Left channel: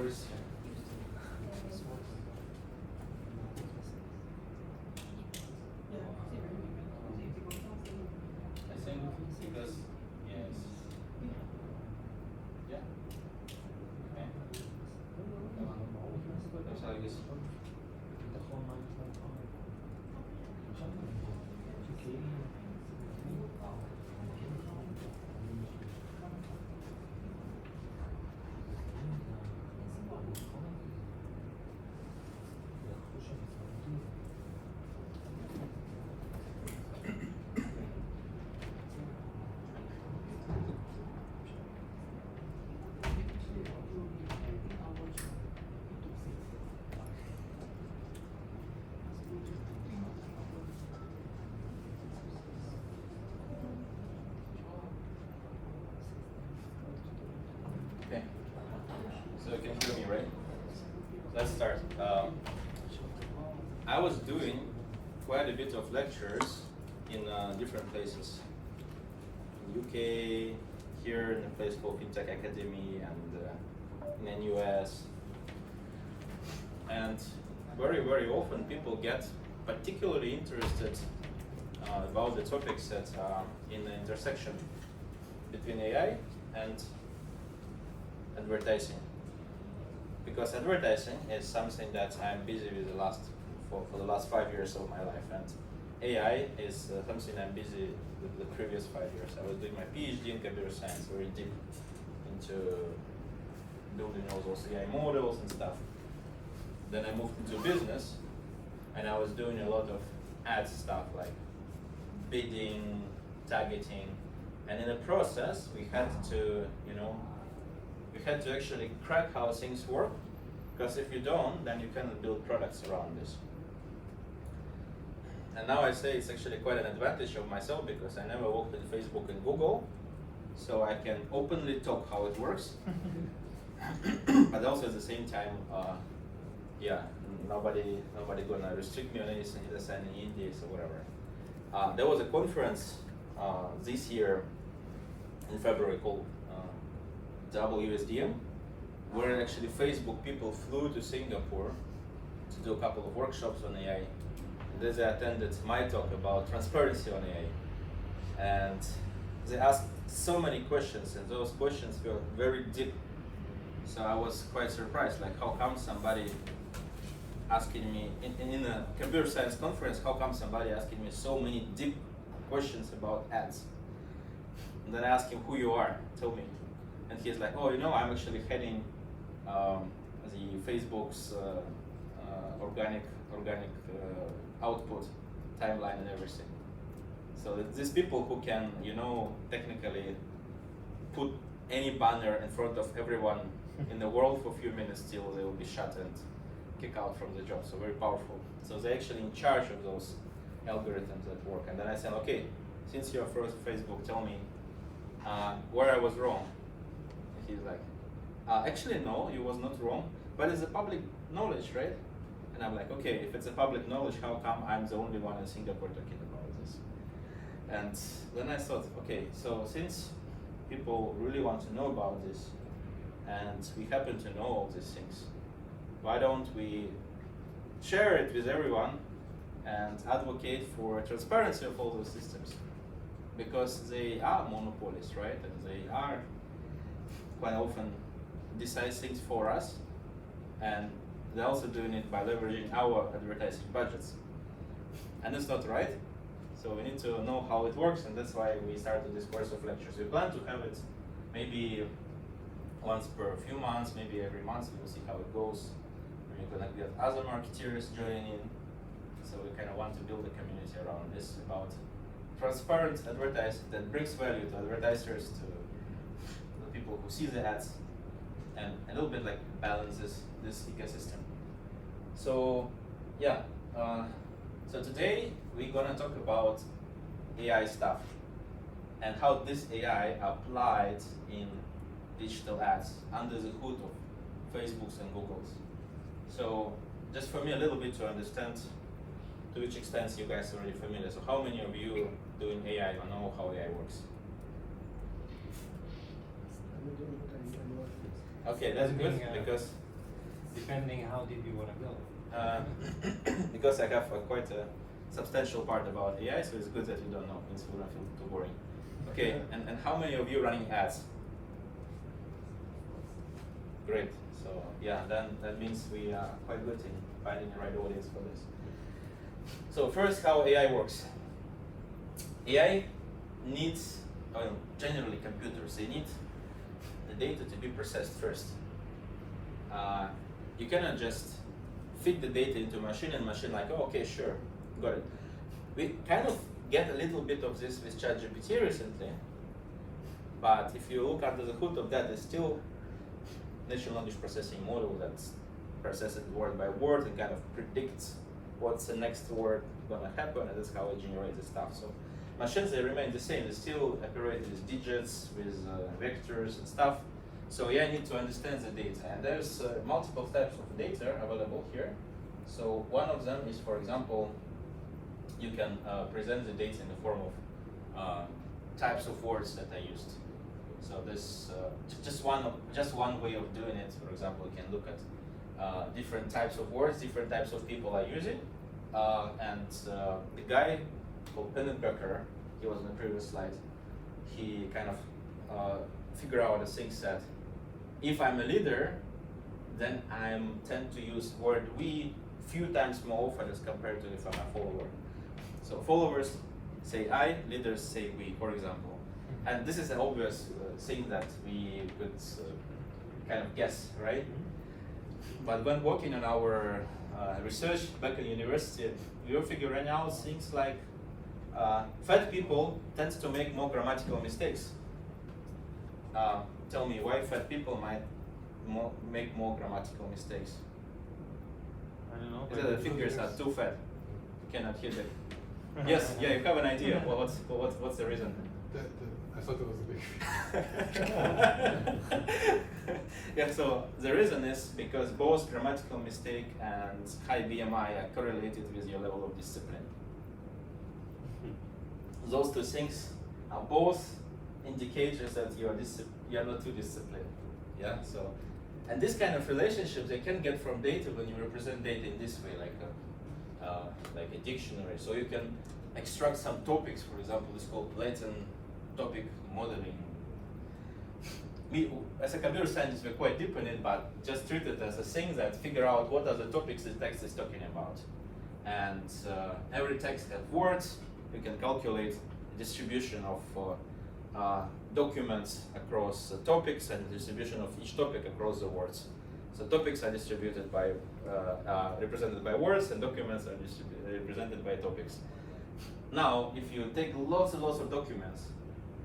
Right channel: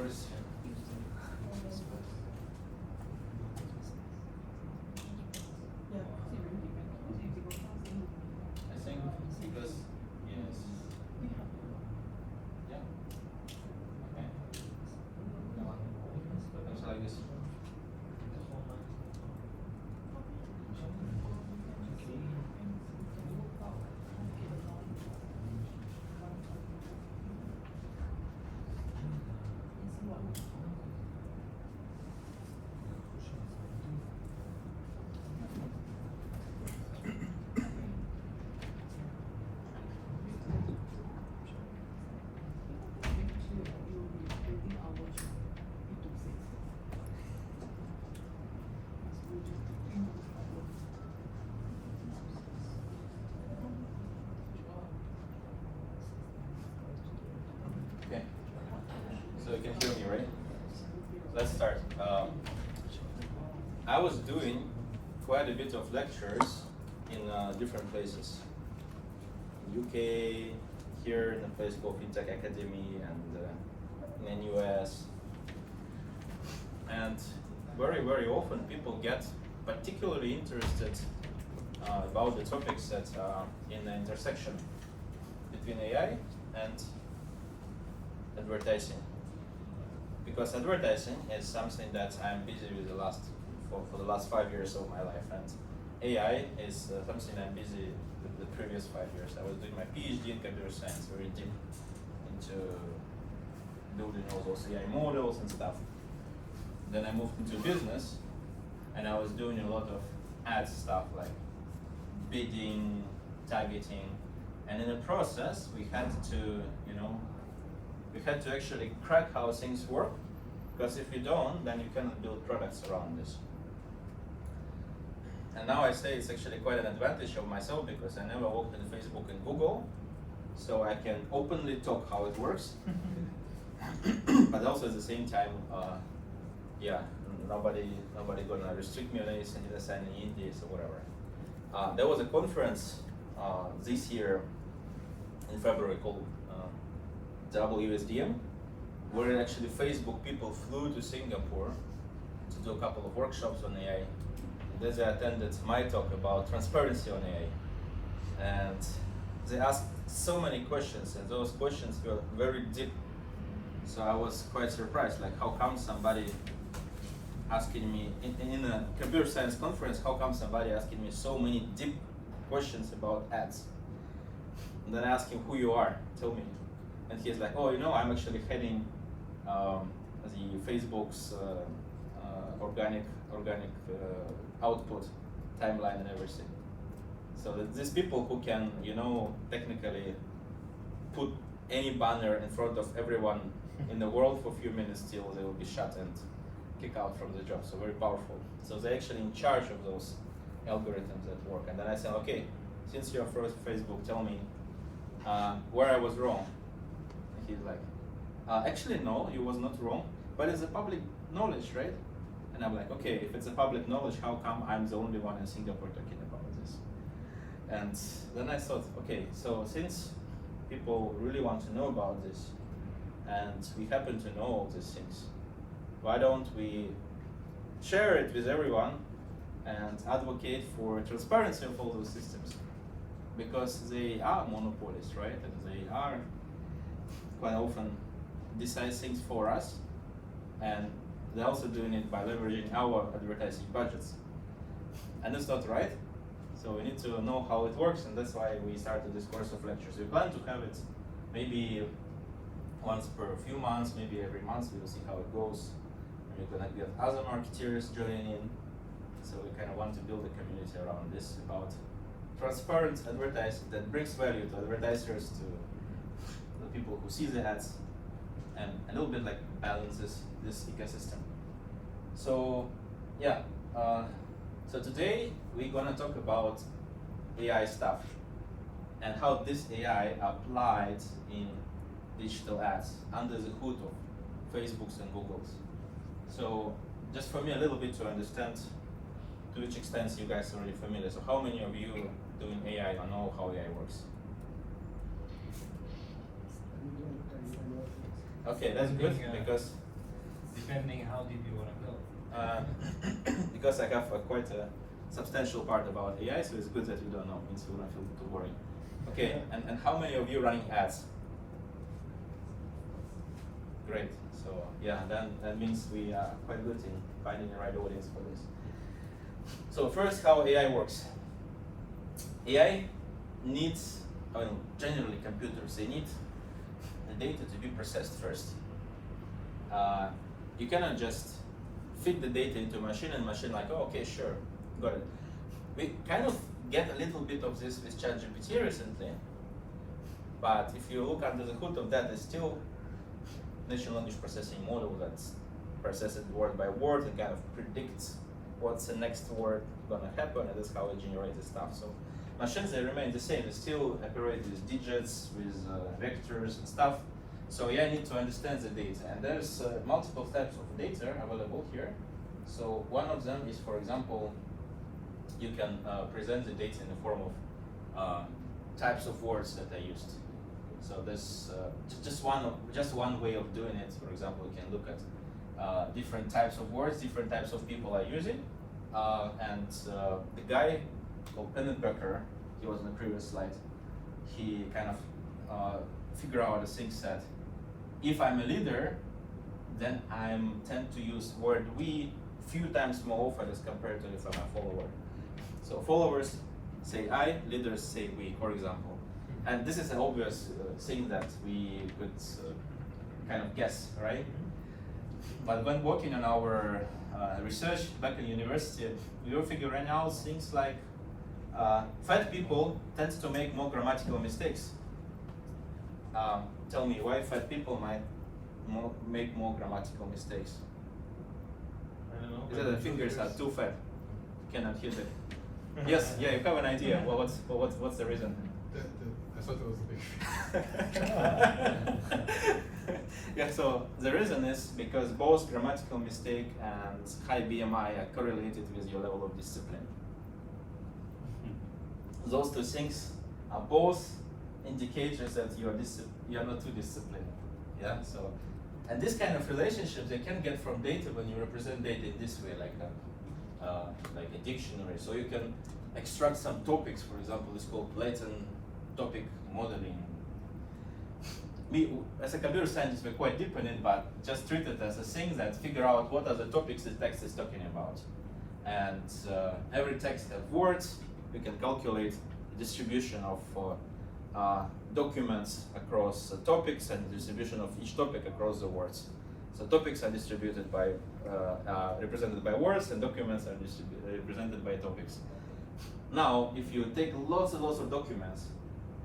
worse. I think because yes. Yeah. Okay. That's how you see. Okay. So you can hear me, right? Let's start. I was doing quite a bit of lectures in different places. In UK, here in a place called FinTech Academy, and in the US. And very, very often people get particularly interested about the topics that are in the intersection between AI and advertising. Because advertising is something that I'm busy with for the last 5 years of my life, and AI is something I'm busy with the previous 5 years. I was doing my PhD in computer science, very deep into building all those AI models and stuff. Then I moved into business, and I was doing a lot of ad stuff like bidding, targeting, and in the process we had to, actually crack how things work, because if you don't, then you cannot build products around this. And now I say it's actually quite an advantage of myself because I never worked in Facebook and Google, so I can openly talk how it works. But also at the same time, nobody gonna restrict me on anything, either sign any NDAs or whatever. There was a conference this year in February called WSDM, where actually Facebook people flew to Singapore to do a couple of workshops on AI. And then they attended my talk about transparency on AI. And they asked so many questions, and those questions were very deep. So I was quite surprised, like how come somebody asking me, in a computer science conference, how come somebody asking me so many deep questions about ads? And then I asked him who you are, tell me. And he's like, oh, I'm actually heading the Facebook's organic output timeline and everything. So these people who can, technically put any banner in front of everyone in the world for a few minutes till they will be shut and kicked out from the job. So very powerful. So they're actually in charge of those algorithms that work. And then I said, okay, since you're first Facebook, tell me where I was wrong. And he's like, actually no, you was not wrong, but it's a public knowledge, right? And I'm like, okay, if it's a public knowledge, how come I'm the only one in Singapore talking about this? And then I thought, okay, so since people really want to know about this, and we happen to know all these things, why don't we share it with everyone and advocate for transparency of all those systems? Because they are monopolies, right? And they are quite often decide things for us, and they're also doing it by leveraging our advertising budgets. And it's not right. So we need to know how it works, and that's why we started this course of lectures. We plan to have it maybe once per few months, maybe every month. We will see how it goes. We're gonna get other marketeers joining in. So we kind of want to build a community around this about transparent advertising that brings value to advertisers, to the people who see the ads, and a little bit like balances this ecosystem. So yeah, so today we're gonna talk about AI stuff and how this AI applied in digital ads under the hood of Facebook's and Google's. So just for me a little bit to understand to which extent you guys are already familiar. So how many of you doing AI or know how AI works? Okay, that's good, because Depending how deep you want to go. Because I have quite a substantial part about AI, so it's good that you don't know, means you won't feel too boring. Okay, and how many of you running ads? Great. So yeah, then that means we are quite good in finding the right audience for this. So first, how AI works. AI needs, well, generally computers, they need the data to be processed first. You cannot just feed the data into a machine and machine like, oh, okay, sure, got it. We kind of get a little bit of this with ChatGPT recently, but if you look under the hood of that, there's still natural language processing model that processes word by word and kind of predicts what's the next word gonna happen, and that's how it generates the stuff. So machines, they remain the same. They still operate with digits, with vectors and stuff. So yeah, I need to understand the data, and there's multiple types of data available here. So one of them is, for example, you can present the data in the form of types of words that are used. So this just one way of doing it. For example, you can look at different types of words, different types of people are using, and the guy called Pennebecker, he was on the previous slide. He kind of figured out the things that if I'm a leader, then I tend to use word we few times more often as compared to if I'm a follower. So followers say I, leaders say we, for example. And this is an obvious thing that we could kind of guess, right? But when working on our research back in university, we were figuring out things like fat people tend to make more grammatical mistakes. Tell me why fat people might make more grammatical mistakes. I don't know. Is that the fingers are too fat? You cannot hit it. Yes, yeah, you have an idea. Well, what's the reason? I thought it was a big. Yeah, so the reason is because both grammatical mistake and high BMI are correlated with your level of discipline. Those two things are both indicators that you are not too disciplined. Yeah. So, and this kind of relationship they can get from data when you represent data in this way, like a dictionary. So you can extract some topics. For example, it's called Latin topic modeling. We, as a computer scientist, we're quite deep in it, but just treat it as a thing that figure out what are the topics the text is talking about. And every text has words. We can calculate the distribution of documents across topics and the distribution of each topic across the words. So topics are distributed by, represented by words, and documents are represented by topics. Now, if you take lots and lots of documents,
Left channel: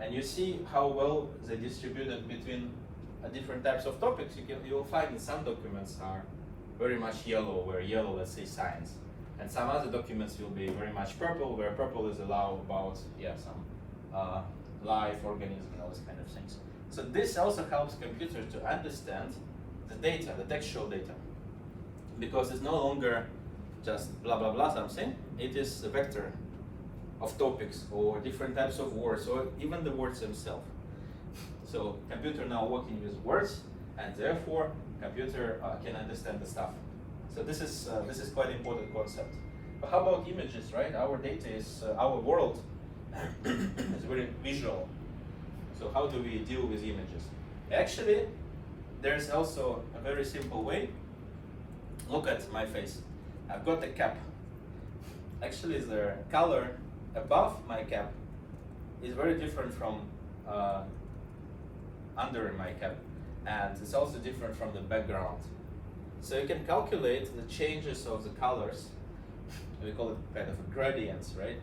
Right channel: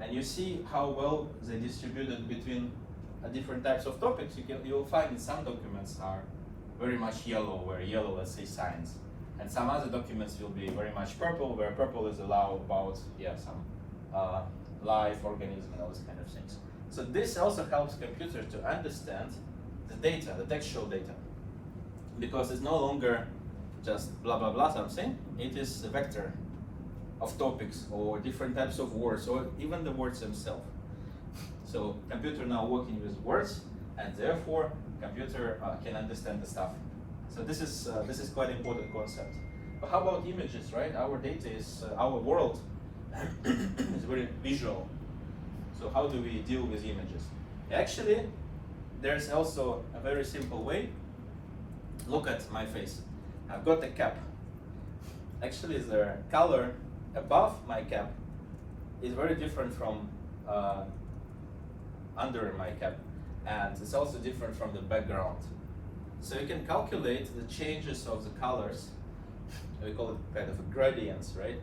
and you see how well they're distributed between different types of topics, you'll find that some documents are very much yellow, where yellow, let's say, science. And some other documents will be very much purple, where purple is about some life, organism, and all these kind of things. So this also helps computers to understand the data, the textual data, because it's no longer just blah blah blah something. It is a vector of topics or different types of words, or even the words themselves. So computer now working with words, and therefore computer can understand the stuff. So this is quite an important concept. But how about images, right? Our data is our world is very visual. So how do we deal with images? Actually, there's also a very simple way. Look at my face. I've got a cap. Actually, the color above my cap is very different from under my cap, and it's also different from the background. So you can calculate the changes of the colors. We call it kind of gradients, right?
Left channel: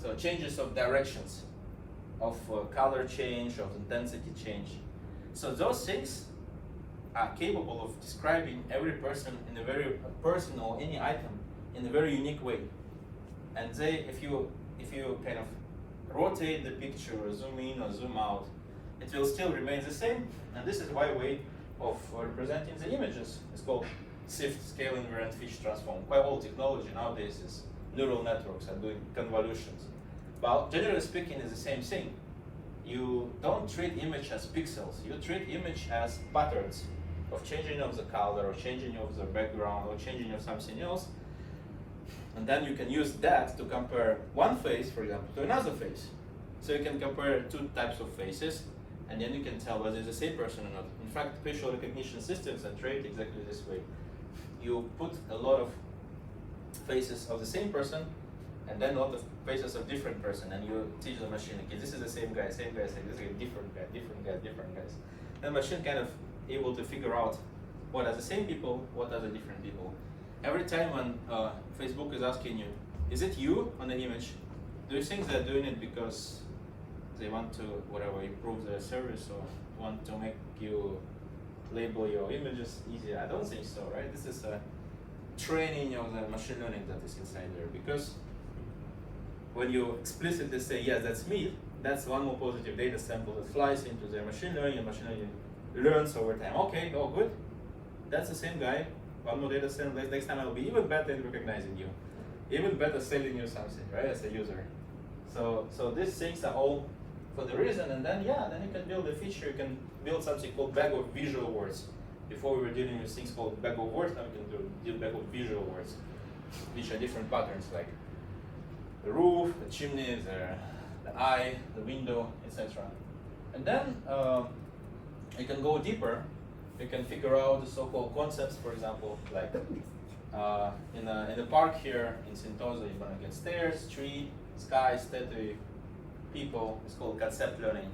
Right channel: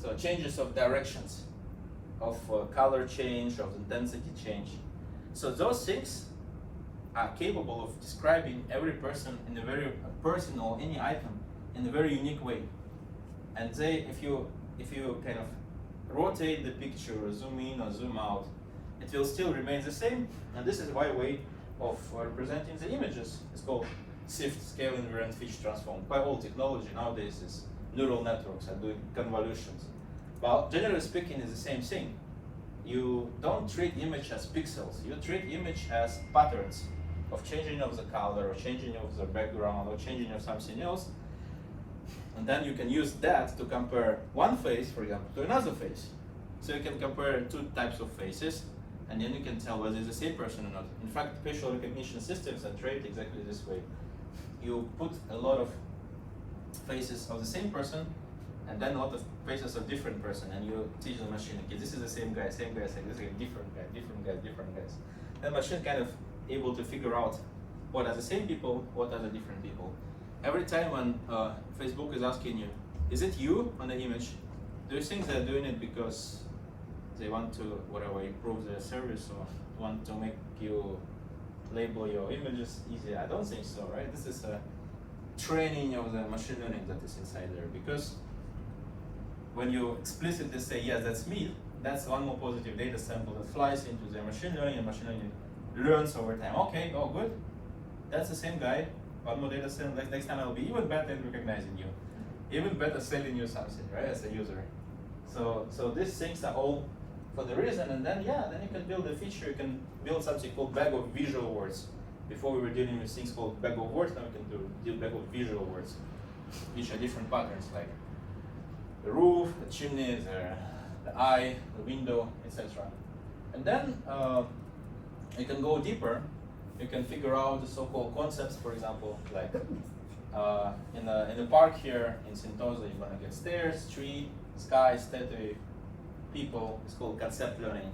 So changes of directions, of color change, of intensity change. So those things are capable of describing every person in a very personal, any item in a very unique way. And if you kind of rotate the picture, or zoom in or zoom out, it will still remain the same. And this is why way of representing the images is called SIFT, scale invariant feature transform. Quite old technology nowadays is neural networks and doing convolutions. Well, generally speaking, it's the same thing. You don't treat image as pixels. You treat image as patterns. of changing of the color, or changing of the background, or changing of something else. And then you can use that to compare one face, for example, to another face. So you can compare two types of faces, and then you can tell whether it's the same person or not. In fact, facial recognition systems are trained exactly this way. You put a lot of faces of the same person, and then a lot of faces of different person, and you teach the machine, okay, this is the same guy, same guy, same guy, different guy, different guy, different guys. And the machine kind of able to figure out what are the same people, what are the different people. Every time when Facebook is asking you, is it you on the image? Do you think they're doing it because they want to, whatever, improve their service, or want to make you label your images easier? I don't think so, right? This is a training of the machine learning that is inside there, because when you explicitly say, yes, that's me, that's one more positive data sample that flies into their machine learning, and machine learning learns over time. Okay, oh good, that's the same guy. One more data sample. Next time I'll be even better at recognizing you, even better selling you something, right, as a user. So these things are all for the reason, and then then you can build a feature. You can build something called bag of visual words. Before we were dealing with things called bag of words, now we can do bag of visual words, which are different patterns, like the roof, the chimney, the eye, the window, etc. And then you can go deeper. You can figure out the so-called concepts, for example, like in the park here in Sentosa, you're gonna get stairs, tree, sky, statue, people. It's called concept learning.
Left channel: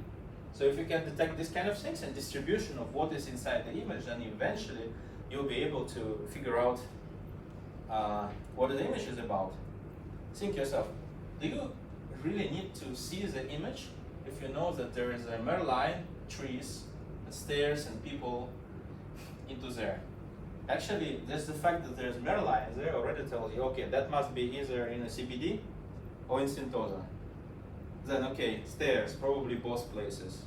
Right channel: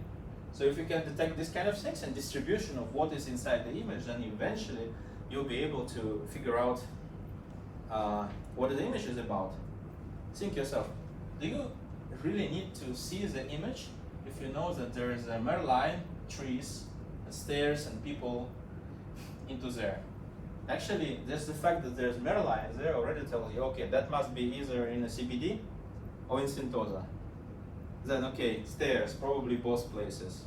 So if you can detect this kind of things and distribution of what is inside the image, then eventually you'll be able to figure out what the image is about. Think yourself, do you really need to see the image if you know that there is a Merlion, trees, stairs, and people into there? Actually, just the fact that there's Merlions there already tells you, okay, that must be either in a CBD or in Sentosa. Then, okay, stairs, probably both places.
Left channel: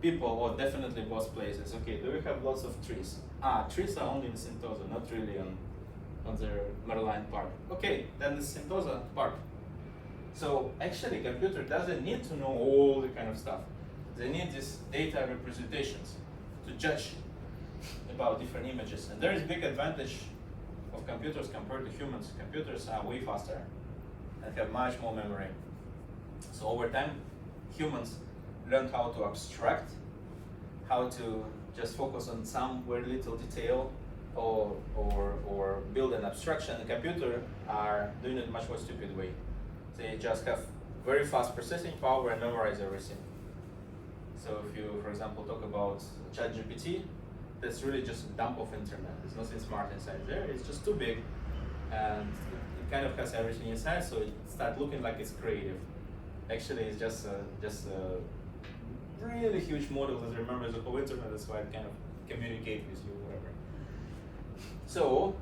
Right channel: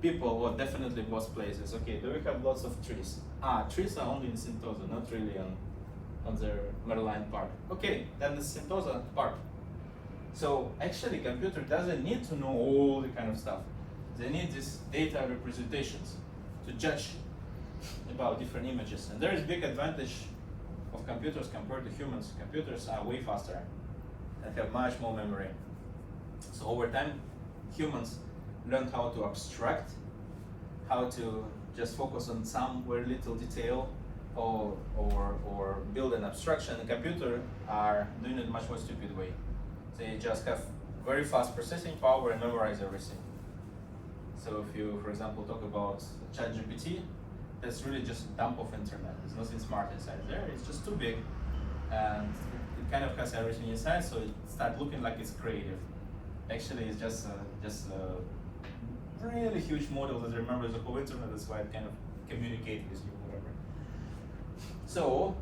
People, well, definitely both places. Okay, do we have lots of trees? Trees are only in Sentosa, not really on the Merlion Park. Okay, then it's Sentosa Park. So actually, computer doesn't need to know all the kind of stuff. They need these data representations to judge about different images. And there is big advantage of computers compared to humans. Computers are way faster and have much more memory. So over time, humans learn how to abstract, how to just focus on some very little detail, or build an abstraction. The computer are doing it in a much more stupid way. They just have very fast processing power and memorize everything. So if you, for example, talk about ChatGPT, that's really just a dump of internet. There's nothing smart inside there. It's just too big, and it kind of has everything inside. So it starts looking like it's creative. Actually, it's just a really huge model that remembers the whole internet. That's why it kind of communicates with you, whatever. So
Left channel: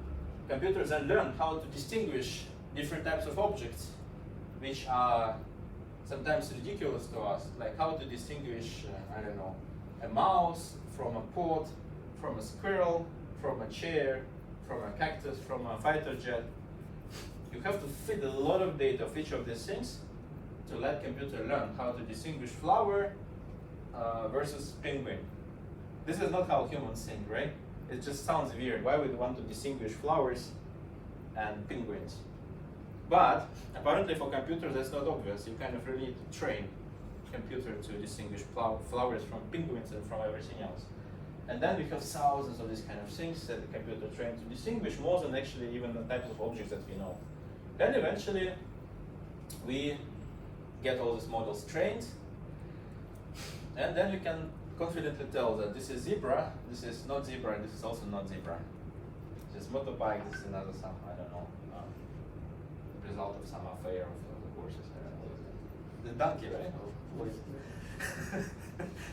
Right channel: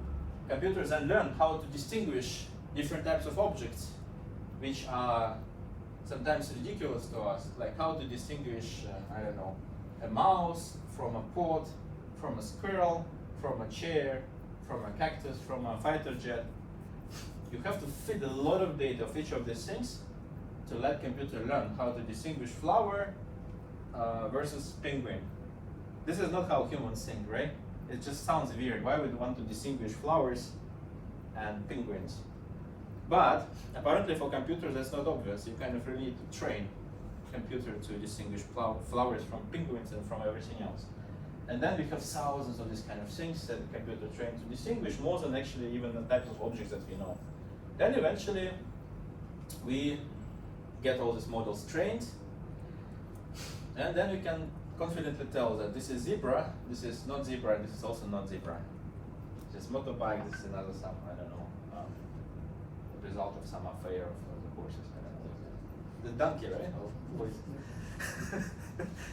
computers then learn how to distinguish different types of objects, which are sometimes ridiculous to us, like how to distinguish, I don't know, a mouse from a pot, from a squirrel, from a chair, from a cactus, from a fighter jet. You have to feed a lot of data of each of these things to let computer learn how to distinguish flower versus penguin. This is not how humans think, right? It just sounds weird. Why would we want to distinguish flowers and penguins? But apparently for computers that's not obvious. You kind of really need to train computer to distinguish flowers from penguins and from everything else. And then we have thousands of these kind of things that the computer trained to distinguish, more than actually even the types of objects that we know. And eventually we get all these models trained, and then we can confidently tell that this is zebra, this is not zebra, this is also not zebra. This is motorbike, this is another some, I don't know, the result of some affair of the horses, I don't know. The donkey, right?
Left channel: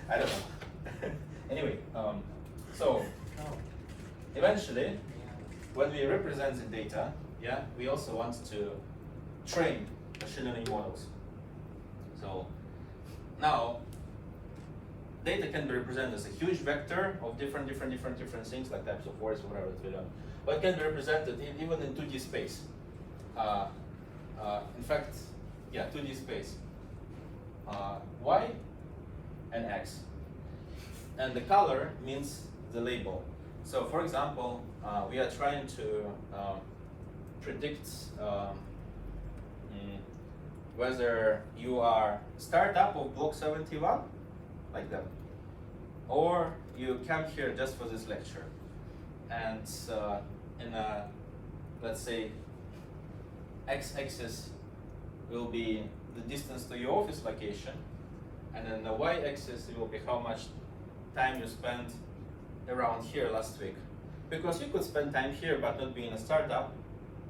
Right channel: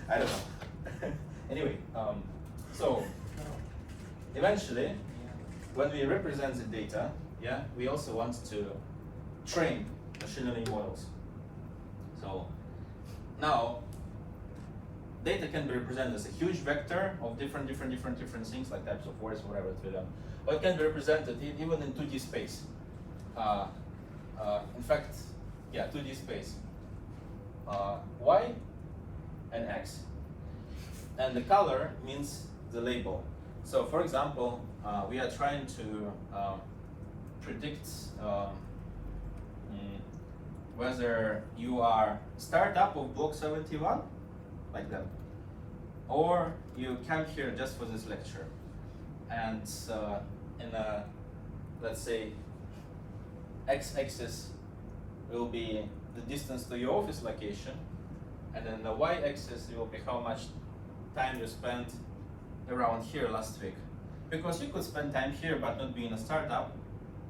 I don't know. Anyway, so eventually, when we represent the data, we also want to train machine learning models. So now, data can be represented as a huge vector of different things, like types of words, whatever it will. But it can be represented even in 2D space. In fact, 2D space. Y and X. And the color means the label. So for example, we are trying to predict whether you are startup of block 71, like that, or you came here just for this lecture. And in a, let's say, x-axis will be the distance to your office location, and then the y-axis will be how much time you spent around here last week. Because you could spend time here but not be in a startup,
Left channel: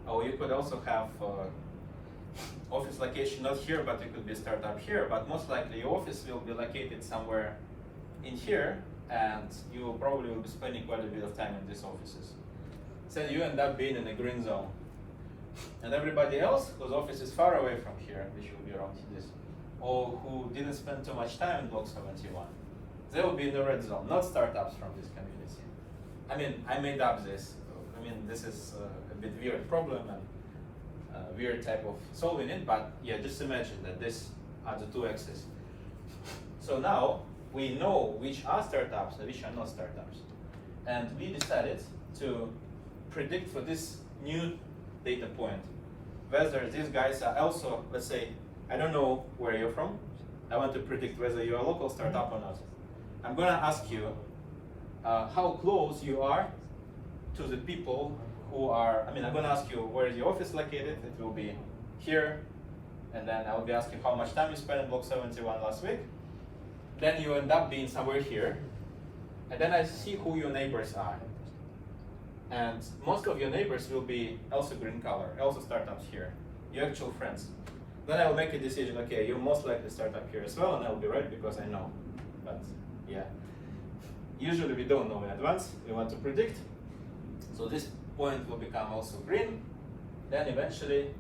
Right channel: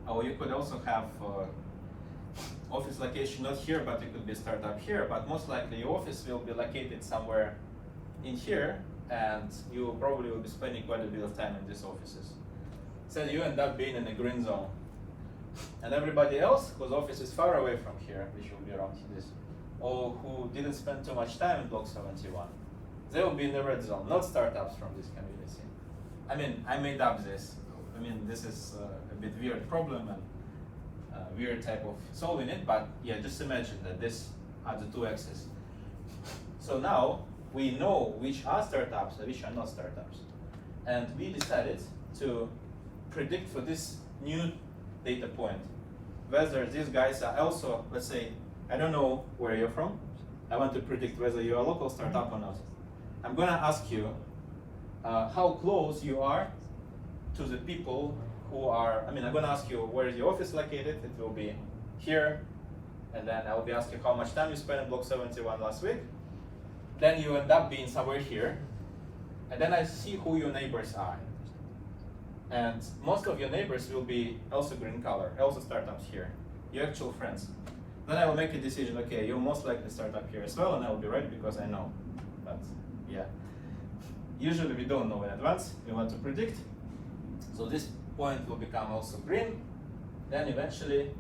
or you could also have office location not here, but you could be a startup here, but most likely your office will be located somewhere in here, and you probably will be spending quite a bit of time in these offices. So you end up being in a green zone. And everybody else whose office is far away from here, which will be around this, or who didn't spend too much time in block 71, they will be in the red zone, not startups from this community. I mean, I made up this. I mean, this is a bit weird problem and weird type of solving it, but yeah, just imagine that this are the two axes. So now we know which are startups and which are not startups. And we decided to predict for this new data point whether these guys are also, let's say, I don't know where you're from. I want to predict whether you're a local startup or not. I'm gonna ask you how close you are to the people who are, I'm gonna ask you where is your office located. It will be here, and then I will be asking how much time you spent in block 71 last week. Then you end up being somewhere here, and then I see who your neighbors are. And most of your neighbors will be also green color, also startups here, your actual friends. Then I will make a decision, okay, you're most likely startup here as well, and I will be right because I know. But yeah, usually we don't know in advance, we want to predict. So this point will become also green. Then eventually,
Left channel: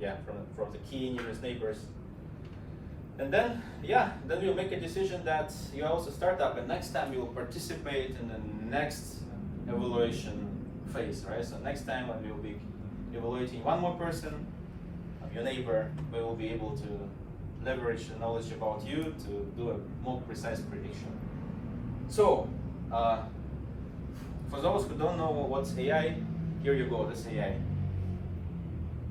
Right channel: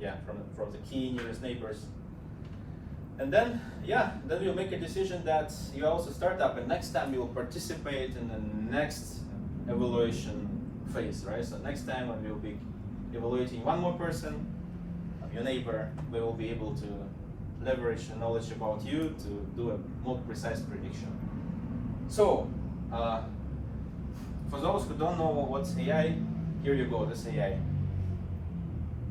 yeah, from the key nearest neighbors. And then, yeah, then you'll make a decision that you're also startup, and next time you will participate in the next evaluation phase, right? So next time when we will be evaluating one more person, your neighbor, we will be able to leverage the knowledge about you to do a more precise prediction. So, for those who don't know what's AI, here you go, this AI.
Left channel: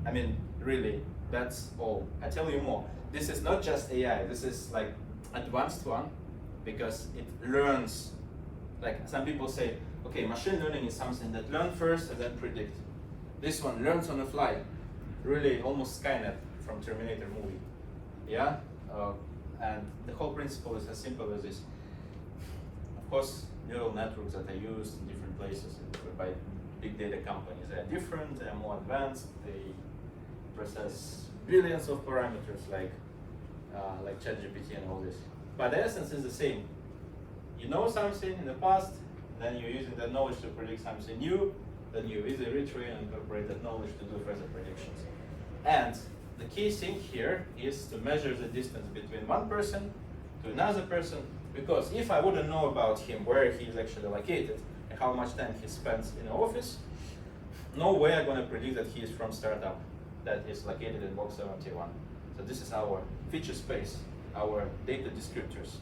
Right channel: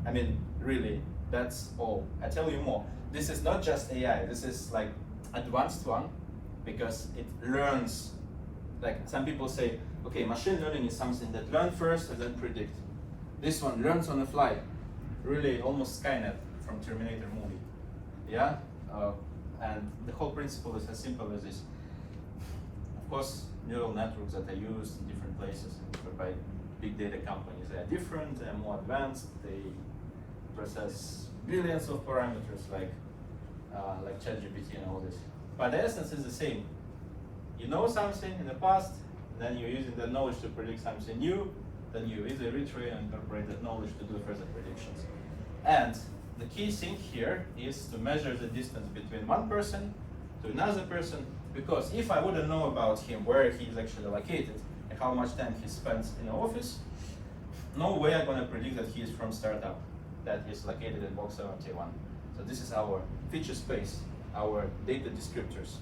I mean, really, that's all. I tell you more. This is not just AI, this is like advanced one, because it learns. Like some people say, okay, machine learning is something that learns first and then predict. This one learns on the fly, really almost Skynet from Terminator movie. Yeah, and the whole principle is as simple as this. Of course, neural networks that are used in different places by big data companies, they are different, they are more advanced, they process billions of parameters like ChatGPT and all this. But the essence is the same. You know something in the past, then you're using that knowledge to predict something new, then you easily retrain and incorporate that knowledge to do further predictions. And the key thing here is to measure the distance between one person to another person, because if I wouldn't know about him, where he is actually located, and how much time he spends in the office, no way I'm going to predict that he is from startup that is located in box 71. So this is our feature space, our data descriptors.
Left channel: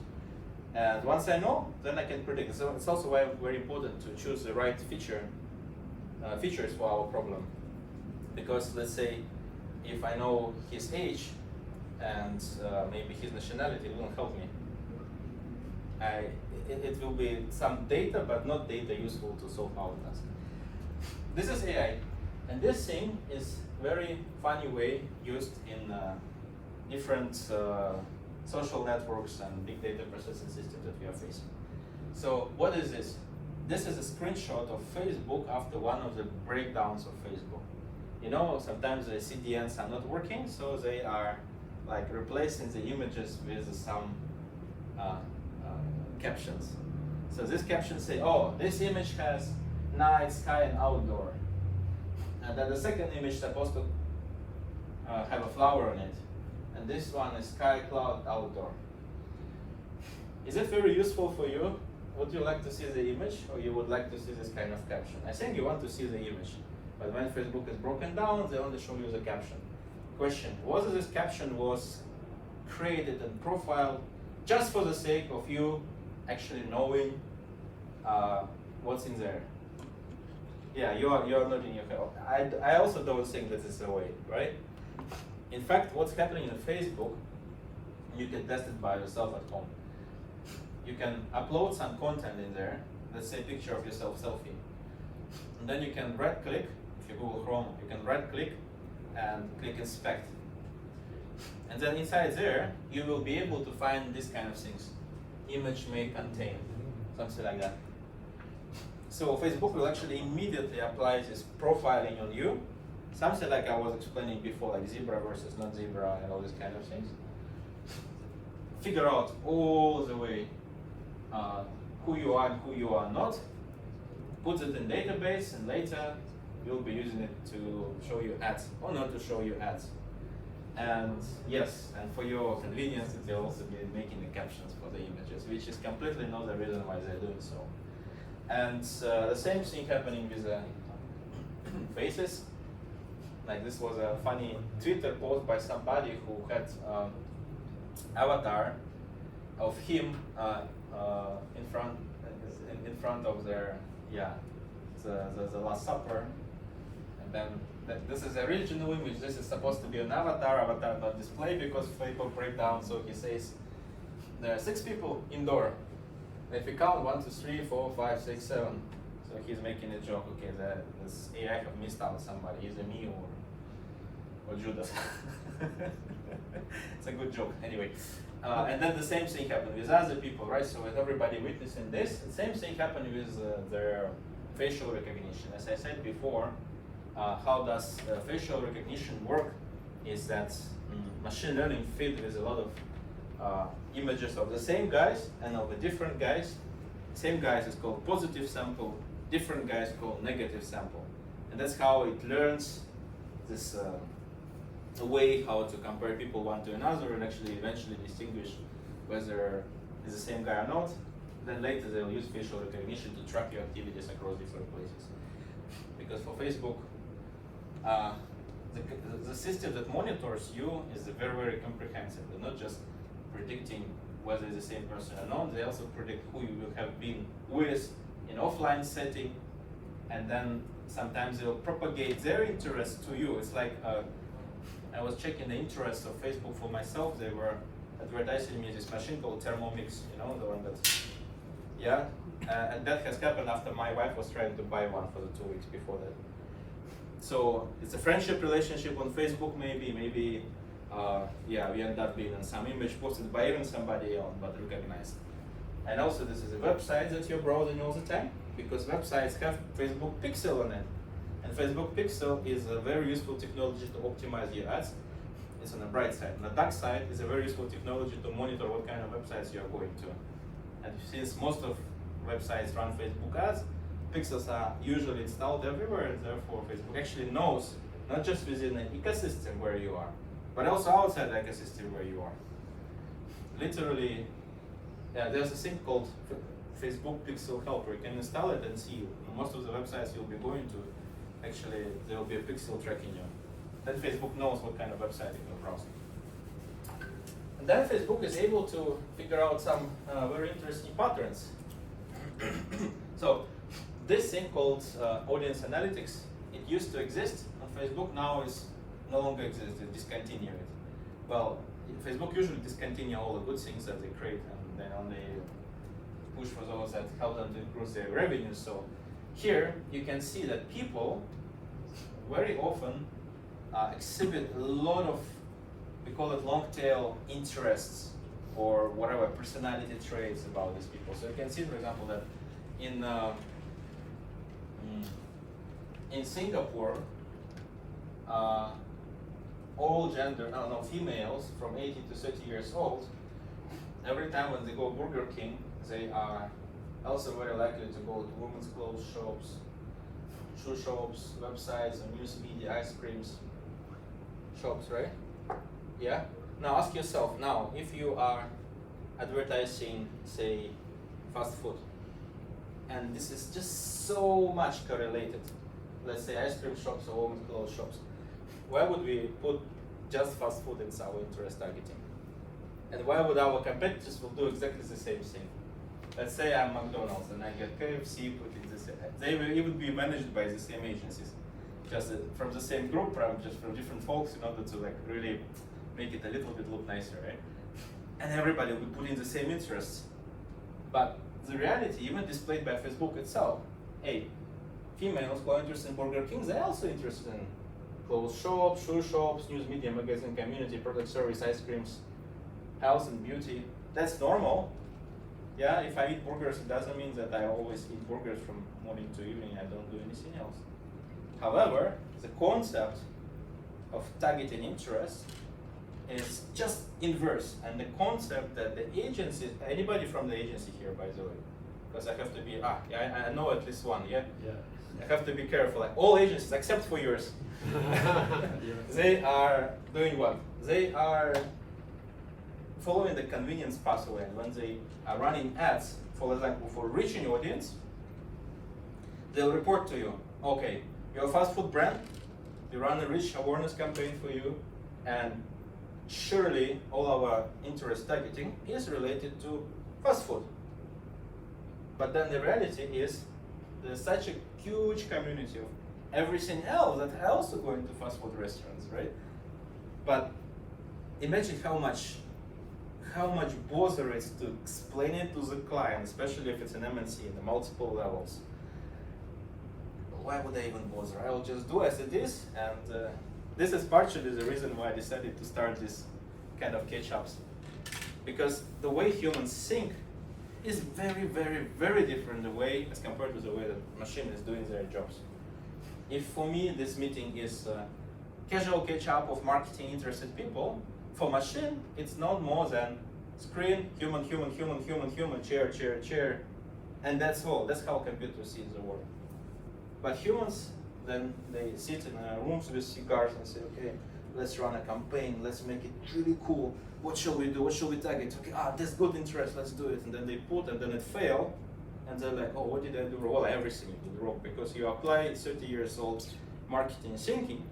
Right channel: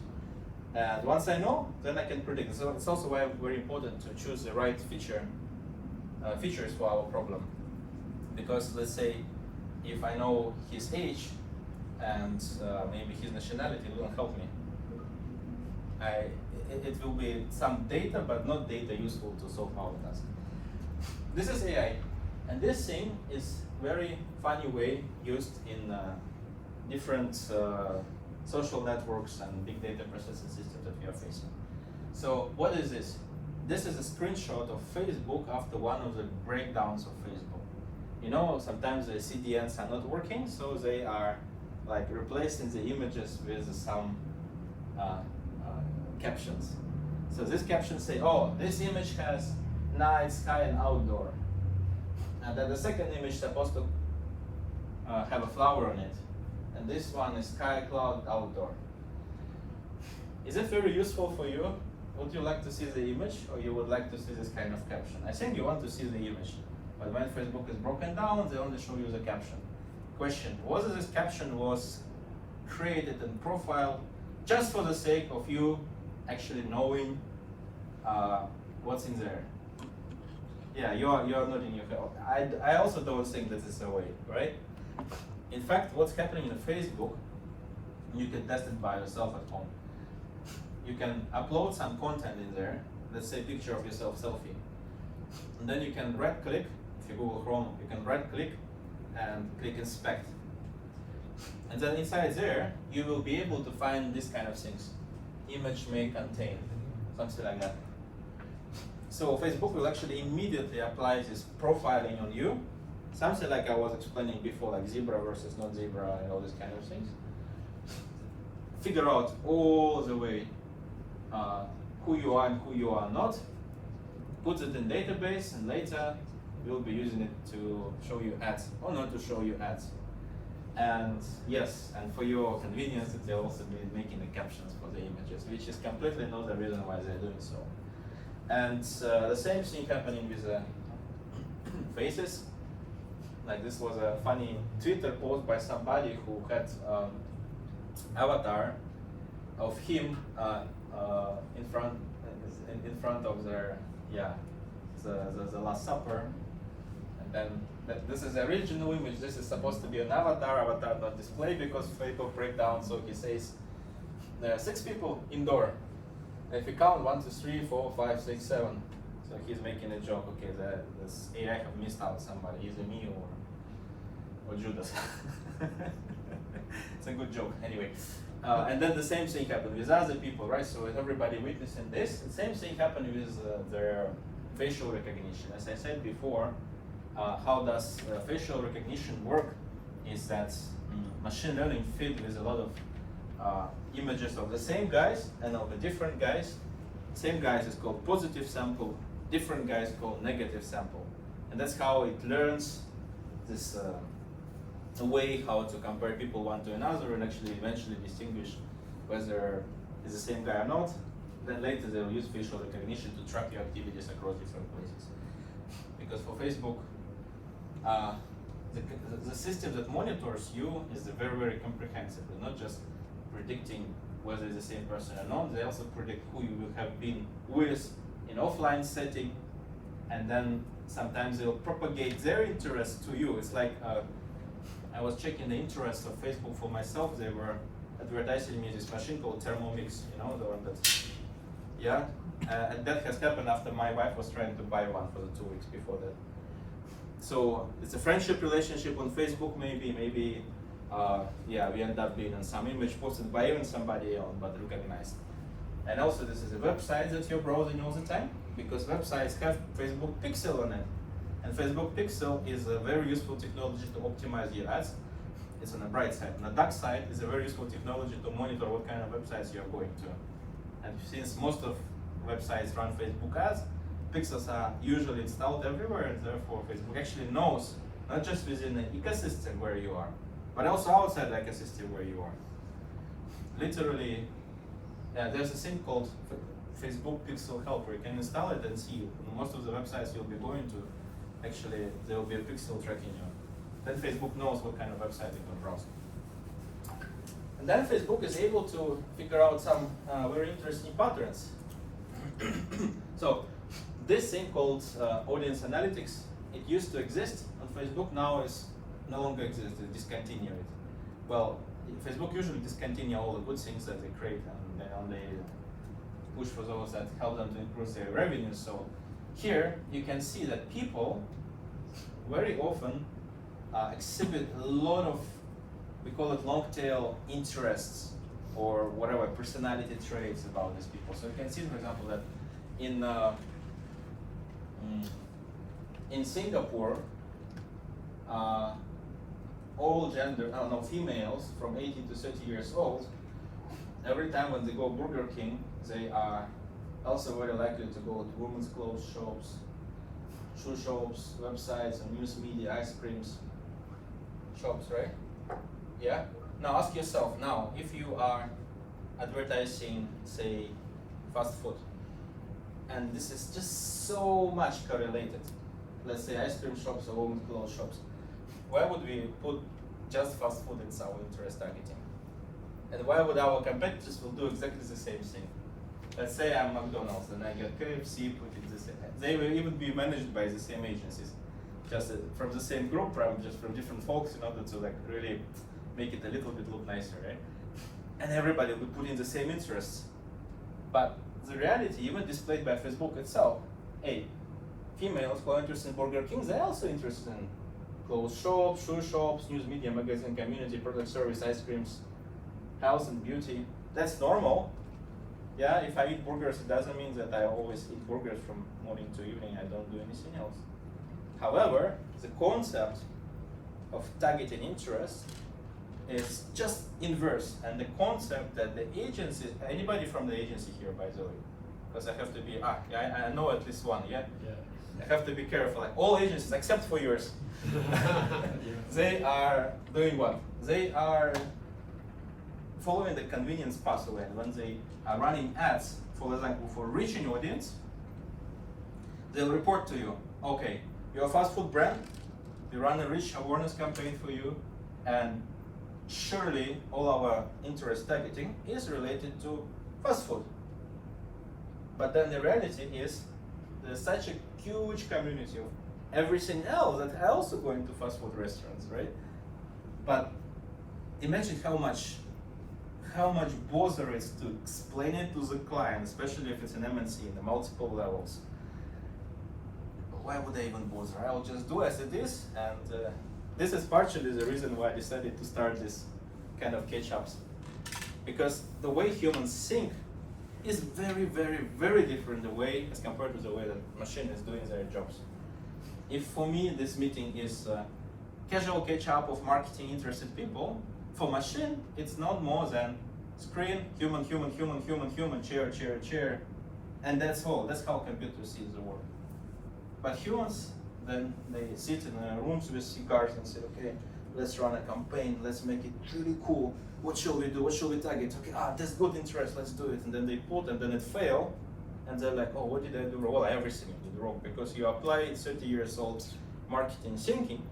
And once I know, then I can predict. So it's also why very important to choose the right features for our problem. Because let's say, if I know his age and maybe his nationality, it won't help me. It will be some data, but not data useful to solve our task. This is AI, and this thing is very funny way used in different social networks and big data processing systems that we are facing. So what is this? This is a screenshot of Facebook after one of the breakdowns of Facebook. You know, sometimes the CDNs are not working, so they are like replacing the images with some captions. So this caption say, oh, this image has night, sky, and outdoor. And then the second image is supposed to have a flower on it. And this one is sky, cloud, outdoor. Is it very useful for you? Would you like to see the image, or you would like to see this kind of caption? I think you want to see the image. But when Facebook is broken down, they only show you the caption. Question, whether this caption was created and profiled just for the sake of you actually knowing what's in there. Yeah, you are nodding your head. I also don't think that is the way, right? In fact, what's happening in Facebook, you can test it by yourself at home. You can upload some content in there, let's say picture of yourself, selfie. And then you can right click, if you Google Chrome, you can right click and click inspect. And then inside there, you will be able to find these kind of things. Image may contain, something like that. So Facebook will actually immediately apply this profiling on you. Something like I was explaining before, like zebra versus not zebra and all these kind of things. Figure out all the way who you are and who you are not. Put it in database, and later you'll be using it to show you ads or not to show you ads. And yes, and for your convenience, it will also be making the captions for the images, which is completely not the reason why they're doing so. And the same thing happening with faces. Like this was a funny Twitter post by somebody who had avatar of him in front of their the Last Supper, and then this is the original image. This is supposed to be an avatar. Avatar not display because Facebook breakdown. So he says there are 6 people indoor. If you count 1, 2, 3, 4, 5, 6, 7. So he's making a joke. Okay, this AI have missed out somebody. Either me or Judas. It's a good joke. Anyway, and then the same thing happened with other people, right? So with everybody witnessing this, the same thing happened with their facial recognition. As I said before, how does facial recognition work? Is that machine learning filled with a lot of images of the same guys and of the different guys. Same guys is called positive sample, different guys called negative sample. And that's how it learns this way how to compare people one to another and actually eventually distinguish whether it's the same guy or not. Then later they'll use facial recognition to track your activities across different places. Because for Facebook, the system that monitors you is very, very comprehensive, not just predicting whether it's the same person or not. They also predict who you will have been with in offline setting, and then sometimes they'll propagate their interest to you. It's like I was checking the interest of Facebook for myself. They were advertising me this machine called Thermomix, you know, the one that's, yeah. And that has happened after my wife was trying to buy one for the 2 weeks before that. So it's a friendship relationship on Facebook, maybe, yeah, we end up being in some image posted by even somebody else, but recognized. And also this is a website that you're browsing all the time, because websites have Facebook Pixel on it. And Facebook Pixel is a very useful technology to optimize your ads. It's on the bright side. On the dark side, it's a very useful technology to monitor what kind of websites you're going to. And since most of websites run Facebook ads, pixels are usually installed everywhere, and therefore Facebook actually knows, not just within the ecosystem where you are, but also outside the ecosystem where you are. Literally, yeah, there's a thing called Facebook Pixel Helper. You can install it and see most of the websites you'll be going to. Actually, there will be a pixel tracking you. Then Facebook knows what kind of website you can browse. And then Facebook is able to figure out some very interesting patterns. So this thing called audience analytics, it used to exist on Facebook, now it no longer exists, it discontinued it. Well, Facebook usually discontinue all the good things that they create, and then only push for those that help them to improve their revenue. So here you can see that people very often exhibit a lot of, we call it long tail interests or whatever, personality traits about these people. So you can see, for example, that in Singapore, all gender, females from 18 to 30 years old, every time when they go Burger King, they are also very likely to go to women's clothes shops, shoe shops, websites, and news media, ice creams shops, right? Yeah? Now ask yourself, now, if you are advertising, say, fast food, and this is just so much correlated, let's say ice cream shops or women's clothes shops, why would we put just fast food in our interest targeting? And why would our competitors will do exactly the same thing? let's say I'm McDonald's and I get KFC put in this. They will even be managed by the same agencies, just from the same group, probably just from different folks in order to like really make it a little bit look nicer, right? And everybody will put in the same interests. But the reality, even displayed by Facebook itself, hey, females who are interested in Burger King, they're also interested in clothes shops, shoe shops, news media, magazine, community, product service, ice creams, health and beauty. That's normal. Yeah, if I eat burgers, it doesn't mean that I always eat burgers from morning to evening. I don't do anything else. However, the concept of targeting interest is just inverse, and the concept that the agency, anybody from the agency here, by the way, because I have to be, I know at least one, yeah? I have to be careful, like all agencies except for yours, they are doing what? They are following the convenience pathway, and when they are running ads, for example, for reaching audience, they'll report to you, okay, you're a fast food brand, we run a rich awareness campaign for you, and surely all our interest targeting is related to fast food. But then the reality is there's such a huge community of everything else that are also going to fast food restaurants, right? But imagine how much bother it is to explain it to the client, especially if it's an MNC in the multiple levels. Why would I even bother? I will just do as it is, and this is partially the reason why I decided to start this kind of catch-ups. Because the way humans think is very, very, very different the way as compared to the way that machine is doing their jobs. If for me this meeting is casual catch-up of marketing interested people, for machine it's not more than screen, human, human, human, human, human, chair, chair, chair, and that's all. That's how computers see the world. But humans, then they sit in rooms with cigars and say, okay, let's run a campaign, let's make it really cool. What shall we do? What shall we target? Okay, that's good interest, let's do it. And then they put, and then it failed. And they're like, oh, what did I do wrong? Well, everything you did wrong, because you apply 30 years old marketing thinking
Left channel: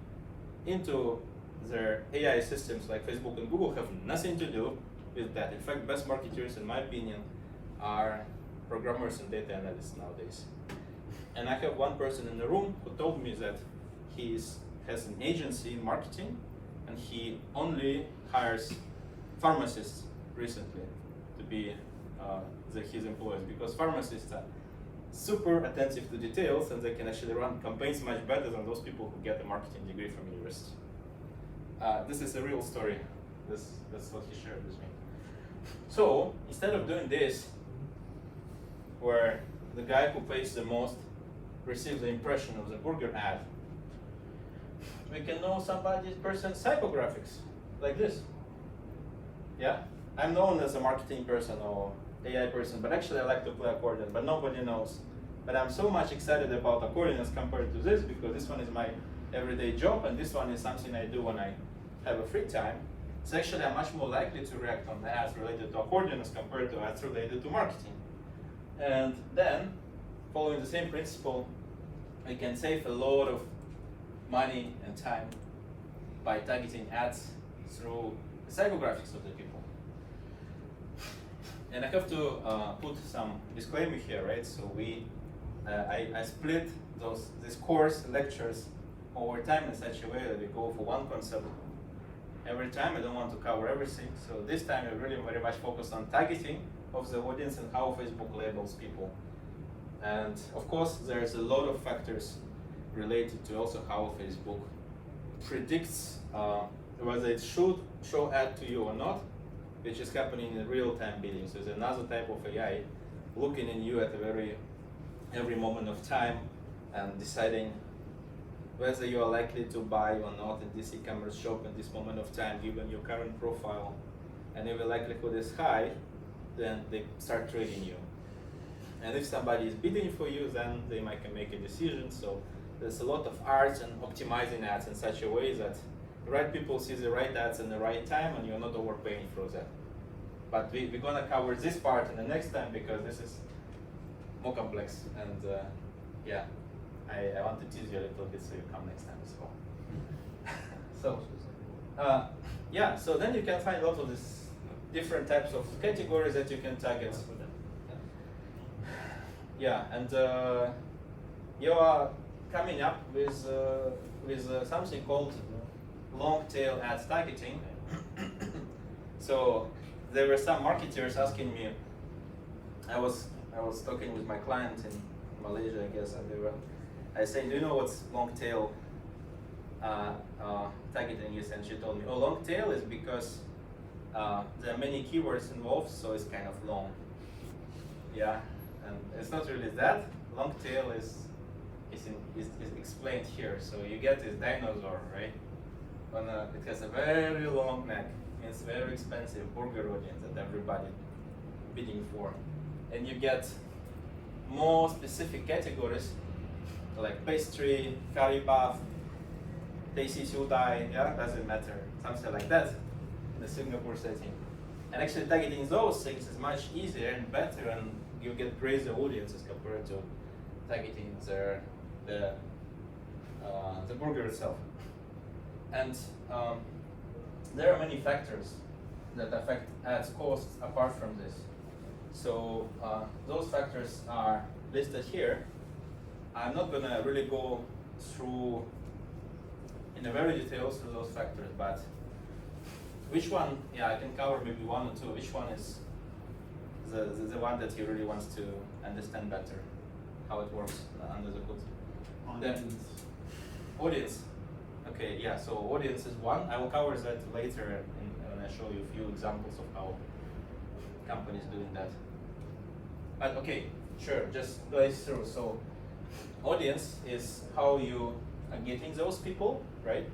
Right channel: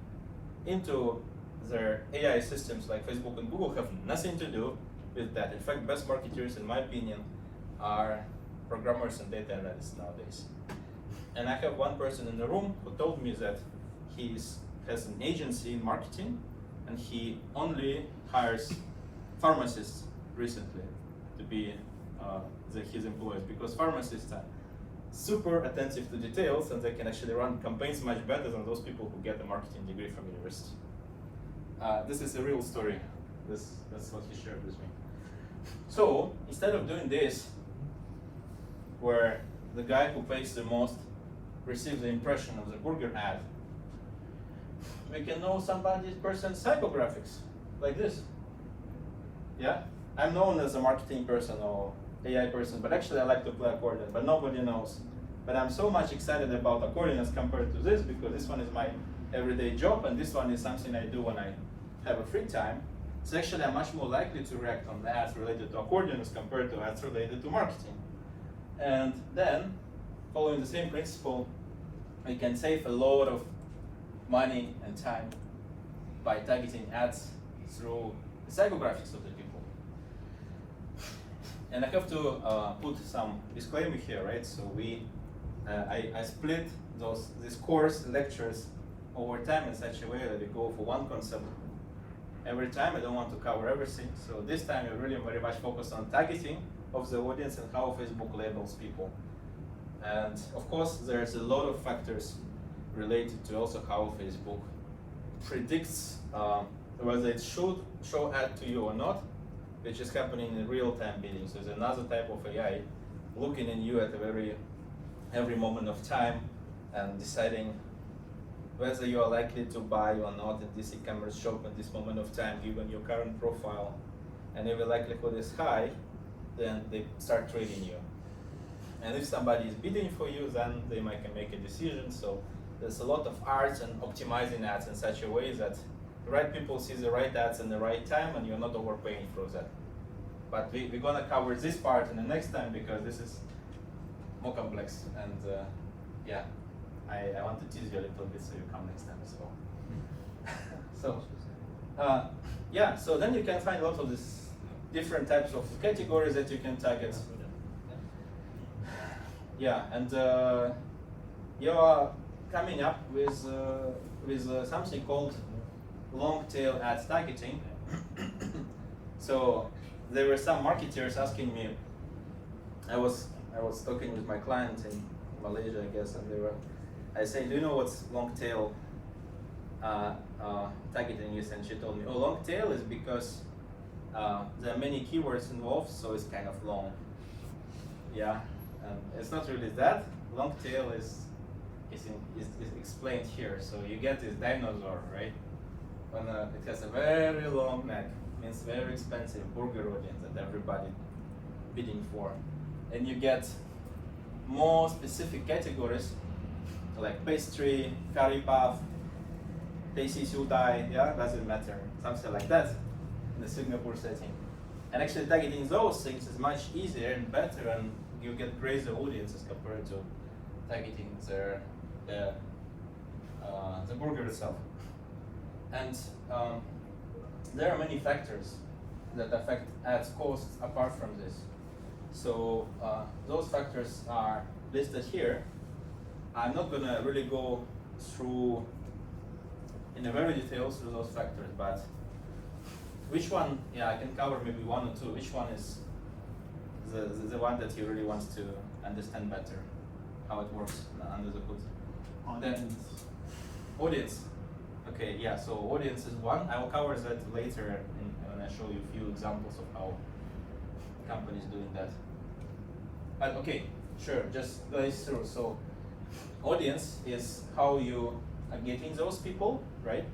into their AI systems like Facebook and Google have nothing to do with that. In fact, best marketers, in my opinion, are programmers and data analysts nowadays. And I have one person in the room who told me that he has an agency in marketing, and he only hires pharmacists recently to be his employees, because pharmacists are super attentive to details, and they can actually run campaigns much better than those people who get a marketing degree from university. This is a real story. That's what he shared with me. So instead of doing this, where the guy who pays the most receives the impression of the burger ad, we can know person's psychographics, like this. Yeah, I'm known as a marketing person or AI person, but actually I like to play accordion, but nobody knows. But I'm so much excited about accordion as compared to this, because this one is my everyday job, and this one is something I do when I have a free time. So actually I'm much more likely to react on the ads related to accordion as compared to ads related to marketing. And then, following the same principle, we can save a lot of money and time by targeting ads through the psychographics of the people. And I have to put some disclaimer here, right? So I split this course lectures over time in such a way that we go for one concept every time. I don't want to cover everything. So this time I really very much focus on targeting of the audience and how Facebook labels people. And of course, there's a lot of factors related to also how Facebook predicts whether it should show ad to you or not, which is happening in real-time bidding. So there's another type of AI looking at you at every moment of time and deciding whether you are likely to buy or not in this e-commerce shop at this moment of time, given your current profile. And if the likelihood is high, then they start trading you. And if somebody is bidding for you, then they might make a decision. So there's a lot of art and optimizing ads in such a way that the right people see the right ads in the right time, and you're not overpaying for that. But we're gonna cover this part in the next time, because this is more complex. And yeah, I want to tease you a little bit so you come next time as well. So yeah, so then you can find a lot of these different types of categories that you can target. Yeah, and you are coming up with something called long tail ad targeting. So there were some marketers asking me. I was talking with my client in Malaysia, I guess, and I said, do you know what's long tail targeting is? And she told me, oh, long tail is because there are many keywords involved, so it's kind of long. Yeah, and it's not really that. Long tail is explained here. So you get this dinosaur, right? It has a very long neck, means very expensive burger audience that everybody bidding for. And you get more specific categories like pastry, curry puff, Desi Sudai, yeah, doesn't matter, something like that in the Singapore setting. And actually targeting those things is much easier and better, and you get crazy audiences compared to targeting the burger itself. And there are many factors that affect ads costs apart from this. So those factors are listed here. I'm not gonna really go through in a very detail through those factors, but which one, yeah, I can cover maybe one or two. Which one is the one that you really want to understand better, how it works under the hood? Audience. Audience. Okay, yeah, so audience is one. I will cover that later when I show you a few examples of how companies doing that. But okay, sure, just glaze through. So audience is how you are getting those people, right?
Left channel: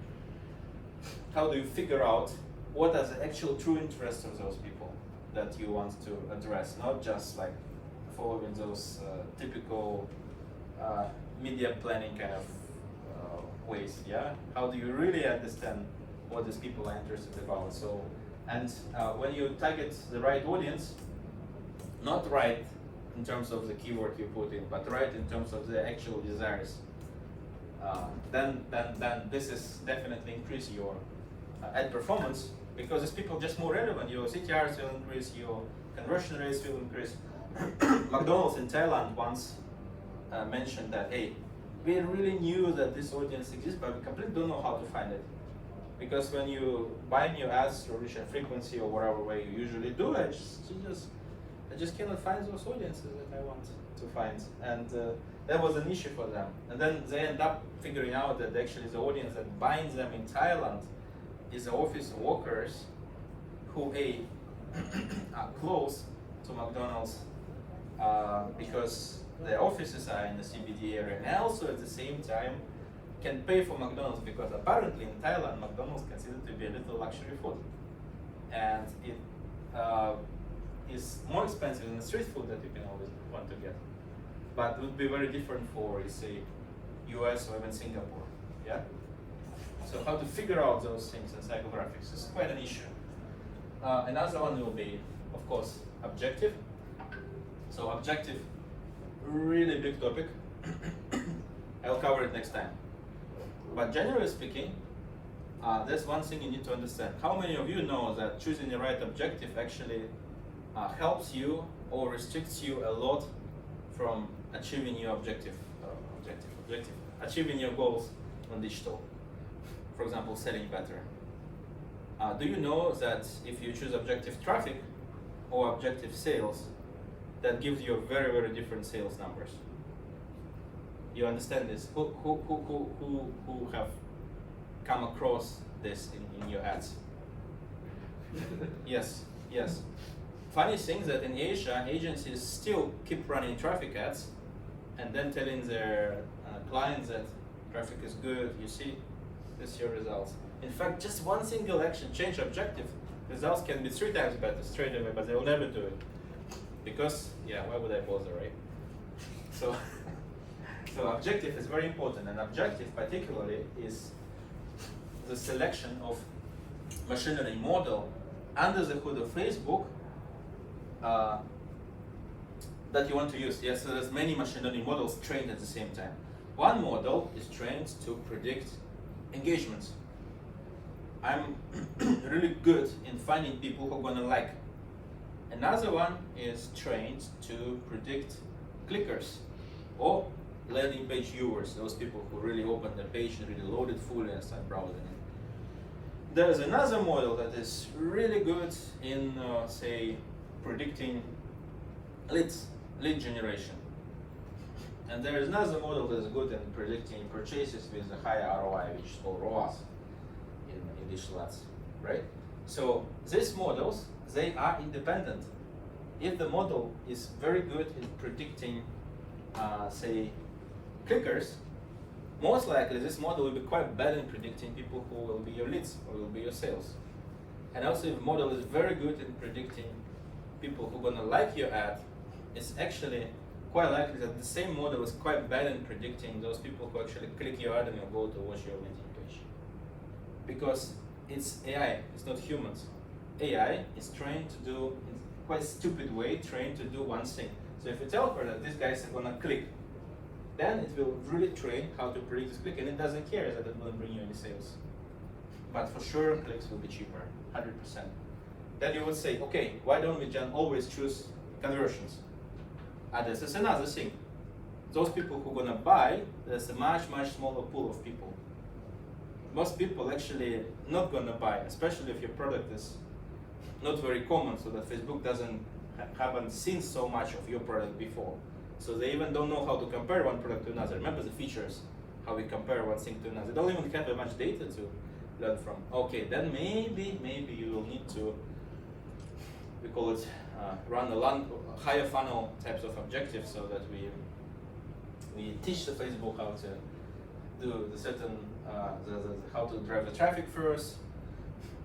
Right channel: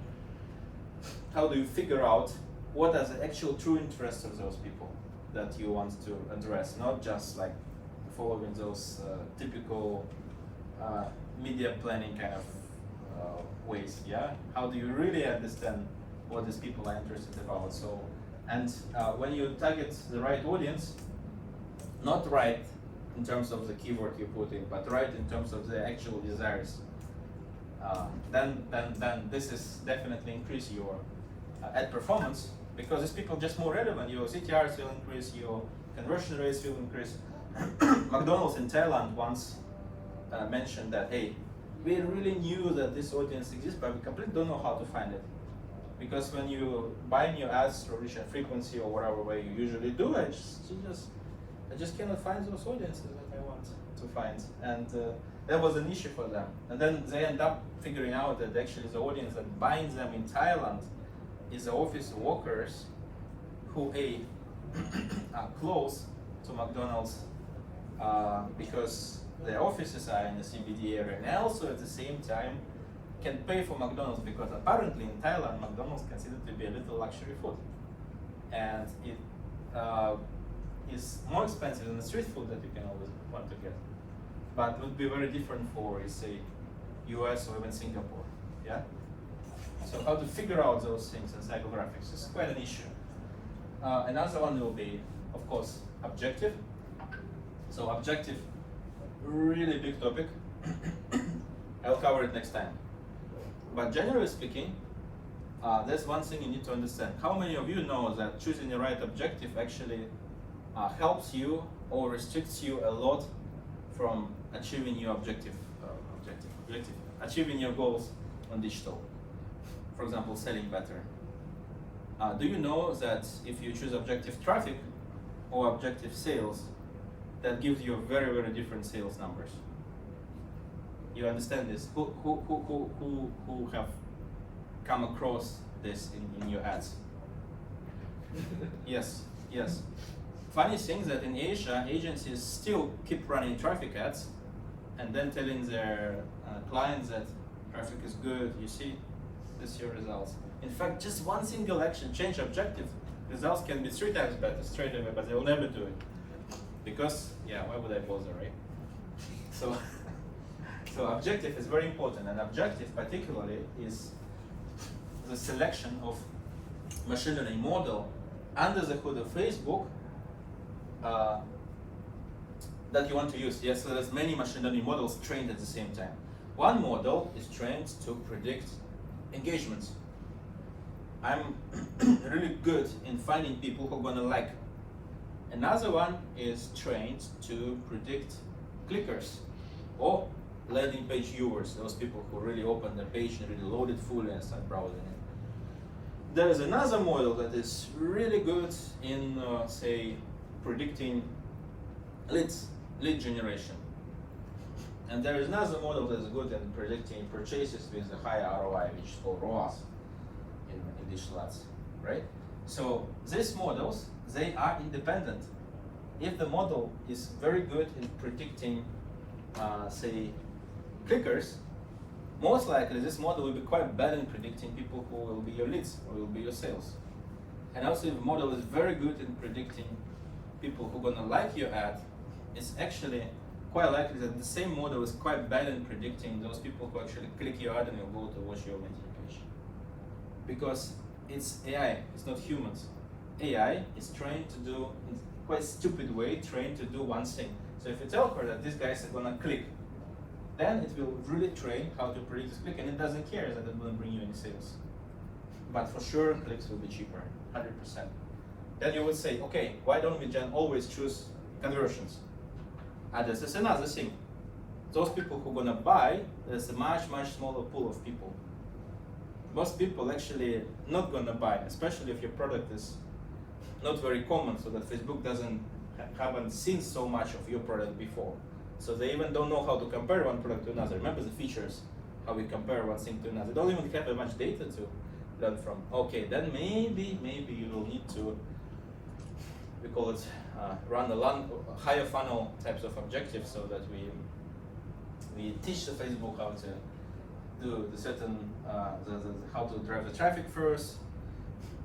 How do you figure out what are the actual true interests of those people that you want to address, not just like following those typical media planning kind of ways, yeah? How do you really understand what these people are interested about? So, and when you target the right audience, not right in terms of the keyword you put in, but right in terms of the actual desires, then this is definitely increase your ad performance, because these people are just more relevant. Your CTRs will increase, your conversion rates will increase. McDonald's in Thailand once mentioned that, hey, we really knew that this audience exists, but we completely don't know how to find it. Because when you buy new ads through reach and frequency or whatever way you usually do, I just cannot find those audiences that I want to find. And that was an issue for them. And then they end up figuring out that actually the audience that binds them in Thailand is the office workers who are close to McDonald's because their offices are in the CBD area, and also at the same time can pay for McDonald's, because apparently in Thailand McDonald's considered to be a little luxury food, and it is more expensive than the street food that you can always want to get, but would be very different for, say, US or even Singapore. Yeah. So how to figure out those things in psychographics is quite an issue. Another one will be, of course, objective. So objective, really big topic. I'll cover it next time. But generally speaking, there's one thing you need to understand. How many of you know that choosing the right objective actually helps you or restricts you a lot from achieving your achieving your goals on digital? For example, selling better. Do you know that if you choose objective traffic or objective sales, that gives you very, very different sales numbers? You understand this? Who have come across this in your ads? Yes. Funny thing that in Asia, agencies still keep running traffic ads and then telling their clients that traffic is good. You see, this is your results. In fact, just one single action, change objective, results can be 3 times better straight away, but they will never do it. Because, yeah, why would I bother, right? So objective is very important, and objective particularly is the selection of machine learning model under the hood of Facebook that you want to use. Yes, so there's many machine learning models trained at the same time. One model is trained to predict engagements. I'm really good in finding people who are gonna like. Another one is trained to predict clickers or landing page viewers, those people who really open the page and really load it fully and start browsing it. There is another model that is really good in, say, predicting lead generation. And there is another model that is good in predicting purchases with a higher ROI, which is called ROAS in digital ads, right? So these models, they are independent. If the model is very good in predicting, say, clickers, most likely this model will be quite bad in predicting people who will be your leads or will be your sales. And also if the model is very good in predicting people who are gonna like your ad, it's actually quite likely that the same model is quite bad in predicting those people who actually click your ad and will go to watch your landing page. Because it's AI, it's not humans. AI is trained to do, in quite a stupid way, trained to do one thing. So if you tell her that these guys are gonna click, then it will really train how to predict this click, and it doesn't care that it won't bring you any sales. But for sure, clicks will be cheaper, 100%. Then you would say, okay, why don't we just always choose conversions? And this is another thing. Those people who are gonna buy, there's a much smaller pool of people. Most people actually not gonna buy, especially if your product is not very common, so that Facebook haven't seen so much of your product before. So they even don't know how to compare one product to another. Remember the features, how we compare one thing to another. They don't even have that much data to learn from. Okay, then maybe you will need to, we call it, run a higher funnel types of objectives, so that we teach the Facebook how to do the certain, how to drive the traffic first,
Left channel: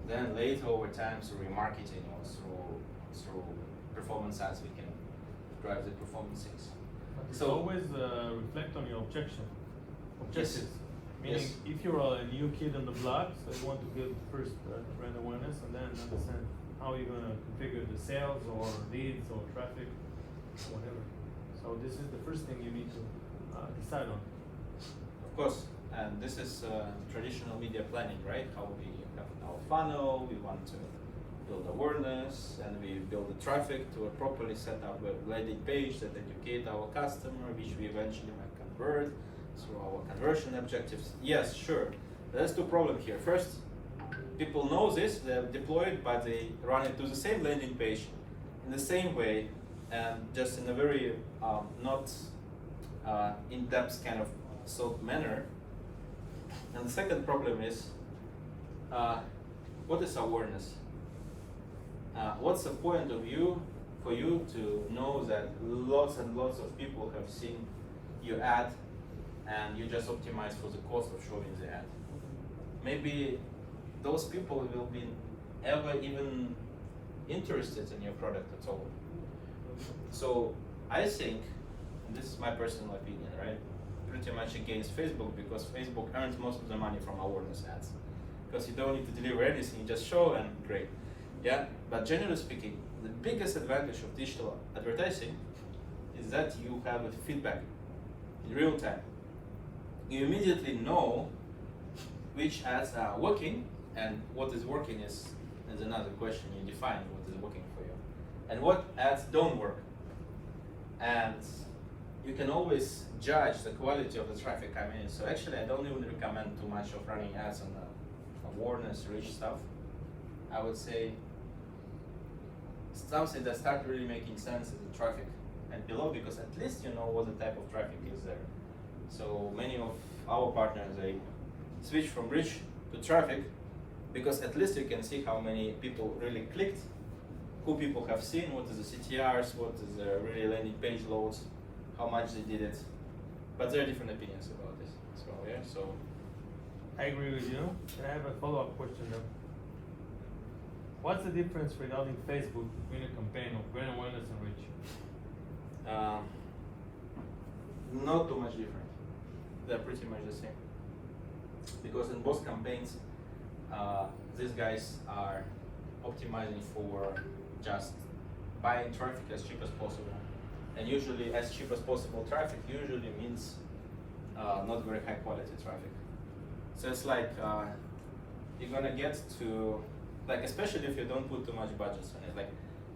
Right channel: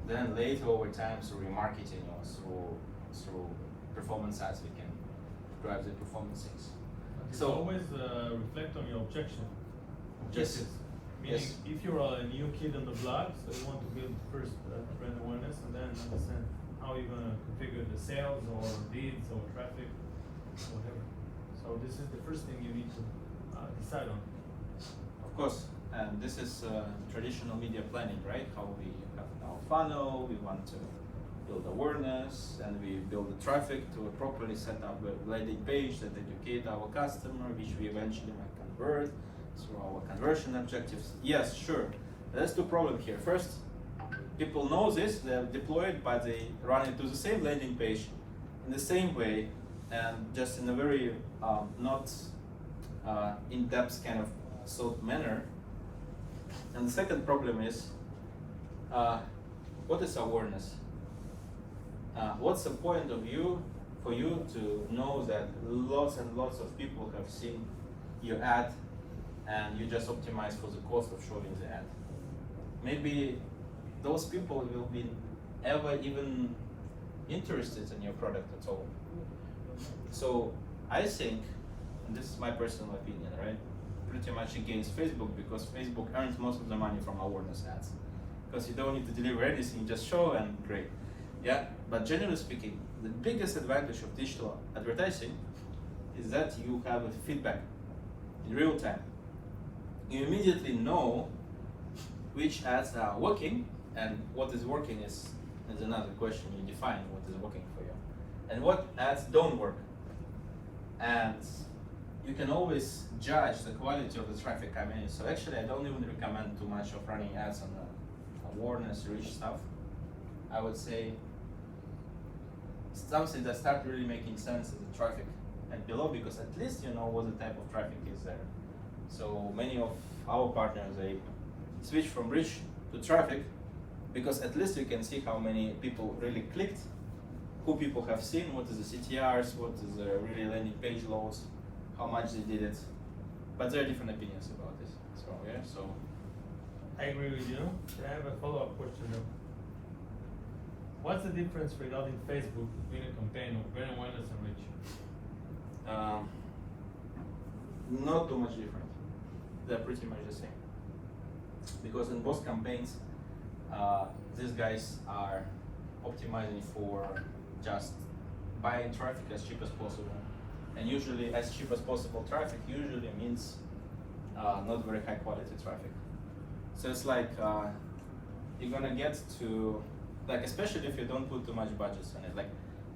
then later over time through remarketing or through performance ads we can drive the performance things. So always reflect on your objectives. Yes. Meaning, Yes. if you're a new kid on the block, so you want to build first brand awareness, and then understand how you're going to configure the sales or leads or traffic, whatever. So this is the first thing you need to decide on. Of course, and this is traditional media planning, right? How we have our funnel, we want to build awareness, and we build the traffic to properly set up a landing page that educate our customer, which we eventually might convert through our conversion objectives. Yes, sure. There's two problems here. First, people know this, they're deployed, but they run it to the same landing page in the same way, and just in a very not in-depth kind of thought manner. And the second problem is, what is awareness? What's the point of view for you to know that lots and lots of people have seen your ad and you just optimize for the cost of showing the ad? Maybe those people will be ever even interested in your product at all. So I think, and this is my personal opinion, right? Pretty much against Facebook, because Facebook earns most of the money from awareness ads. Because you don't need to deliver anything, you just show and great. Yeah, but generally speaking, the biggest advantage of digital advertising is that you have a feedback in real time. You immediately know which ads are working, and what is working is another question. You define what is working for you, and what ads don't work. And you can always judge the quality of the traffic coming in. So actually, I don't even recommend too much of running ads on the awareness-rich stuff. I would say something that starts really making sense is the traffic and below, because at least you know what the type of traffic is there. So many of our partners, they switch from rich to traffic, because at least you can see how many people really clicked, who people have seen, what is the CTRs, what is the really landing page loads, how much they did it. But there are different opinions about this as well, yeah? So I agree with you. I have a follow-up question though. What's the difference regarding Facebook between a campaign of brand awareness and reach? Not too much different. They're pretty much the same. Because in both campaigns, these guys are optimizing for just buying traffic as cheap as possible. And usually as cheap as possible traffic usually means not very high quality traffic. So it's like you're gonna get to, like, especially if you don't put too much budgets on it. Like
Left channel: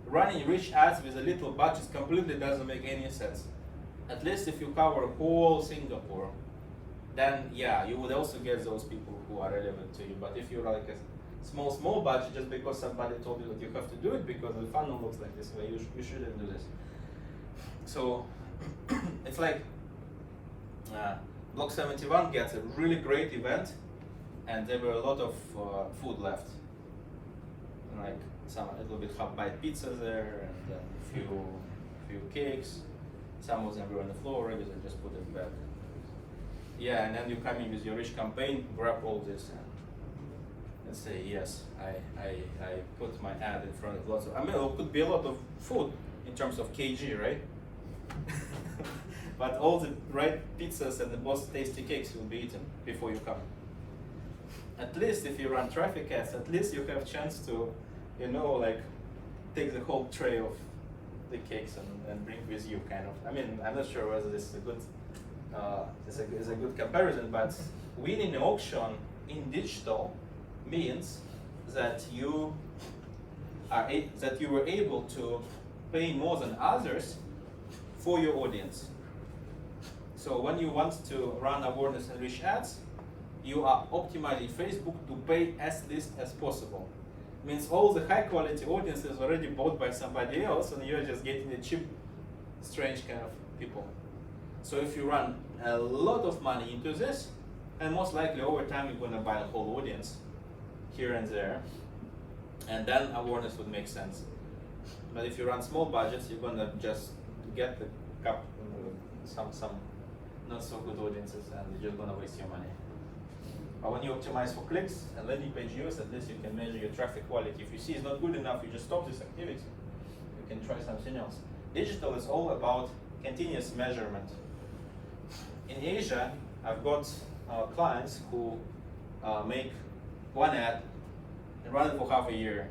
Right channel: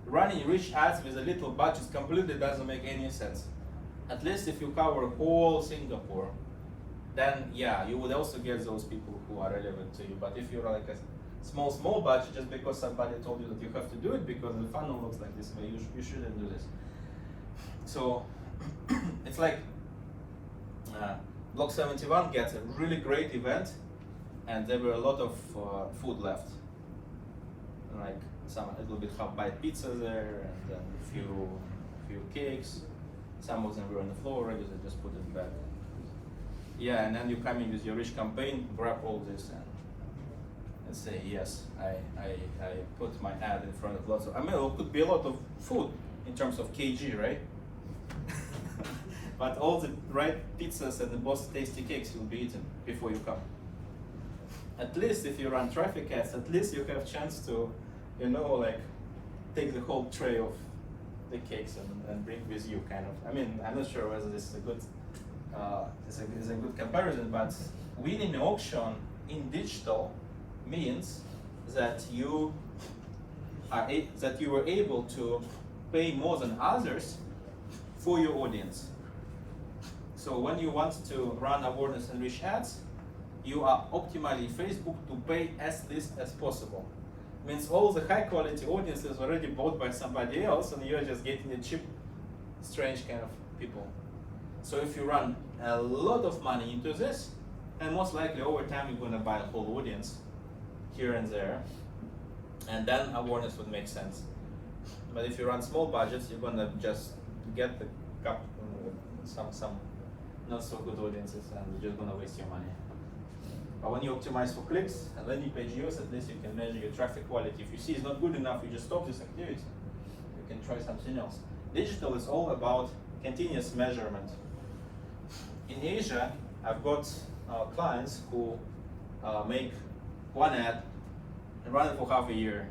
running rich ads with a little budget completely doesn't make any sense. at least if you cover whole Singapore, then yeah, you would also get those people who are relevant to you. But if you're like a small budget, just because somebody told you that you have to do it because the funnel looks like this way, you shouldn't do this. So it's like Block 71 gets a really great event, and there were a lot of food left, like a little bit half-bite pizza there, and then a few cakes. Some of them were on the floor already, so just put it back. Yeah, and then you come in with your rich campaign, grab all this and say, yes, I put my ad in front of lots of, it could be a lot of food in terms of kg, right? But all the right pizzas and the most tasty cakes will be eaten before you come. At least if you run traffic ads, at least you have chance to, like take the whole tray of the cakes and bring with you, kind of. I'm not sure whether this is a good is a good comparison, but winning an auction in digital means that you were able to pay more than others for your audience. So when you want to run awareness and reach ads, you are optimizing Facebook to pay as least as possible. Means all the high quality audience is already bought by somebody else, and you're just getting the cheap, strange kind of people. So if you run a lot of money into this, and most likely over time you're going to buy a whole audience here and there, and then awareness would make sense. But if you run small budgets, you're going to just get the some not so good audiences, and you're just going to waste your money. But when you optimize for clicks and landing page views, at least you can measure your traffic quality. If you see it's not good enough, you just stop this activity. You can try something else. Digital is all about continuous measurement. In Asia, I've got clients who make one ad and run it for half a year.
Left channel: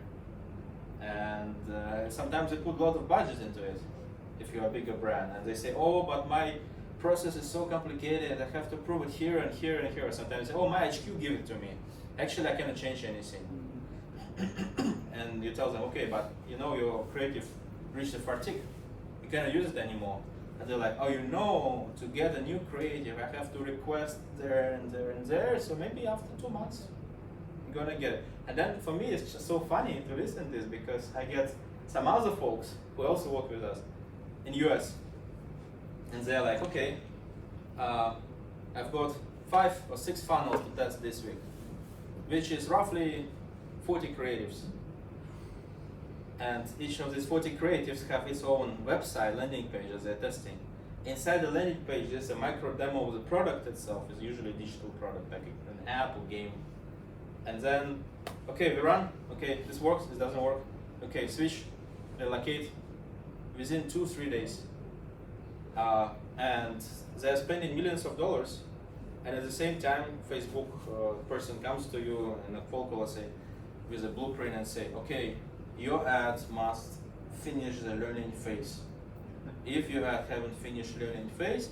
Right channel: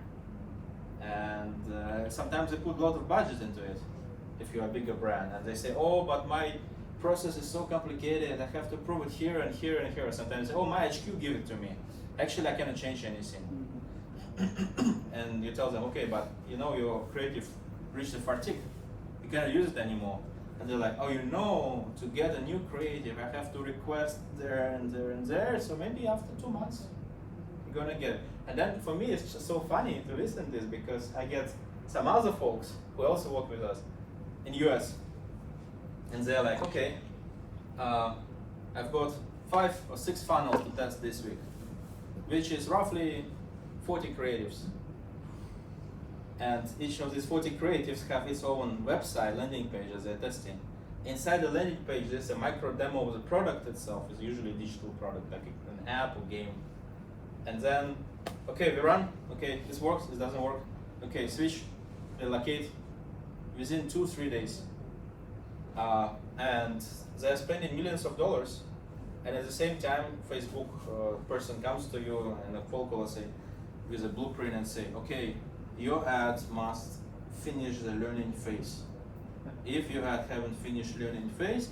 And sometimes they put a lot of budget into it if you're a bigger brand. And they say, oh, but my process is so complicated, I have to prove it here and here and here. Sometimes, oh, my HQ give it to me. Actually, I cannot change anything. And you tell them, okay, but your creative reached the fatigue. You cannot use it anymore. And they're like, oh, to get a new creative, I have to request there and there and there. So maybe after 2 months, I'm gonna get it. And then for me, it's just so funny to listen to this because I get some other folks who also work with us in US. And they're like, okay, I've got 5 or 6 funnels to test this week, which is roughly 40 creatives. And each of these 40 creatives have its own website, landing page as they're testing. Inside the landing page, there's a micro demo of the product itself. It's usually a digital product, like an app or game. And then, okay, we run. Okay, this works, this doesn't work. Okay, switch, relocate. Within 2-3 days. And they're spending millions of dollars, and at the same time, Facebook person comes to you and a phone call with a blueprint and say, okay, your ads must finish the learning phase. If your ad haven't finished learning phase,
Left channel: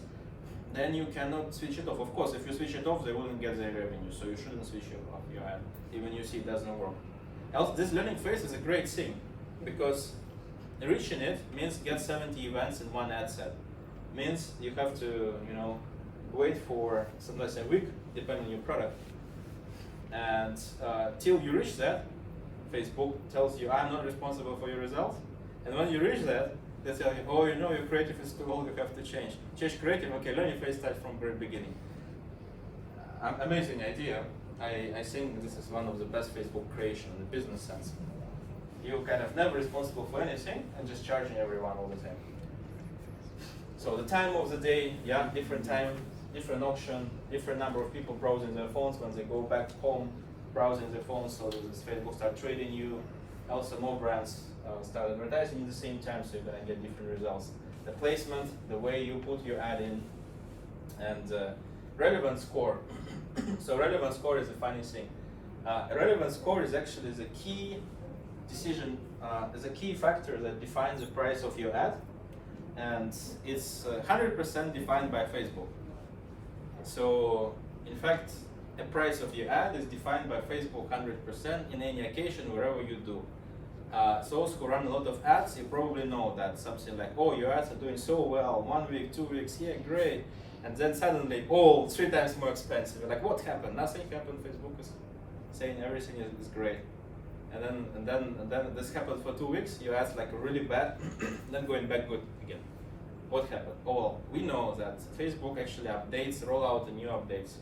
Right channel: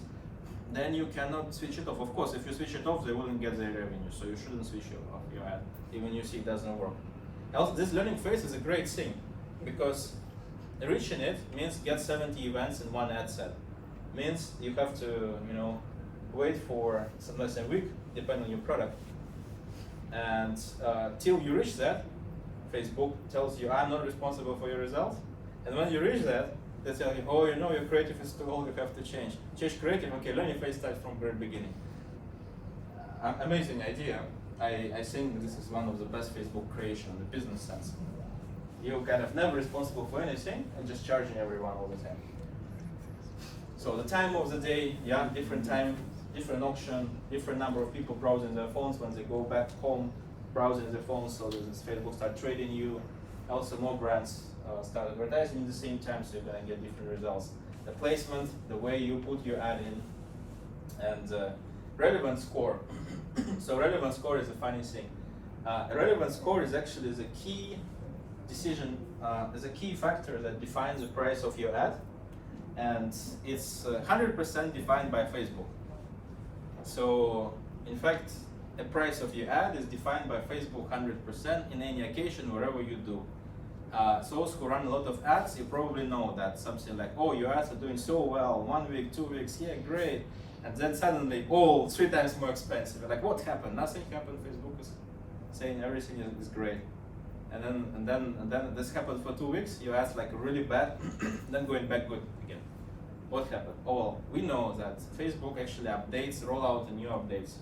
then you cannot switch it off. Of course, if you switch it off, they wouldn't get their revenue, so you shouldn't switch off your ad, even you see it doesn't work. Else, this learning phase is a great thing, because reaching it means get 70 events in one ad set. Means you have to, wait for some less than a week, depending on your product. And till you reach that, Facebook tells you, I'm not responsible for your results. And when you reach that, they tell you, oh, your creative is too old, you have to change. Change creative, okay, learning phase starts from the very beginning. Amazing idea. I think this is one of the best Facebook creation in the business sense. You're kind of never responsible for anything and just charging everyone all the time. So the time of the day, yeah, different time, different auction, different number of people browsing their phones when they go back home, browsing their phones, so this Facebook start trading you. Also more brands start advertising at the same time, so you're gonna get different results. The placement, the way you put your ad in, and relevance score. So relevance score is a funny thing. Relevance score is actually the key decision, is a key factor that defines the price of your ad. And it's 100% defined by Facebook. So, in fact, the price of your ad is defined by Facebook 100% in any occasion, wherever you do. those who run a lot of ads, you probably know that something like, oh, your ads are doing so well, 1 week, 2 weeks, yeah, great. And then suddenly, oh, 3 times more expensive. You're like, what happened? Nothing happened. Facebook is saying everything is great. And then this happens for 2 weeks, your ads like really bad, then going back good again. What happened? Oh, well, we know that Facebook actually updates, roll out the new updates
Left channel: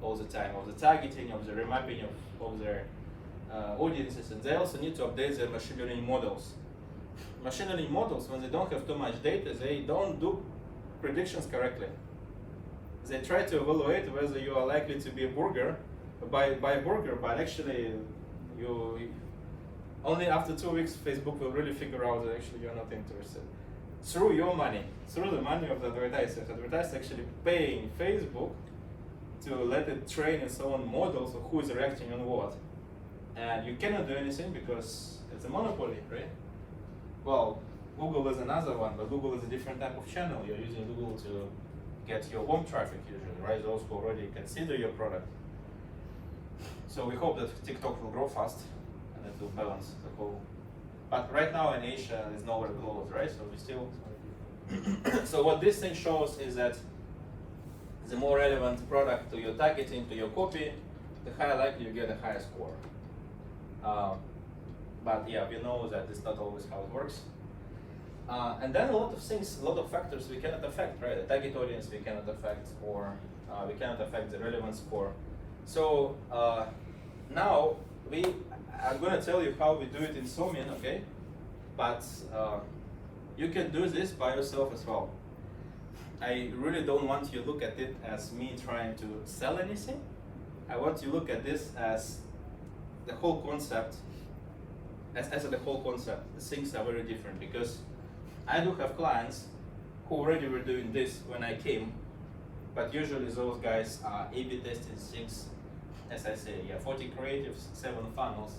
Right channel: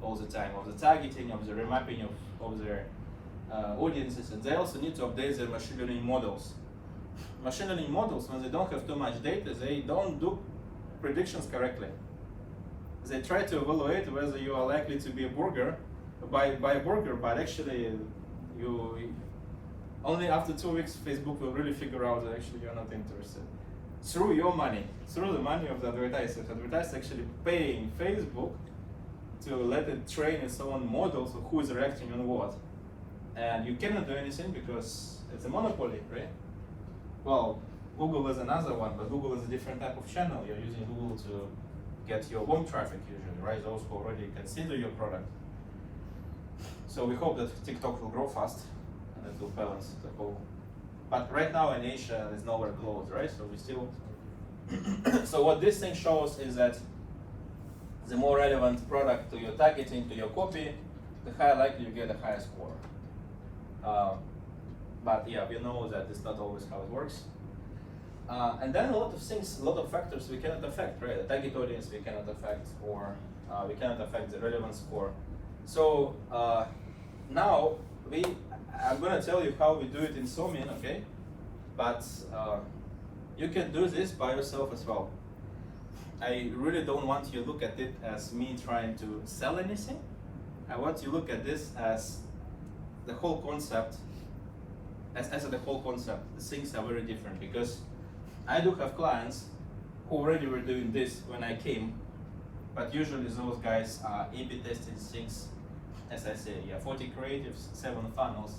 all the time of the targeting, of the remapping of their audiences, and they also need to update their machine learning models. Machine learning models, when they don't have too much data, they don't do predictions correctly. They try to evaluate whether you are likely to be a burger, buy a burger, but actually you only after 2 weeks Facebook will really figure out that actually you're not interested. Through your money, through the money of the advertisers. Advertisers actually paying Facebook to let it train its own models of who is reacting on what. And you cannot do anything because it's a monopoly, right? Well, Google is another one, but Google is a different type of channel. You're using Google to get your warm traffic usually, right? Those who already consider your product. So we hope that TikTok will grow fast and it will balance the whole. But right now in Asia, it's nowhere close, right? So we still. So what this thing shows is that the more relevant product to your targeting, to your copy, the higher likely you get a higher score. But yeah, we know that it's not always how it works. And then a lot of things, a lot of factors we cannot affect, right? The target audience we cannot affect, or we cannot affect the relevance score. So now I'm gonna tell you how we do it in Somin, okay? But you can do this by yourself as well. I really don't want you to look at it as me trying to sell anything. I want you to look at this as the whole concept, as the whole concept. The things are very different because I do have clients who already were doing this when I came, but usually those guys are A/B testing things, as I say, 40 creatives, 7 funnels.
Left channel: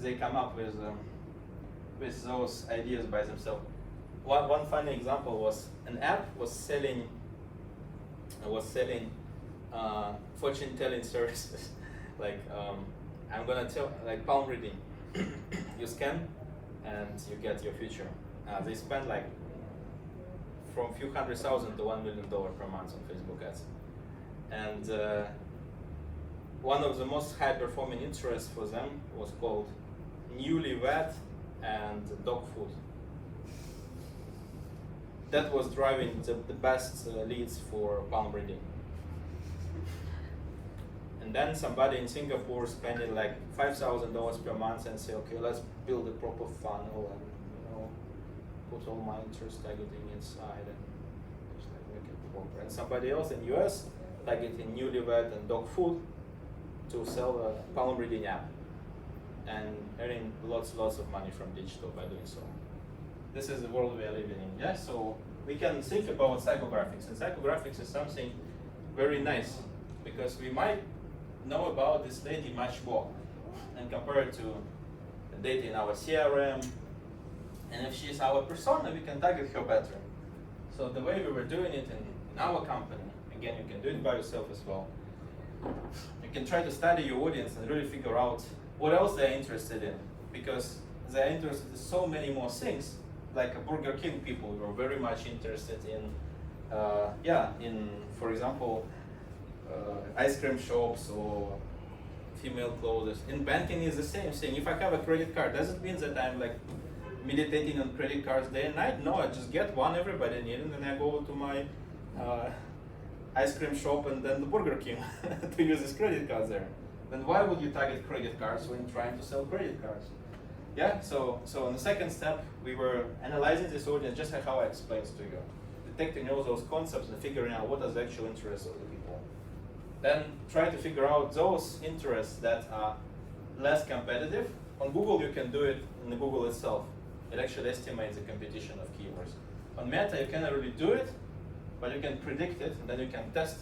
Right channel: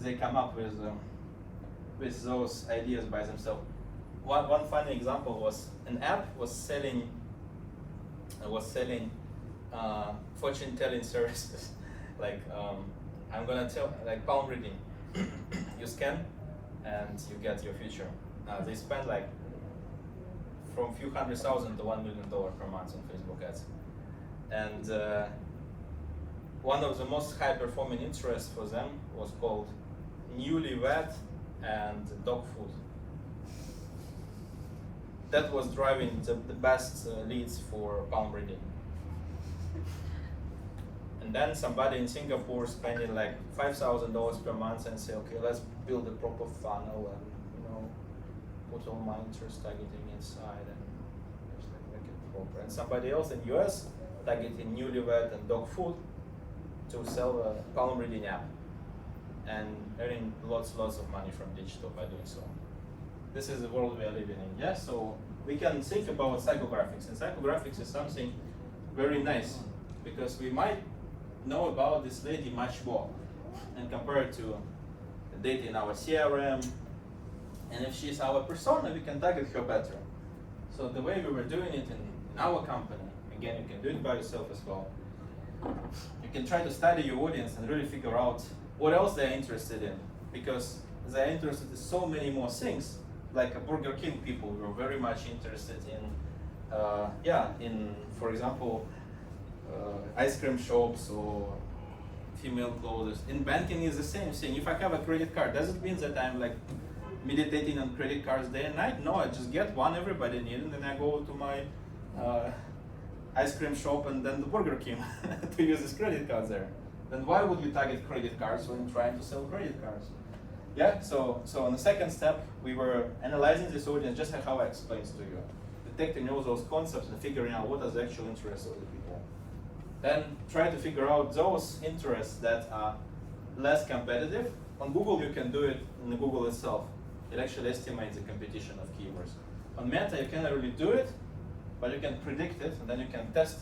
They come up with those ideas by themselves. One funny example was an app was selling fortune telling services. Like I'm gonna tell, like palm reading. You scan and you get your future. They spend like from a few $100,000 to $1 million per month on Facebook ads. And one of the most high performing interests for them was called newlywed and dog food. That was driving the best leads for palm reading. And then somebody in Singapore spending like $5,000 per month and say, okay, let's build a proper funnel and put all my interest targeting inside and just like make it proper. And somebody else in US targeting newlywed and dog food to sell a palm reading app and earning lots of money from digital by doing so. This is the world we are living in. Yeah, so we can think about psychographics, and psychographics is something very nice because we might know about this lady much more and compared to the data in our CRM. And if she's our persona, we can target her better. So the way we were doing it in our company, again, you can do it by yourself as well. You can try to study your audience and really figure out what else they're interested in, because they're interested in so many more things. Like a Burger King people were very much interested in, for example, ice cream shops or female clothes. In banking is the same thing. If I have a credit card, does it mean that I'm like meditating on credit cards day and night? No, I just get one everybody needs, and then I go to my ice cream shop and then the Burger King to use this credit card there. Then why would you target credit cards when trying to sell credit cards? Yeah, so in the second step, we were analyzing this audience just like how I explained to you. Detecting all those concepts and figuring out what are the actual interests of the people. Then try to figure out those interests that are less competitive. On Google, you can do it in the Google itself. It actually estimates the competition of keywords. On Meta, you cannot really do it, but you can predict it, and then you can test,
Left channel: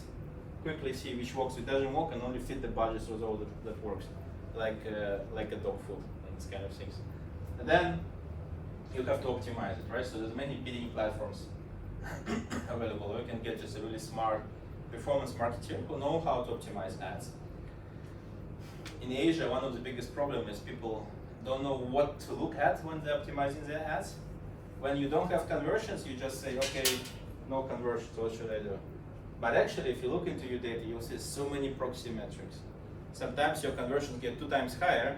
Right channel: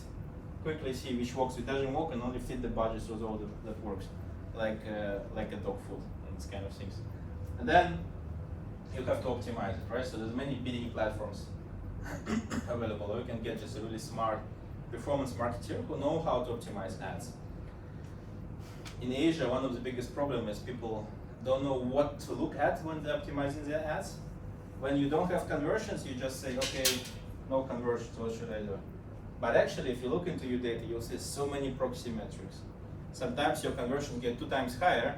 quickly see which works, which doesn't work, and only fit the budgets of all that works, like a dog food and these kind of things. And then you have to optimize it, right? So there's many bidding platforms available. Or you can get just a really smart performance marketer who know how to optimize ads. In Asia, one of the biggest problems is people don't know what to look at when they're optimizing their ads. When you don't have conversions, you just say, okay, no conversions, what should I do? But actually, if you look into your data, you'll see so many proxy metrics. Sometimes your conversion get 2 times higher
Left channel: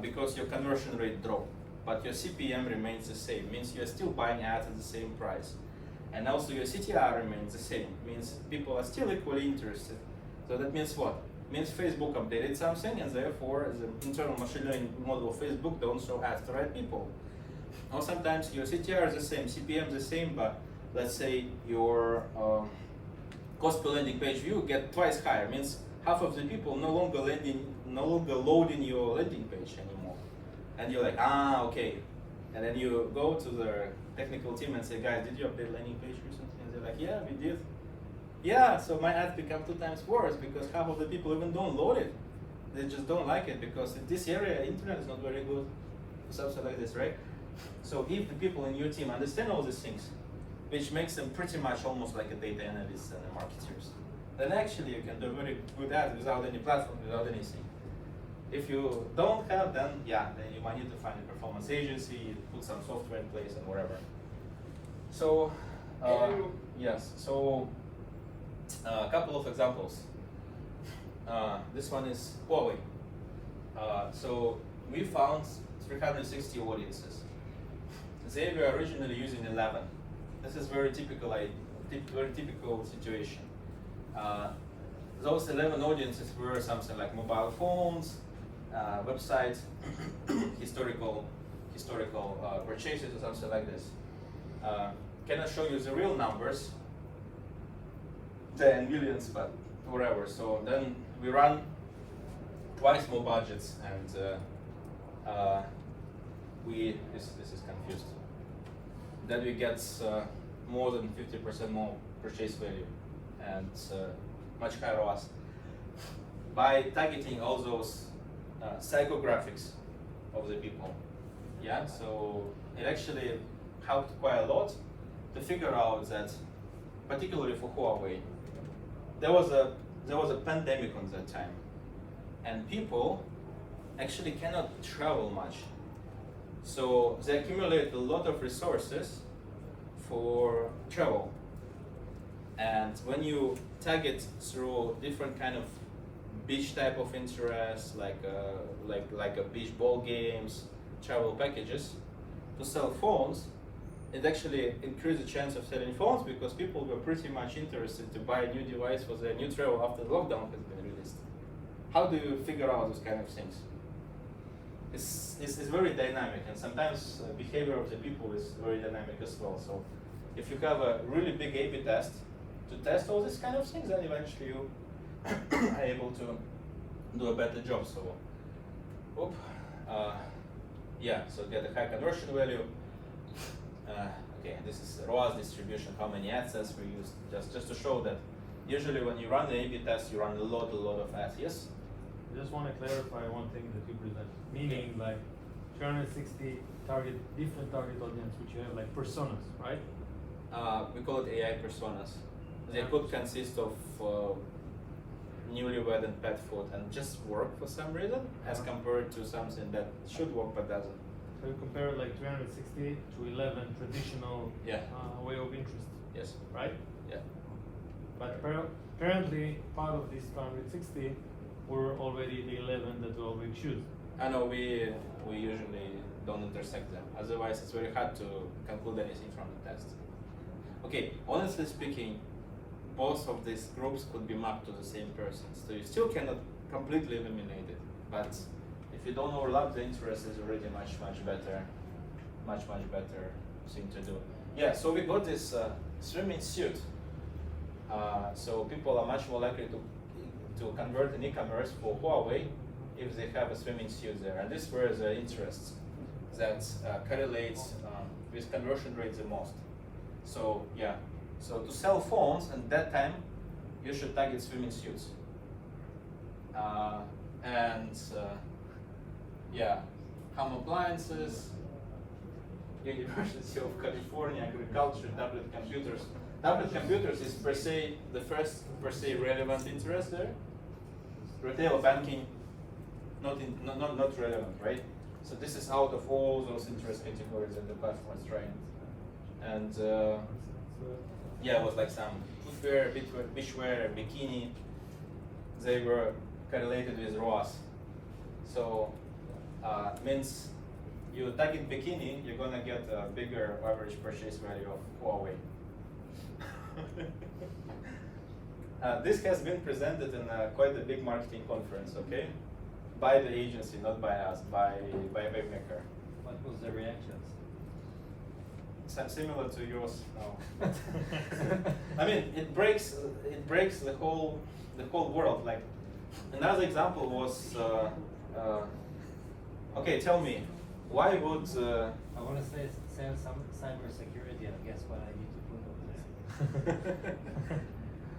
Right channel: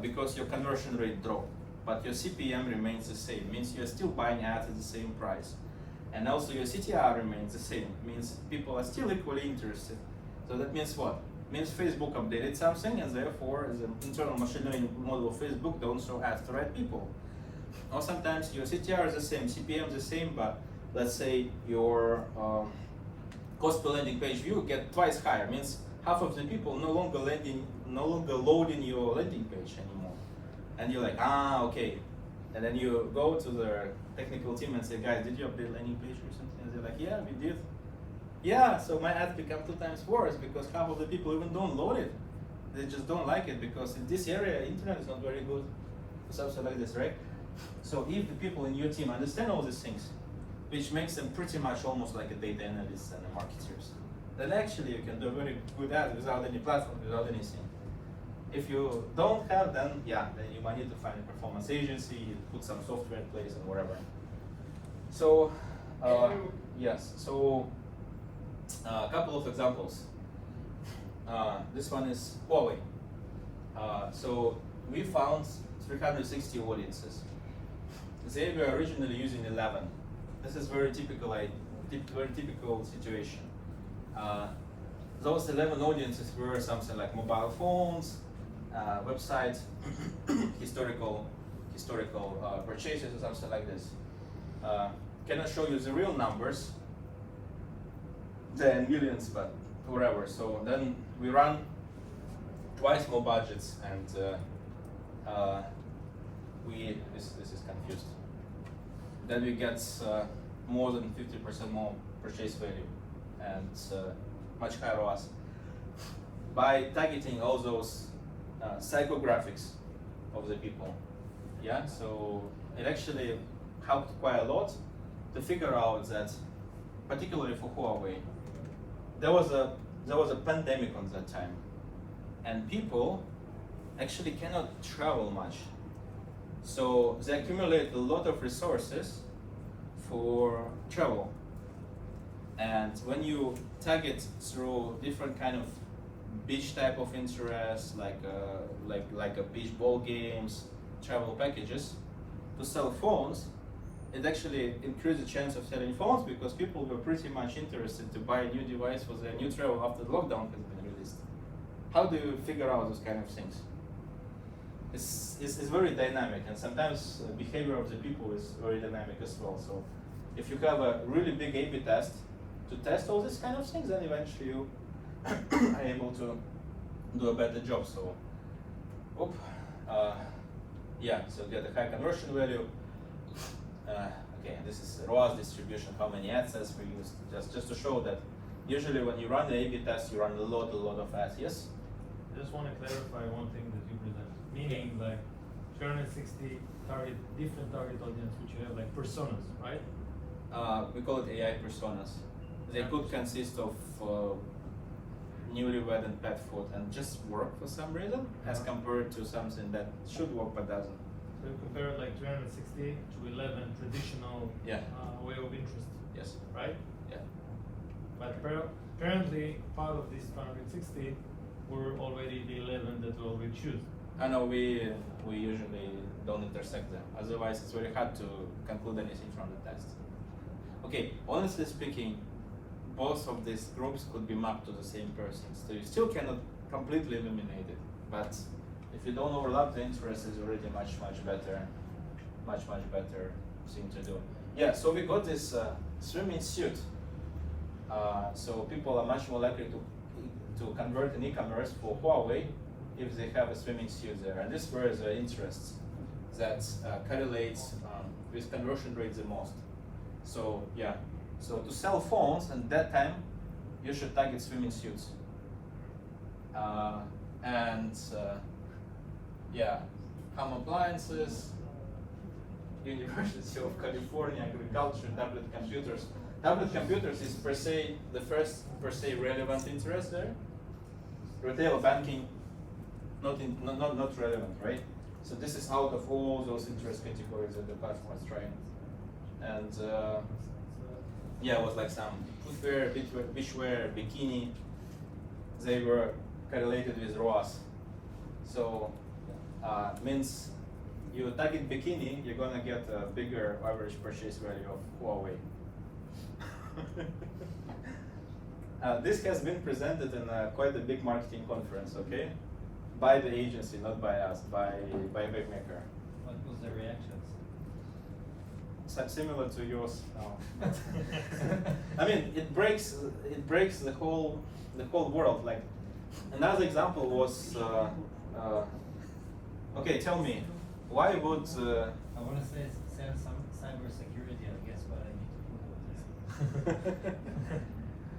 because your conversion rate dropped, but your CPM remains the same, means you're still buying ads at the same price. And also your CTR remains the same, means people are still equally interested. So that means what? Means Facebook updated something, and therefore the internal machine learning model of Facebook don't show ads to right people. Or sometimes your CTR is the same, CPM is the same, but let's say your cost per landing page view get twice higher, means half of the people no longer loading your landing page anymore. And you're like, okay. And then you go to the technical team and say, guys, did you update landing page recently? And they're like, yeah, we did. Yeah, so my ad become 2 times worse because half of the people even don't load it. They just don't like it because in this area, internet is not very good for something like this, right? So if the people in your team understand all these things, which makes them pretty much almost like a data analyst and a marketers, then actually you can do very good ads without any platform, without anything. If you don't have, then then you might need to find a performance agency, put some software in place and whatever. So, yes, so a couple of examples. This one is Huawei. So we found 360 audiences. They were originally using 11. This is very typical situation. Those 11 audiences were something like mobile phones, websites, historical purchases or something like this. Cannot show you the real numbers, they're in millions, but whatever. So then we run twice more budgets, and this is confused. Then we get more than 50% more purchase value and much higher ROAS by targeting all those psychographics of the people. Yeah, so it actually helped quite a lot to figure out that, particularly for Huawei, there was a pandemic on that time, and people actually cannot travel much. So they accumulate a lot of resources for travel. And when you target through different kind of beach type of interests, like a beach ball games, travel packages, to sell phones, it actually increased the chance of selling phones because people were pretty much interested to buy a new device for their new travel after the lockdown has been released. How do you figure out those kind of things? It's very dynamic, and sometimes behavior of the people is very dynamic as well. So if you have a really big A/B test to test all these kind of things, then eventually you are able to do a better job. So, so get a high conversion value. Okay, this is ROAS distribution, how many ad sets we used, just to show that usually when you run the A/B test, you run a lot of ads. Yes? I just want to clarify one thing that you present. Meaning, like 360 different target audience, which you have like personas, right? We call it AI personas. They could consist of newlywed and pet food and just work for some reason, as compared to something that should work but doesn't. So you compare like 360 to 11 traditional way of interest. Yes. Right? Yeah. But apparently part of this 360 were already the 11 that we already choose. I know we usually don't intersect them. Otherwise, it's very hard to conclude anything from the test. Okay, honestly speaking, both of these groups could be mapped to the same person. So you still cannot completely eliminate it. But if you don't overlap the interests, it's already much better thing to do. Yeah, so we got this swimming suit. So people are much more likely to convert in e-commerce for Huawei if they have a swimming suit there. And this were the interests that correlates with conversion rate the most. So so to sell phones at that time, you should target swimming suits. Home appliances, University of California, agriculture, tablet computers. Tablet computers is the first relevant interest there. Retail banking, not relevant, right? So this is out of all those interest categories that the platform is trying. And yeah, it was like some footwear, beachwear, bikini. They were correlated with ROAS. So means you target bikini, you're gonna get a bigger average purchase value of Huawei. This has been presented in quite a big marketing conference, okay? By the agency, not by us, by Webmaker. What was the reactions? Similar to yours. No. I mean, it breaks the whole world. Like another example was, okay, tell me, why would I want to say some cybersecurity, and guess what I need to Google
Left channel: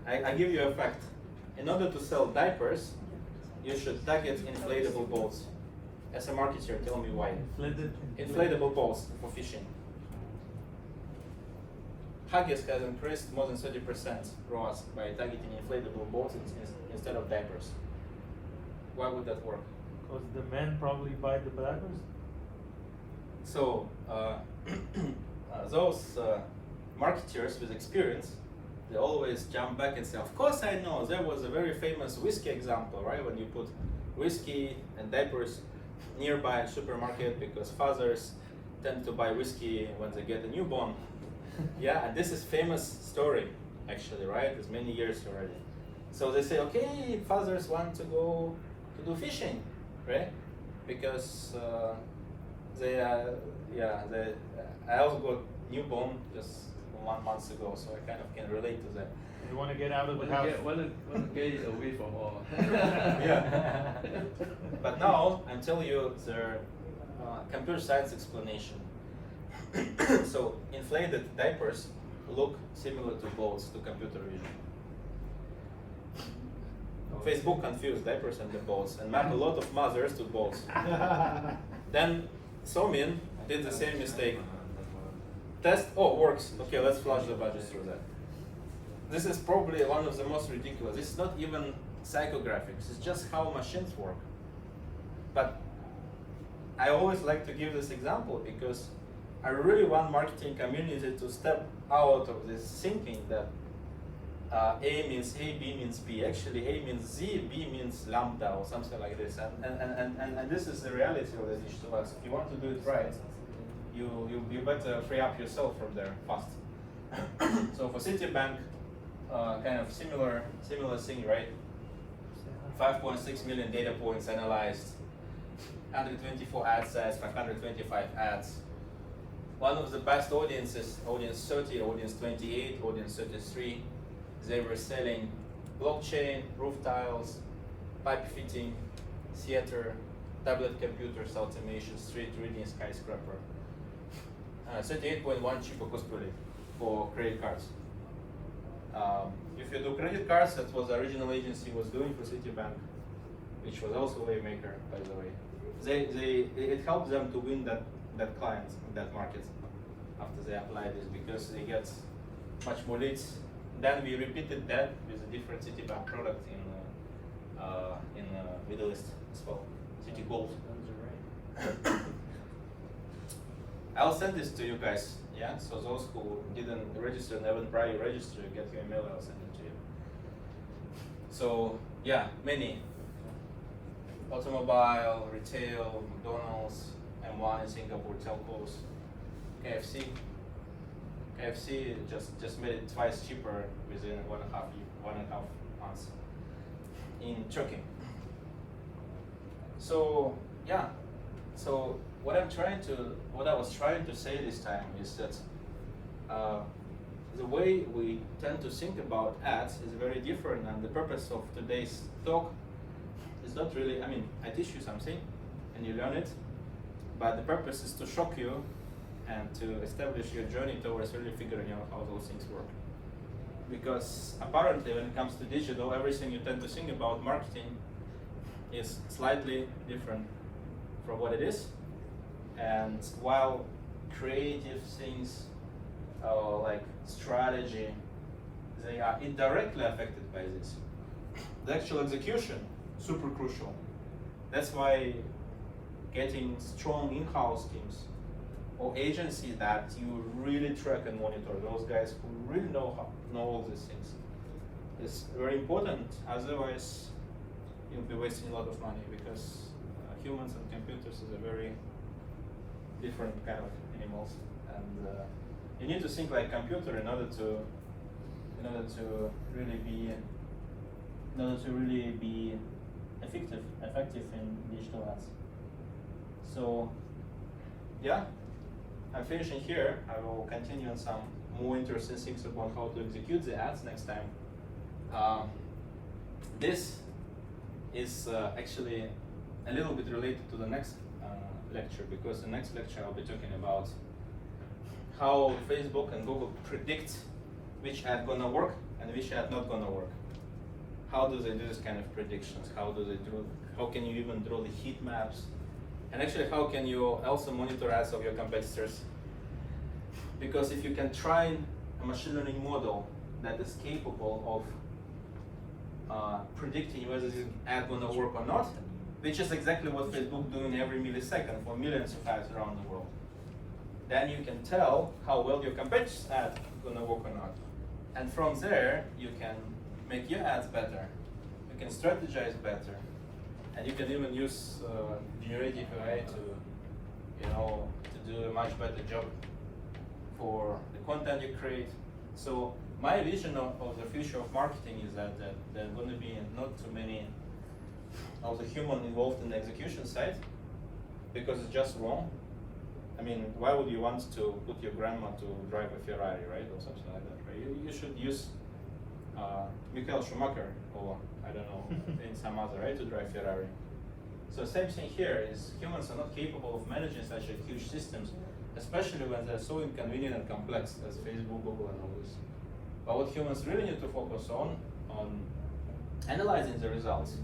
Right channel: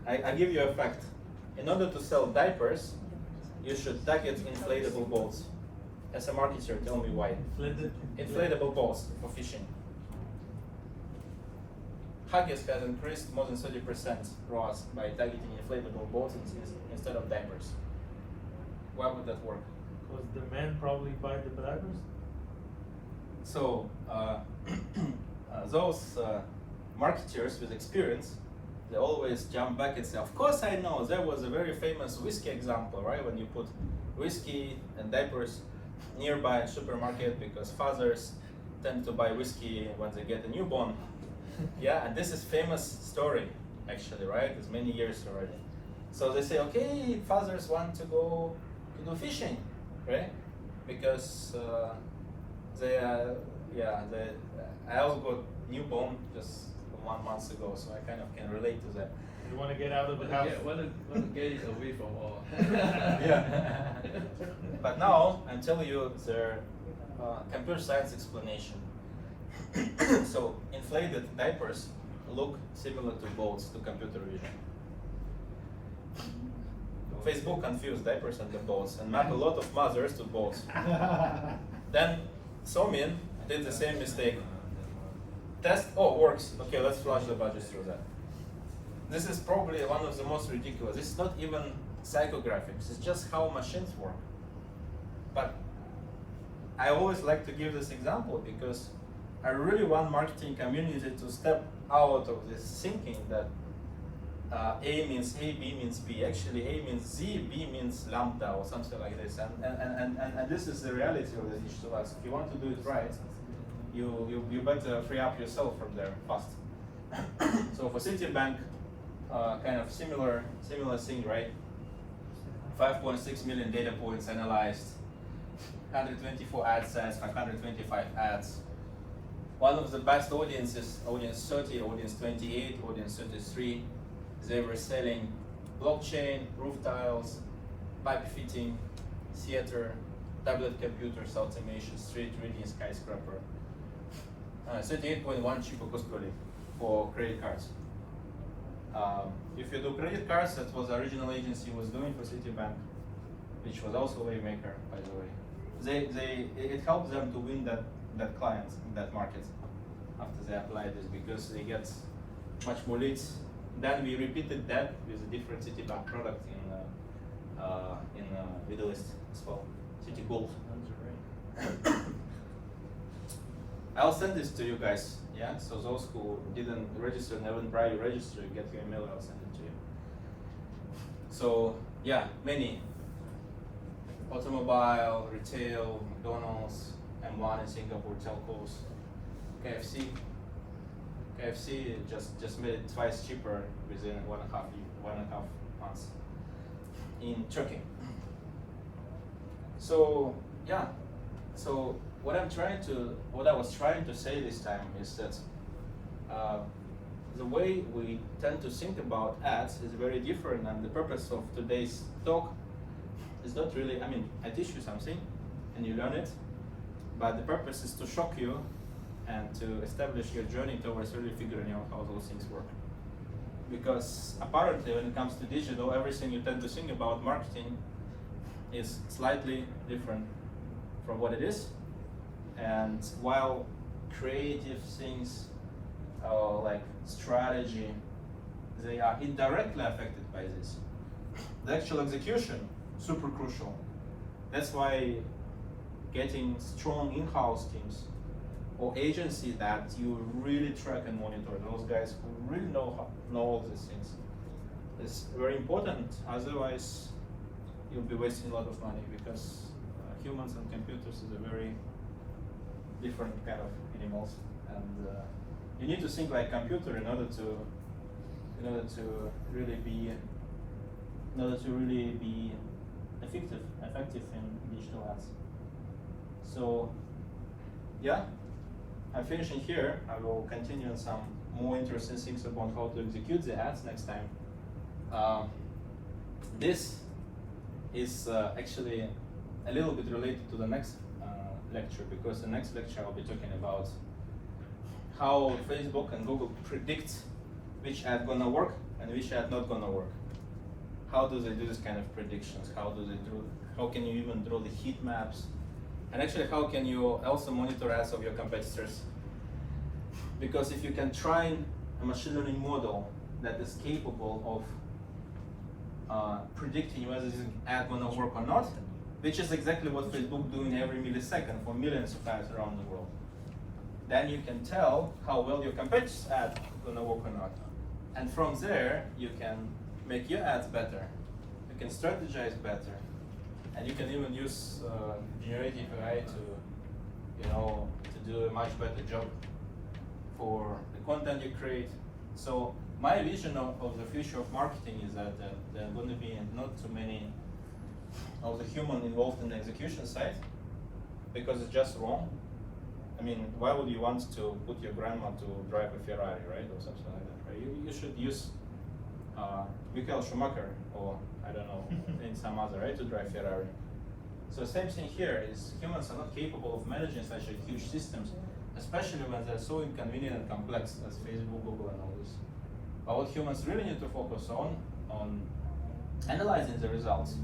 this. I give you a fact. In order to sell diapers, you should target inflatable boats. As a marketer, tell me why. Inflatable boats for fishing. Huggies has increased more than 30% ROAS by targeting inflatable boats instead of diapers. Why would that work? Because the men probably buy the diapers. So those marketers with experience, they always jump back and say, of course I know, there was a very famous whiskey example, right? When you put whiskey and diapers nearby a supermarket because fathers tend to buy whiskey when they get a newborn. Yeah, and this is famous story, actually, right? It's many years already. So they say, okay, fathers want to go to do fishing, right? Because I also got newborn just 1 month ago, so I kind of can relate to that. You want to get out of the house. Want to get away from all. Yeah. But now I'm telling you the computer science explanation. So inflated diapers look similar to boats to computer vision. Facebook confused diapers and the boats and mapped a lot of mothers to boats. Then Somin did the same mistake. Test, oh, works. Okay, let's flush the budget through that. This is probably one of the most ridiculous. This is not even psychographics, it's just how machines work. But I always like to give this example because I really want marketing community to step out of this thinking that A means A, B means B. Actually, A means Z, B means lambda or something like this. And this is the reality of the digital ads. If you want to do it right, you better free up yourself from there fast. So for Citibank, kind of similar thing, right? 5.6 million data points analyzed, 124 ad sets, 525 ads. One of the best audiences, audience 30, audience 28, audience 33, they were selling blockchain, roof tiles, pipe fitting, theater, tablet computers, automation, street reading, skyscraper. 38.1 cheaper cost per lead for credit cards. If you do credit cards, that was the original agency was doing for Citibank, which was also Waymaker, by the way. It helped them to win that client in that market after they applied this because they get much more leads. Then we repeated that with a different Citibank product in Middle East as well, City Gold. I'll send this to you guys, yeah? So those who didn't register and haven't prior register, you get your email, I'll send it to you. So, yeah, many. Automobile, retail, McDonald's, M1 in Singapore, telcos, KFC. KFC just made it twice cheaper within 1.5 months in Turkey. So, yeah. So what I was trying to say this time is that the way we tend to think about ads is very different, and the purpose of today's talk is not really, I mean, I teach you something and you learn it, but the purpose is to shock you and to establish your journey towards really figuring out how those things work. Because apparently when it comes to digital, everything you tend to think about marketing is slightly different from what it is. And while creative things like strategy, they are indirectly affected by this. The actual execution, super crucial. That's why getting strong in-house teams or agencies that you really track and monitor. Those guys who really know all these things. It's very important. Otherwise, you'll be wasting a lot of money because humans and computers is a very different kind of animals, and you need to think like computer in order to really be effective in digital ads. So yeah, I'm finishing here. I will continue on some more interesting things about how to execute the ads next time. This is actually a little bit related to the next lecture, because the next lecture I'll be talking about how Facebook and Google predict which ad gonna work and which ad not gonna work. How do they do this kind of predictions? How can you even draw the heat maps? And actually, how can you also monitor ads of your competitors? Because if you can train a machine learning model that is capable of predicting whether this ad gonna work or not, which is exactly what Facebook doing every millisecond for millions of ads around the world, then you can tell how well your competitor's ad gonna work or not. And from there, you can make your ads better. You can strategize better, and you can even use generative AI to do a much better job for the content you create. So my vision of the future of marketing is that there are going to be not too many of the human involved in the execution side, because it's just wrong. I mean, why would you want to put your grandma to drive a Ferrari, right, or something like that, right? You should use Michael Schumacher, or I don't know, in some other, right, to drive Ferrari. So same thing here is humans are not capable of managing such a huge systems, especially when they're so inconvenient and complex as Facebook, Google, and all this. But what humans really need to focus on analyzing the results,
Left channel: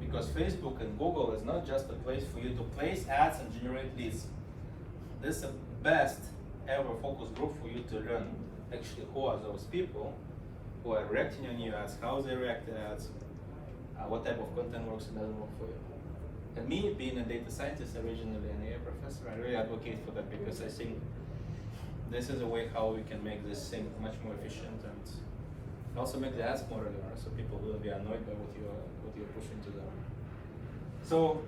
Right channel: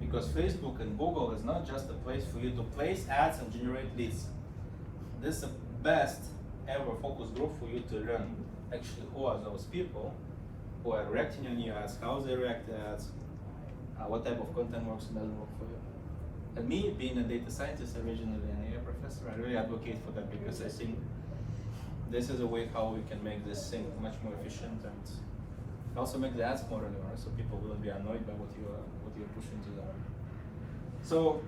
because Facebook and Google is not just a place for you to place ads and generate leads. This is the best ever focus group for you to learn actually who are those people who are reacting on your ads, how they react to ads, what type of content works and doesn't work for you. And me, being a data scientist, originally an AI professor, I really advocate for that, because I think this is a way how we can make this thing much more efficient and also make the ads more relevant, so people will be annoyed by what you're pushing to them. So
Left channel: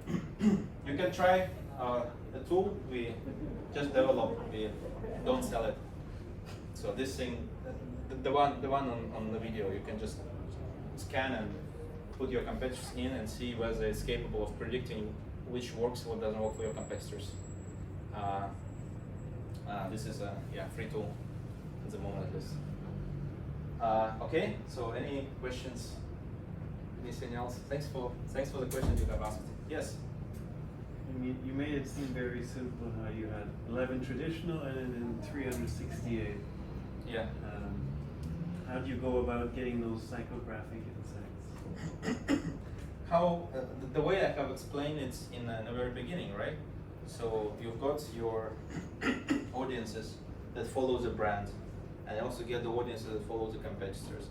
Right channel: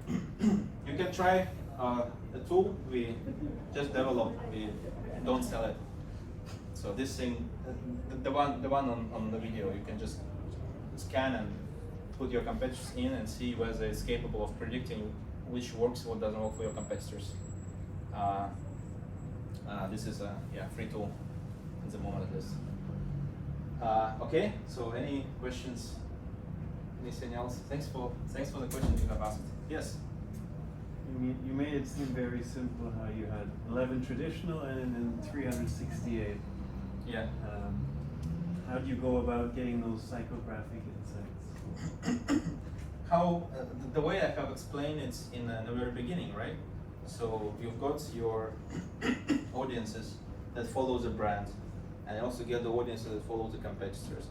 you can try the tool we just developed. We don't sell it. So this thing, the one on the video, you can just scan and put your competitors in and see whether it's capable of predicting which works, what doesn't work for your competitors. This is a free tool at the moment. Okay, so any questions? Anything else? Thanks for the questions you have asked. Yes. You made it seem very simple how you had 11 traditional and then 368. Yeah. How do you go about getting those psychographic insights? How the way I have explained it in the very beginning, right? So you've got your audiences that follow the brand, and you also get the audiences that follow the competitors.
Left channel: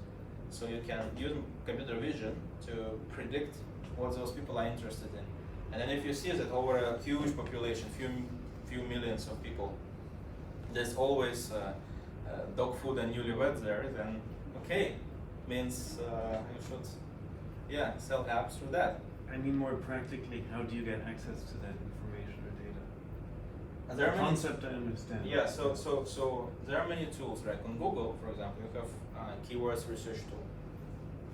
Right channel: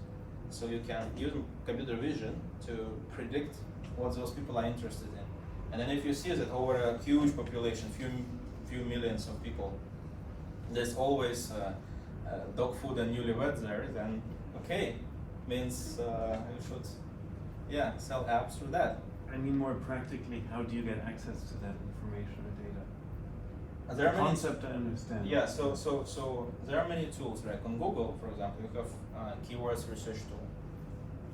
So you can use computer vision to predict what those people are interested in. And then if you see that over a huge population, few millions of people, there's always dog food and newlyweds there, then okay, means you should sell apps through that. I mean more practically, how do you get access to that information or data? There The concept I understand. Yeah, so there are many tools, like on Google, for example, you have keywords research tool.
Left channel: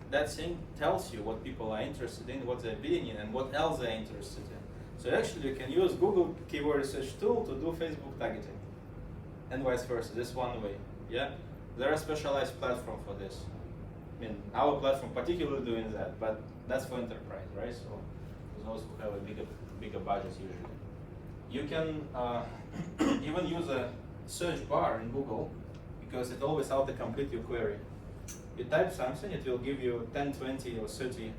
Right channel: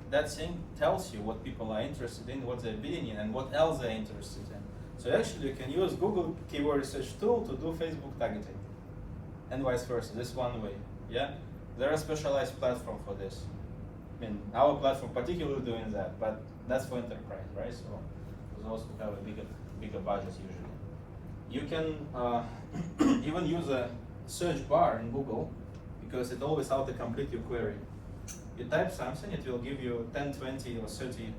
That thing tells you what people are interested in, what they're bidding in, and what else they're interested in. So actually you can use Google keyword research tool to do Facebook targeting, and vice versa. This one way, yeah? There are specialized platform for this. I mean, our platform particularly doing that, but that's for enterprise, right? So for those who have a bigger budget usually. You can even use a search bar in Google, because it always autocomplete your query. You type something, it will give you 10, 20, or 30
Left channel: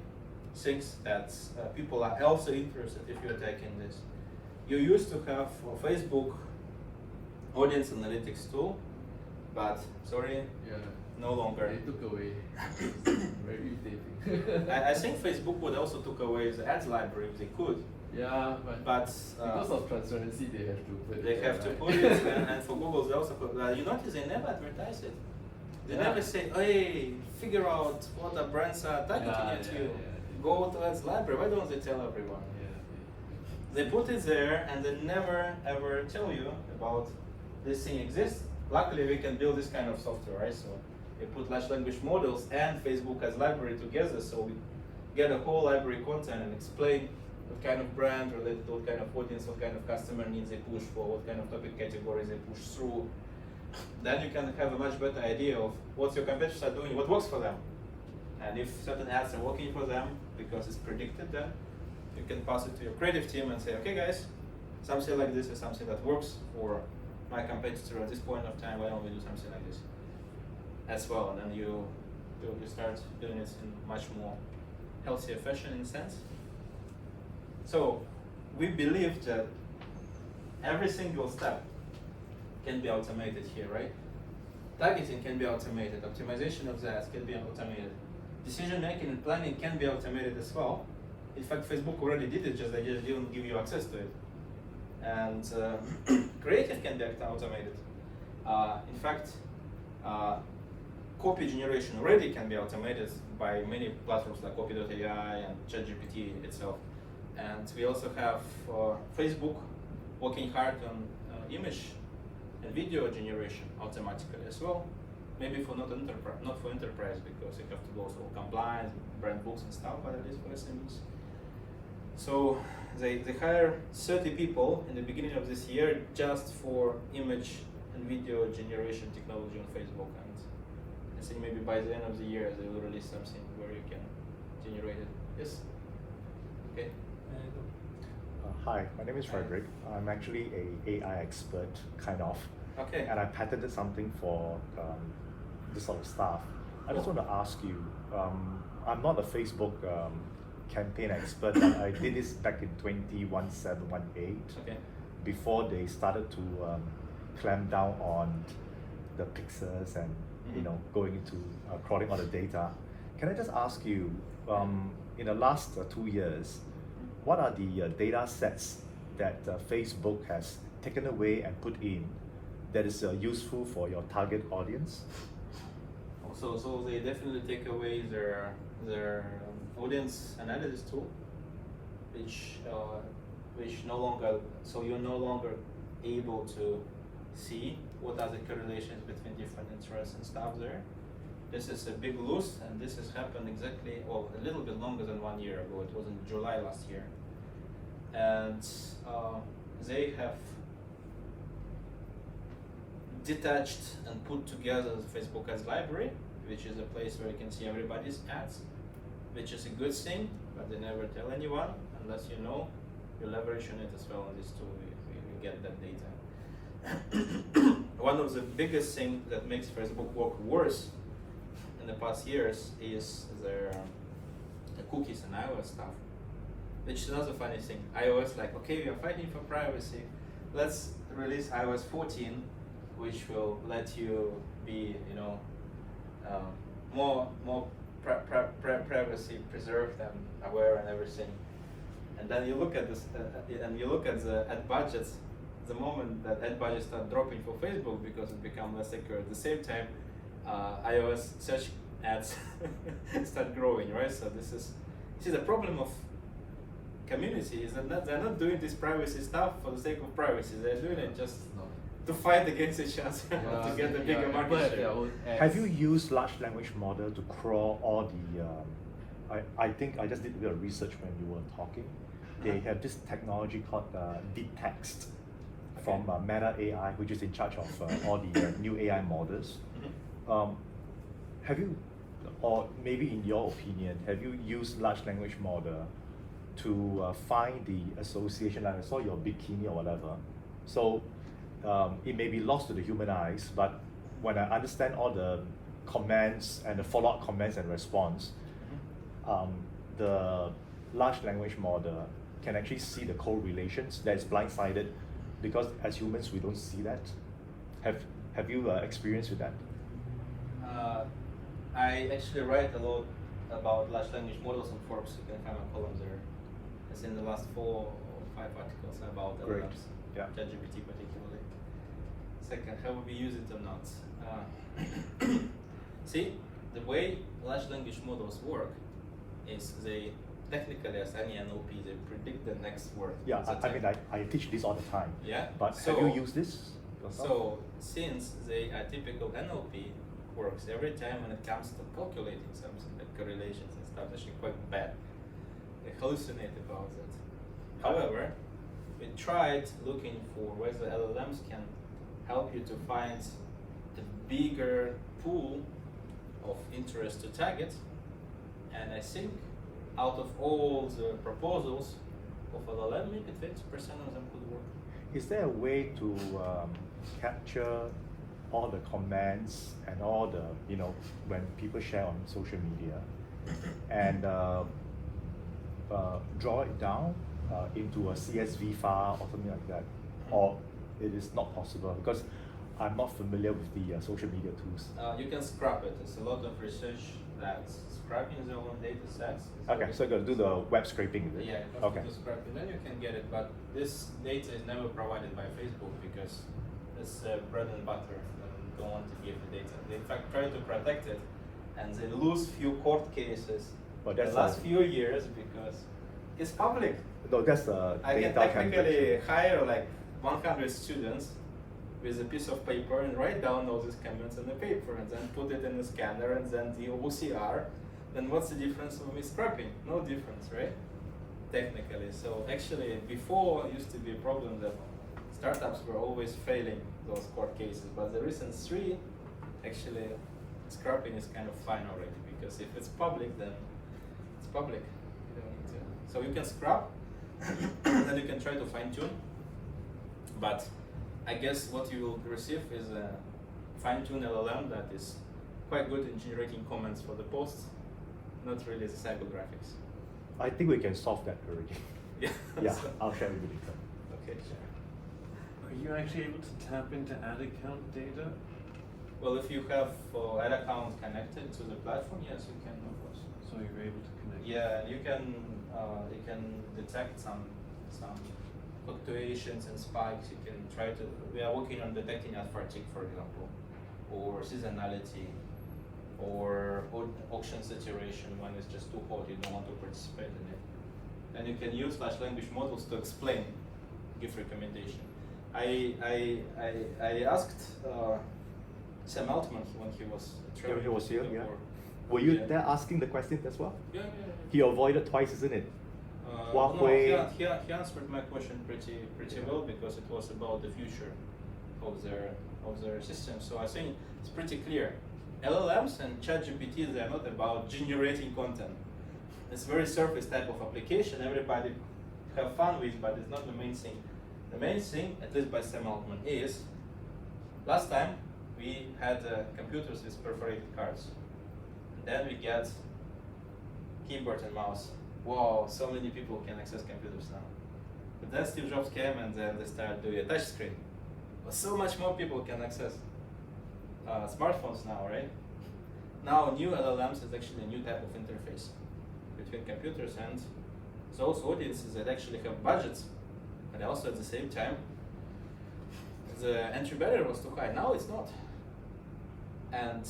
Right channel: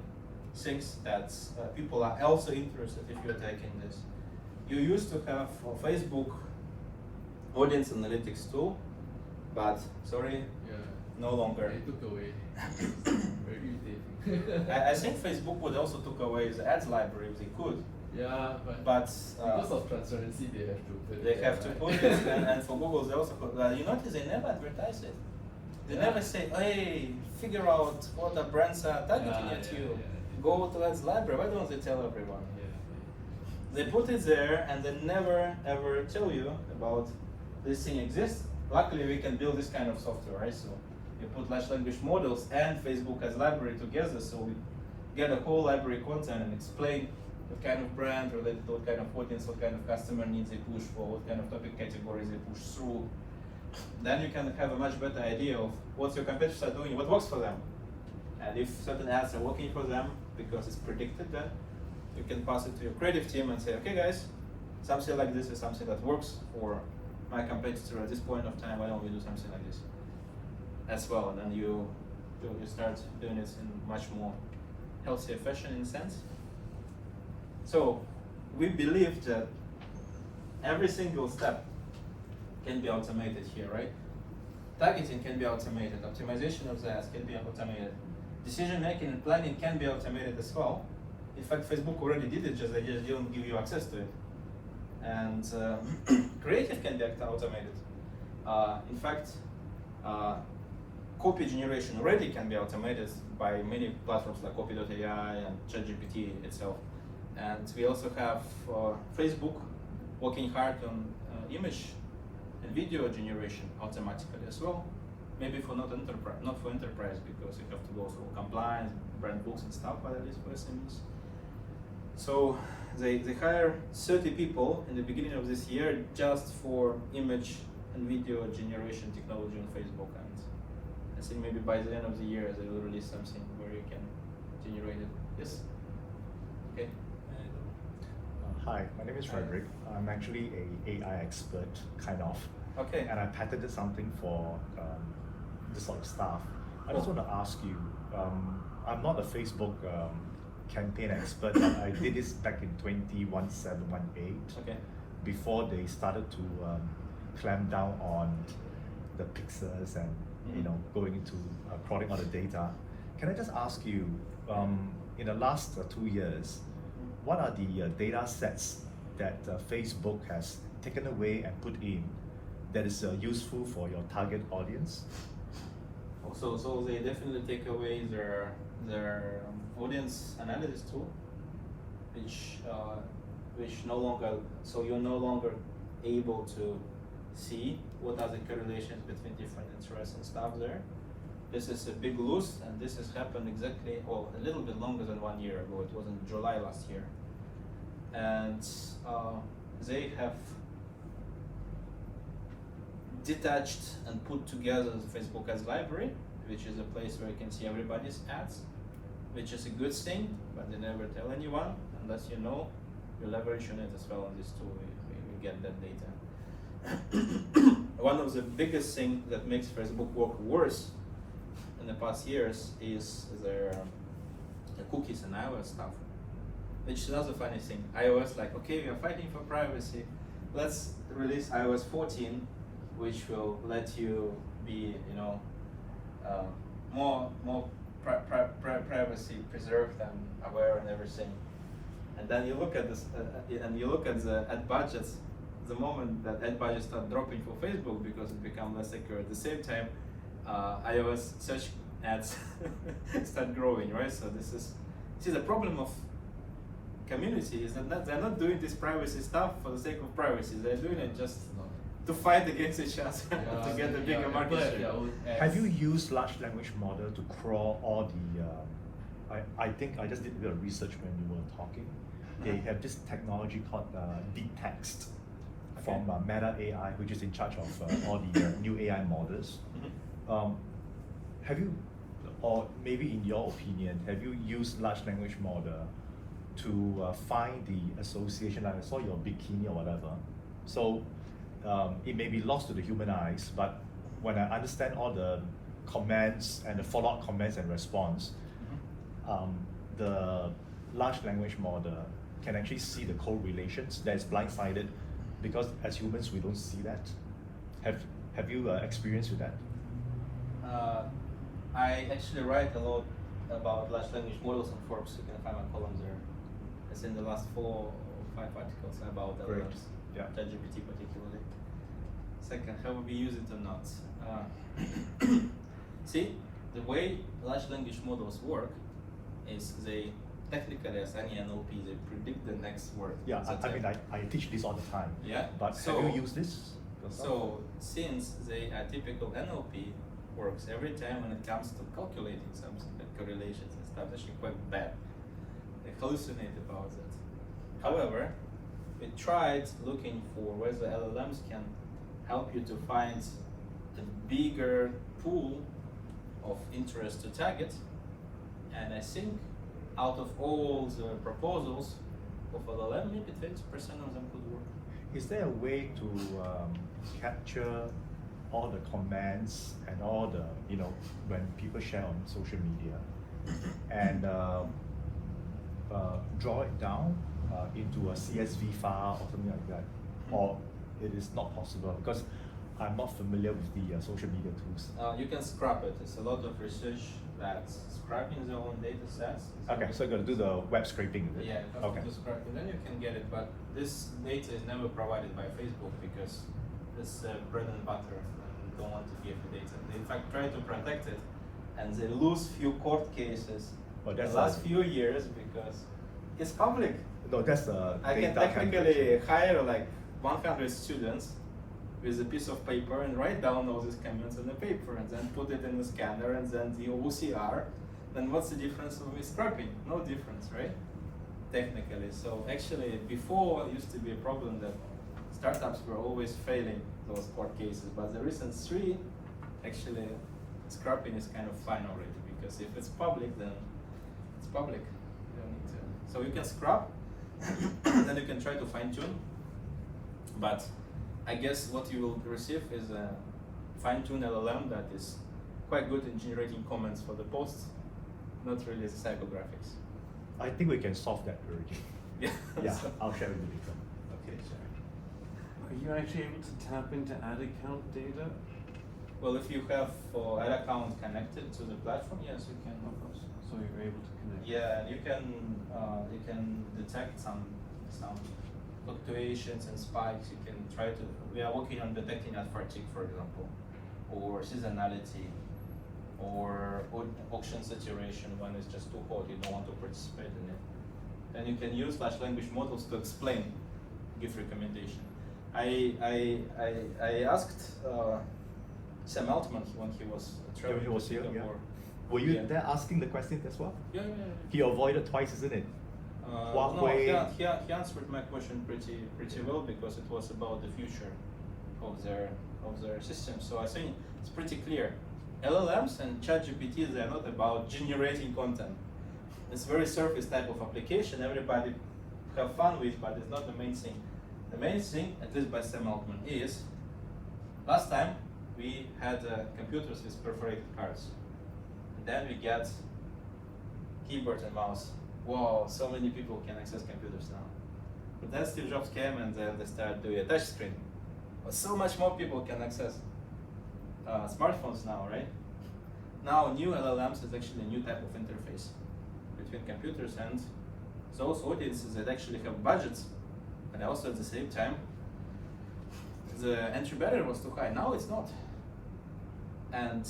things that people are also interested if you're taking this. You used to have for Facebook audience analytics tool, but sorry, no longer. They took away. Very irritating. I think Facebook would also took away the ads library if they could, Yeah, But because of transparency, they have to put it. they have to put it, and for Google they also put. You notice they never advertise it. They Yeah. never say, "Hey, figure out what the brands are targeting Yeah, at yeah, you. yeah. Go to that library." Why don't they tell everyone? Yeah. They put it there, and they never ever tell you about this thing exists. Luckily, we can build this kind of software, right? So we put large language models and Facebook as library together, so we get a whole library content and explain what kind of brand related to what kind of audience, what kind of customer needs they push for, what kind of topic categories they push through. Then you can have a much better idea of what your competitors are doing, what works for them. And if certain ads are working for them because it's predicted, then you can pass it to your creative team and say, okay guys, something like this is something that works for my competitor at this point of time, why don't we do something like this as well? And then you start doing it in much more healthier fashion in a sense. So we believe that every single step can be automated here, right? Targeting can be automated, optimization of the ads can be automated, decision making and planning can be automated as well. In fact, Facebook already did it, just they just didn't give you access to it. And creative can be automated. In fact, copy generation already can be automated by many platforms like copy.ai and ChatGPT itself. And we also have Facebook working hard on image and video generation automatically as well. Maybe for not for enterprise, because you have to go through compliance, brand books and stuff, but at least for SMEs. So they hire 30 people in the beginning of this year just for image and video generation technology on Facebook, and I think maybe by the end of the year they will release something where you can generate it. Yes? Okay. Hi, my name is Hi. Frederick. I'm actually a AI expert, kind of. Okay. And I patented something for this sort of stuff. I just want to ask you, I'm not a Facebook campaign expert, but I did this back in 2017-18, Okay. before they started to clamp down on the pixels and going into crawling all the data. Can I just ask you, in the last 2 years, what are the data sets that Facebook has taken away and put in that is useful for your target audience? So they definitely take away their audience analysis tool, which no longer, so you're no longer able to see what are the correlations between different interests and stuff there. This is a big loss, and this has happened exactly, well, a little bit longer than 1 year ago. It was in July last year. And they have detached and put together Facebook Ads Library, which is a place where you can see everybody's ads, which is a good thing, but they never tell anyone unless you know you leverage on it as well on this tool. We get that data. One of the biggest things that makes Facebook work worse in the past years is their cookies and iOS stuff, which is another funny thing. iOS, like, okay, we are fighting for privacy, let's release iOS 14, which will let you be, more privacy preserved and aware and everything. And then you look at this, and you look at the ad budgets. The moment that ad budgets start dropping for Facebook because it becomes less secure, at the same time, iOS search ads start growing, right? So this is, see, the problem of community is that they're not doing this privacy stuff for the sake of privacy. They're doing it just to fight against each other to get a bigger market share. Have you used large language model to crawl all the, I think I just did a bit of research when you were talking. They have this technology called deep text from Meta AI, which is in charge of all the new AI models. Have you, or maybe in your opinion, have you used large language model to find the association, like I saw your bikini or whatever? So it may be lost to the human eyes, but when I understand all the comments and the follow-up comments and response, the large language model can actually see the correlations that is blindsided, because as humans we don't see that. Have you experienced with that? I actually write a lot about large language models on Forbes. You can find my columns there. It's in the last 4 5 articles about Great. LLMs, Yeah. ChatGPT particularly. Second, how we use it or not. See, the way large language models work is they technically, as any NLP, they predict the next word. Yeah, It's a I mean, type. I teach this all the time. Yeah. But So- have you used this? So, since they are typical NLP works, every time when it comes to calculating something like correlations and stuff, actually quite bad. They hallucinate about that. However, we tried looking for whether LLMs can help you to find the bigger pool of interest to target, and I think out of all the proposals of LLM, maybe 20% of them could work. Is there a way to capture all the comments and all the, when people share on social media and draw it down into a CSV file or something like that? Or it is not possible because I'm not familiar with the social media tools. You can scrap it. It's a lot of research that scrapping the own data sets. is Okay, always- so you're going to do the web scraping, is it? Yeah, you have Okay. to do scrapping, then you can get it. But this data is never provided by Facebook because it's bread and butter. They don't want to give the data. They in fact try to protect it, and they lose few court cases But the that's last a- few years because it's public. No, that's a I can data technically calculation. hire like 100 students with a piece of paper and write down all these comments on the paper and then put it in the scanner and then the OCR. Then what's the difference with scrapping? No difference, right? Technically. So actually before it used to be a problem that startups were always failing those court cases, but the recent 3, actually scrapping is kind of fine already because if it's public, then it's public. You don't need to. So you can scrap, then you can try to fine tune. But I guess what you will receive is a fine tuned LLM that is quite good in generating comments for the posts, not really the psychographics. I think we can solve that already. Yeah. Yeah, So- I'll share it with you. okay, sure. Are you actually able to tap into ad account data? Well, if you have an account connected to the platform, yes, you can, of course. So you're able to connect? Yeah, you can detect some fluctuations and spikes. You can try to. We are working on detecting ad fatigue, for example, or seasonality, or auction saturation when it's just too hot. You don't want to participate in it. And you can use large language models to explain, give recommendation. I asked Sam Altman when he was traveling He was to here, Singapore. Were you Yeah. there asking the question as well? Yeah. He avoided twice, isn't it? No, Huawei. he answered my question pretty well because it was about the future of their system. So I think it's pretty clear. LLMs and ChatGPT, they are not about generating content. It's a very surface type of application. Everybody have fun with, but it's not the main thing. The main thing, at least by Sam Altman, is last time we had computers with perforated cards. Then we get keyboard and mouse. Wow, so many people can access computers now. But then Steve Jobs came and then they started doing a touch screen. But so much more people can access smartphones now, right? Now new LLMs is actually a new type of interface between computers and those audiences that actually have budgets, but also at the same time the entry barrier was too high. Now it's not. And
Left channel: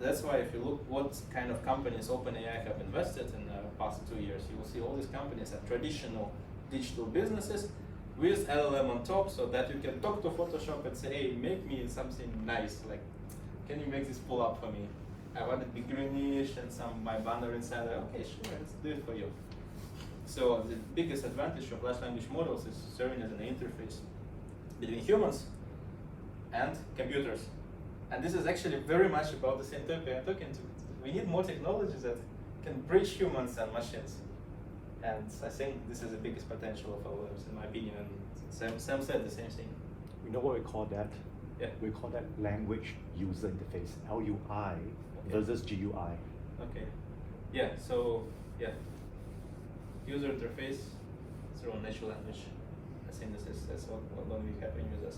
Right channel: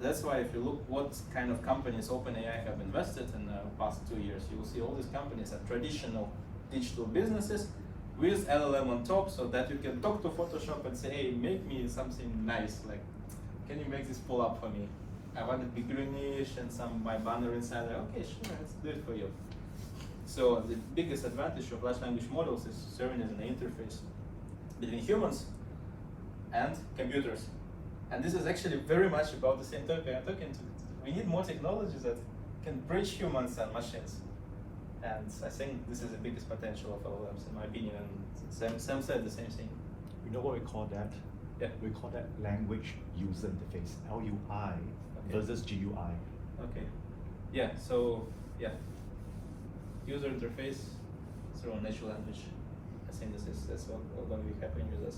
that's why if you look what kind of companies OpenAI have invested in the past 2 years, you will see all these companies are traditional digital businesses with LLM on top, so that you can talk to Photoshop and say, hey, make me something nice, like, can you make this pull up for me? I want it be greenish and my banner inside. Okay, sure, let's do it for you. So the biggest advantage of large language models is serving as an interface between humans and computers. And this is actually very much about the same topic I'm talking to. We need more technologies that can bridge humans and machines. And I think this is the biggest potential of LLMs, in my opinion. And Sam said the same thing. You know what we call that? Yeah. We call that language user interface, LUI versus GUI. Okay. Yeah, so, yeah. User interface through a natural language. I think that's what going to be happening with us.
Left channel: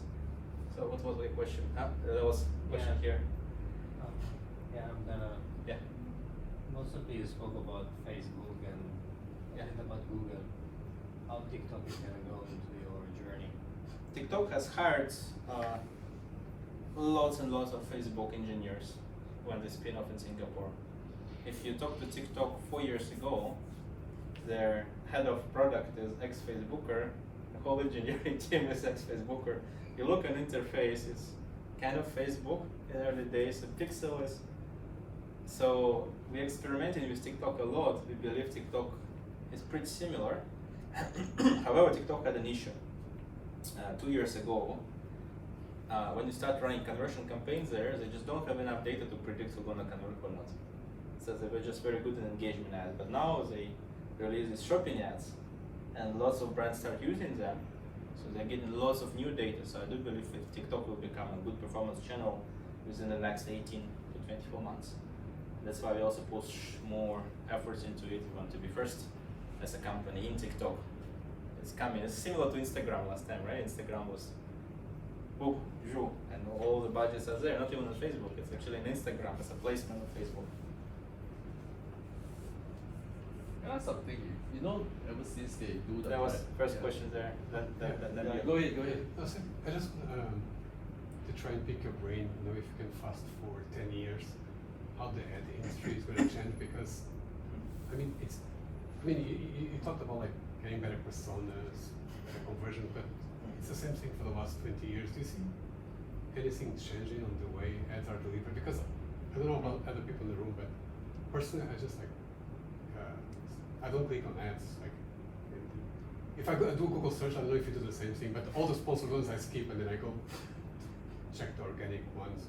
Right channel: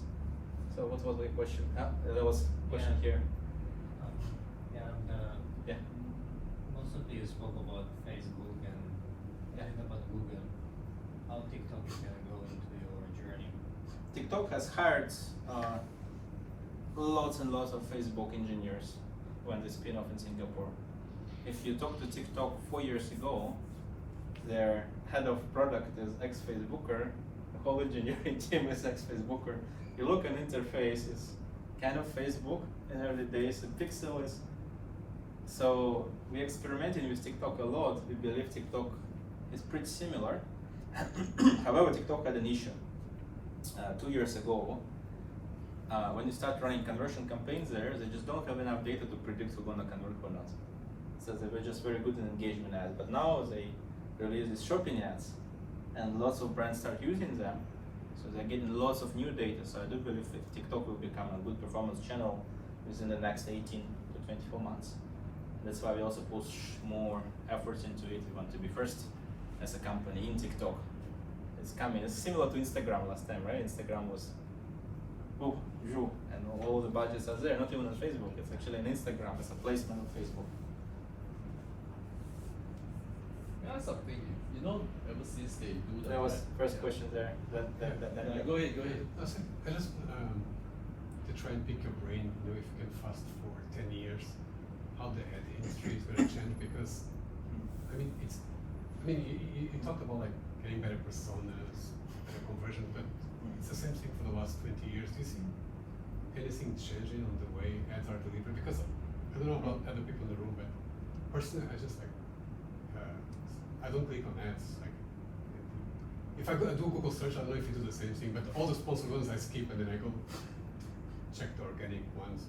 So what was the question? There was a question here. Yeah, Yeah. most of you spoke about Facebook and a little about Google. how TikTok is gonna go into your journey? TikTok has hired lots and lots of Facebook engineers when they spin off in Singapore. If you talk to TikTok 4 years ago, their head of product is ex-Facebooker, the whole engineering team is ex-Facebooker. You look at interface, it's kind of Facebook in early days, the pixel is. So we experimented with TikTok a lot. We believe TikTok is pretty similar. However, TikTok had an issue 2 years ago. When you start running conversion campaigns there, they just don't have enough data to predict who's gonna convert or not. So they were just very good in engagement ads. But now they release these shopping ads, and lots of brands start using them. So they're getting lots of new data. So I do believe that TikTok will become a good performance channel within the next 18 to 24 months. That's why we also push more efforts into it. We want to be first as a company in TikTok. It's coming. It's similar to Instagram last time, right? Instagram was boom, zhu, and all the budgets are there. Not even on Facebook. It's actually an Instagram. It's a placement of Facebook. That's something, you know, ever since they do that. That was right? first question there. Then Yeah, you. go ahead, go ahead. I just to try and pick your brain, you know, if you can fast forward 10 years, how the ad industry is going to change, because I mean you talked about like getting better personas, conversion, but it's the same thing for the last 20 years. Do you see anything changing on the way ads are delivered? Because I don't know about other people in the room, but personally I just like I don't click on ads. Like, if I do Google search, I don't know if you do the same thing, but all the sponsored ones I skip and then I go check the organic ones.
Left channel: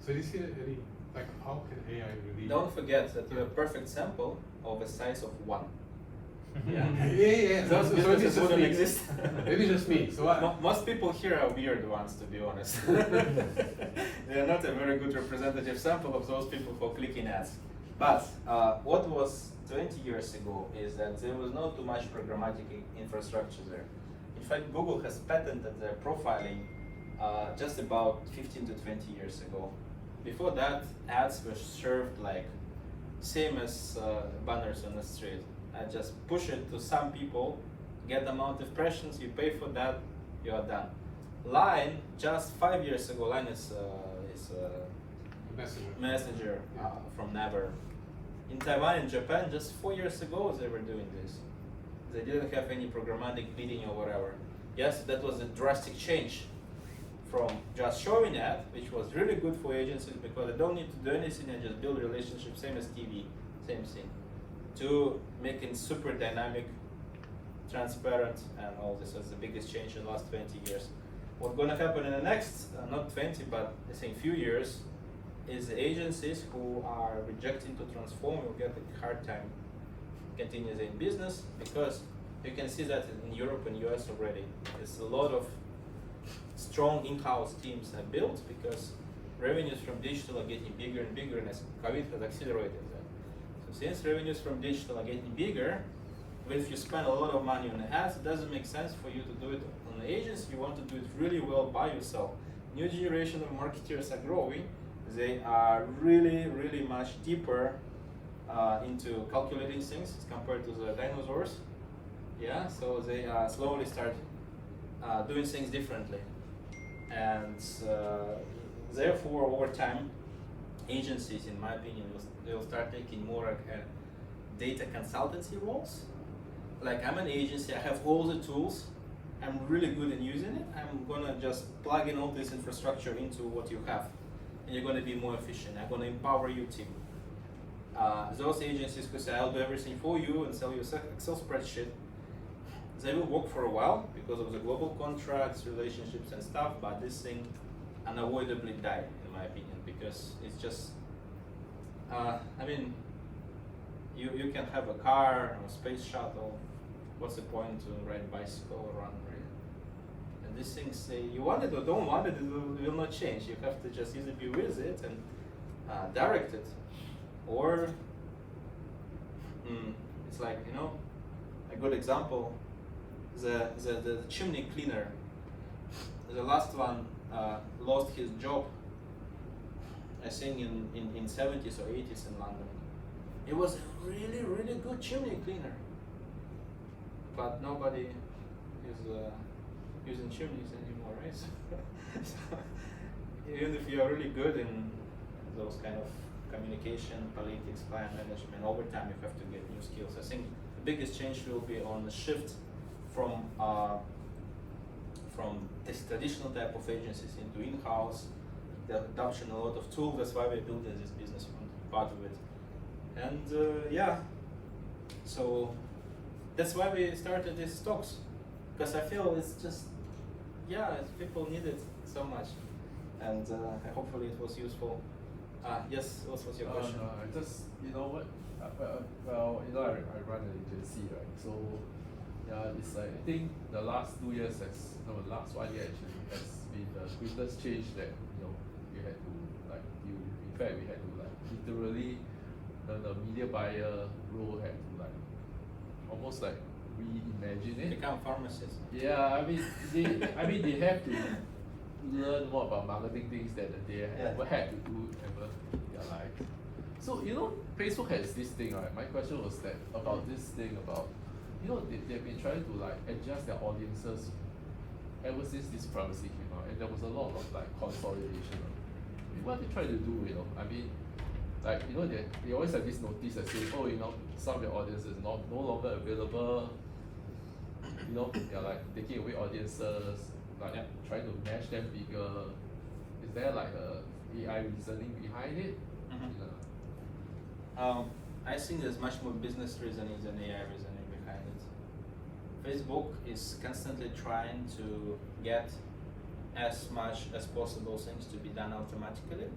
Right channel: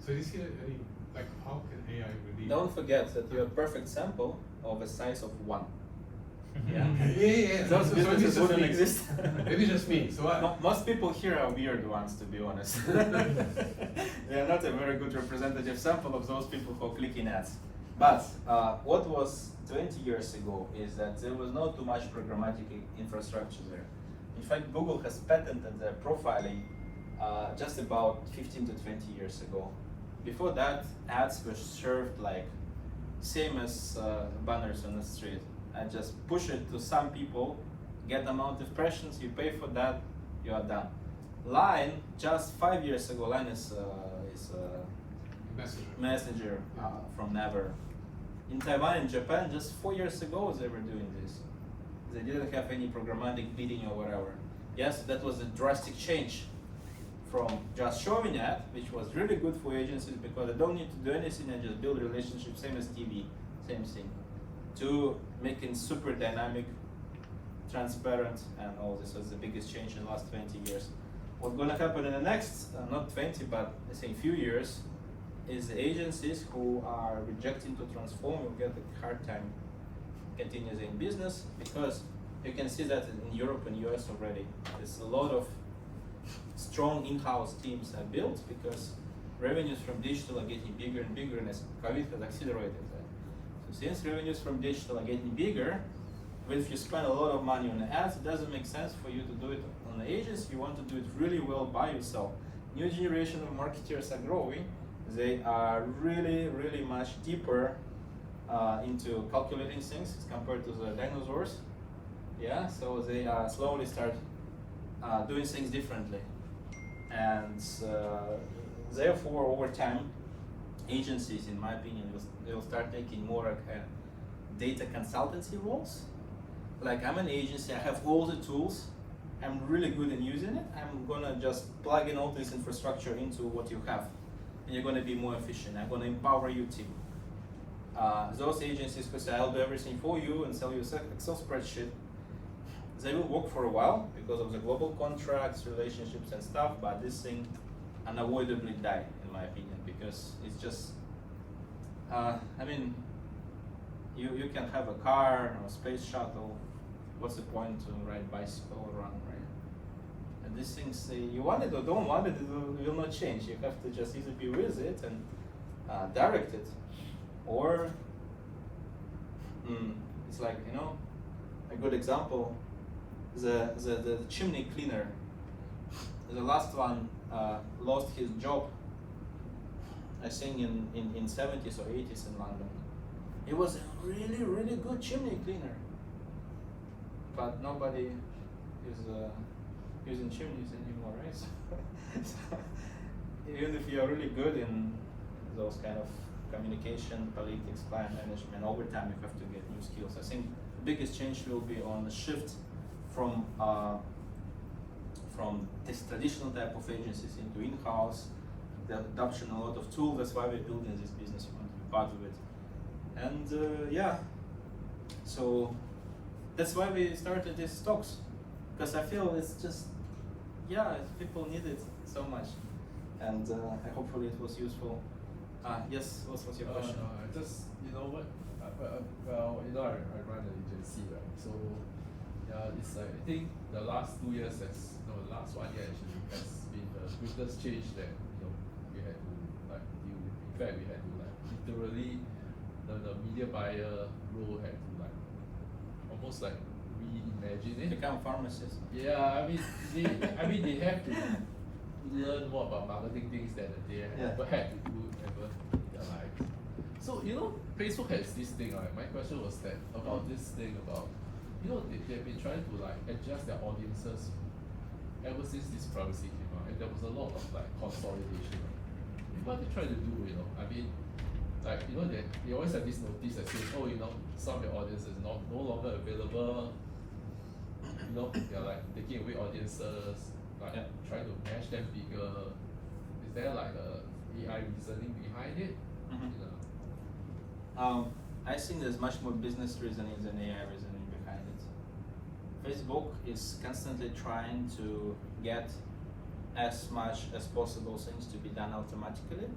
So do you see any, like, how can AI really? Don't forget that you're a perfect sample of a size of 1. Yeah. Yeah. Those So businesses maybe just wouldn't me. exist. Maybe just me. So Most people here are weird ones, to be honest. They are not a very good representative sample of those people who are clicking ads. But what was 20 years ago is that there was not too much programmatic infrastructure there. In fact, Google has patented their profiling just about 15 to 20 years ago. Before that, ads were served like same as banners on the street. I just push it to some people, get the amount of impressions, you pay for that, you are done. Line, just 5 years ago, Line is Messenger from Never. In Taiwan and Japan, just 4 years ago, they were doing this. They didn't have any programmatic bidding or whatever. Yes, that was a drastic change from just showing ad, which was really good for agencies because they don't need to do anything and just build relationships, same as TV, same thing, to making super dynamic, transparent, and all this is the biggest change in the last 20 years. What's going to happen in the next, not 20, but I think few years, is the agencies who are rejecting to transform will get a hard time continuing in business, because you can see that in Europe and US already. There's a lot of strong in-house teams are built because revenues from digital are getting bigger and bigger, and as COVID has accelerated that. So since revenues from digital are getting bigger, well, if you spend a lot of money on ads, it doesn't make sense for you to do it on the agency. You want to do it really well by yourself. New generation of marketers are growing. They are really, really much deeper into calculating things compared to the dinosaurs. Yeah, so they slowly start doing things differently. And therefore, over time, agencies, in my opinion, will start taking more like data consultancy roles. Like, I'm an agency, I have all the tools, I'm really good in using it, I'm gonna just plug in all this infrastructure into what you have, and you're gonna be more efficient. I'm gonna empower your team. Those agencies who say, I'll do everything for you and sell you an Excel spreadsheet, they will work for a while because of the global contracts, relationships and stuff, but this thing unavoidably die, in my opinion, because it's just, I mean, you can have a car or a space shuttle. What's the point to ride a bicycle around, right? And these things say, you want it or don't want it, it will not change. You have to just either be with it and direct it, or it's like, you know, a good example, the chimney cleaner, the last one lost his job, I think in 70s or 80s in London. It was a really, really good chimney cleaner. but nobody is using chimneys anymore, right? So even if you are really good in those kind of communication, politics, client management, over time you have to get new skills. I think the biggest change will be on the shift from this traditional type of agencies into in-house, the adoption of a lot of tools. That's why we're building this business part of it. And yeah, so that's why we started these talks, because I feel it's just, yeah, people need it so much, and hopefully it was useful. Yes, what was your question? I just, you know what, well, you know, I run an agency, right? So, it's like, I think the last 2 years the last 1 year actually has been the greatest change that, you know, we had to like deal with. In fact, we had to like literally, the media buyer role had to like almost like reimagine it. Become pharmacists. Yeah, I mean they have to learn more about marketing things that they never had to do ever in their life. So you know, Facebook has this thing, right? My question was that about this thing about, you know, they've been trying to like adjust their audiences ever since this privacy came out, and there was a lot of like consolidation. What they try to do, you know, I mean, like, you know, they always have this notice that says, oh, you know, some of their audience is no longer available. You know, they're like taking away audiences, like trying to mash them bigger. Is there like a AI reasoning behind it? I think there's much more business reasoning than AI reasoning behind it. Facebook is constantly trying to get as much as possible things to be done automatically.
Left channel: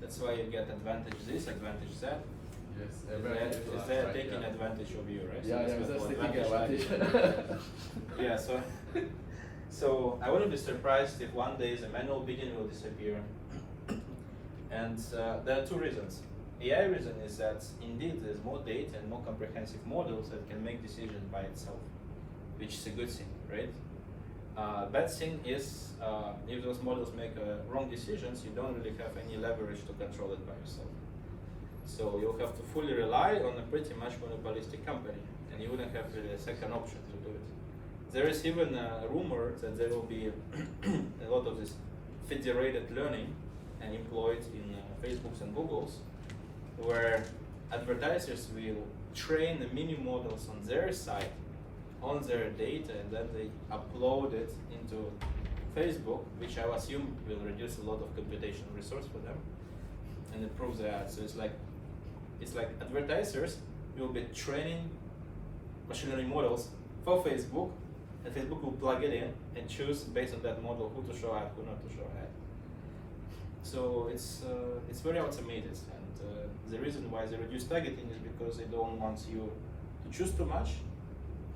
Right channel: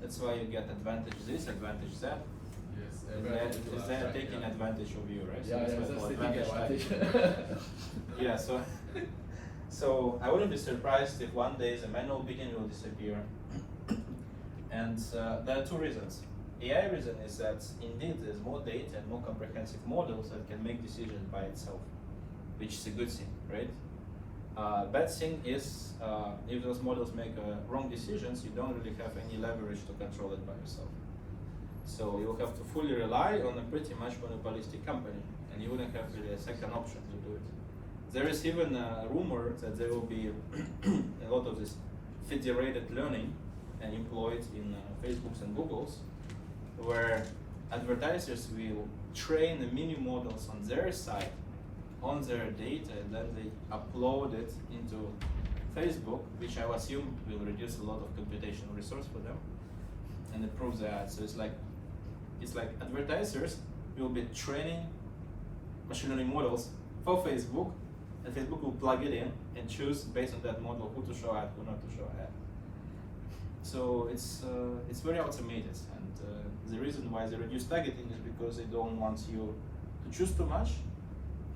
That's why you get advantage this, advantage that. Yes, Is that taking advantage of you, right? Yeah, so that's that's taking what advantage. yeah, so I wouldn't be surprised if one day the manual bidding will disappear. And there are two reasons. AI reason is that indeed there's more data and more comprehensive models that can make decisions by itself, which is a good thing, right? Bad thing is if those models make wrong decisions, you don't really have any leverage to control it by yourself. So you'll have to fully rely on a pretty much monopolistic company, and you wouldn't have really a second option to do it. There is even a rumor that there will be a lot of this federated learning and employed in Facebooks and Googles, where advertisers will train the mini models on their side, on their data, and then they upload it into Facebook, which I assume will reduce a lot of computational resource for them, and it proves that. So it's like advertisers will be training machine learning models for Facebook, and Facebook will plug it in and choose based on that model who to show ad, who not to show ad. So it's very automated, and the reason why they reduce targeting is because they don't want you to choose too much,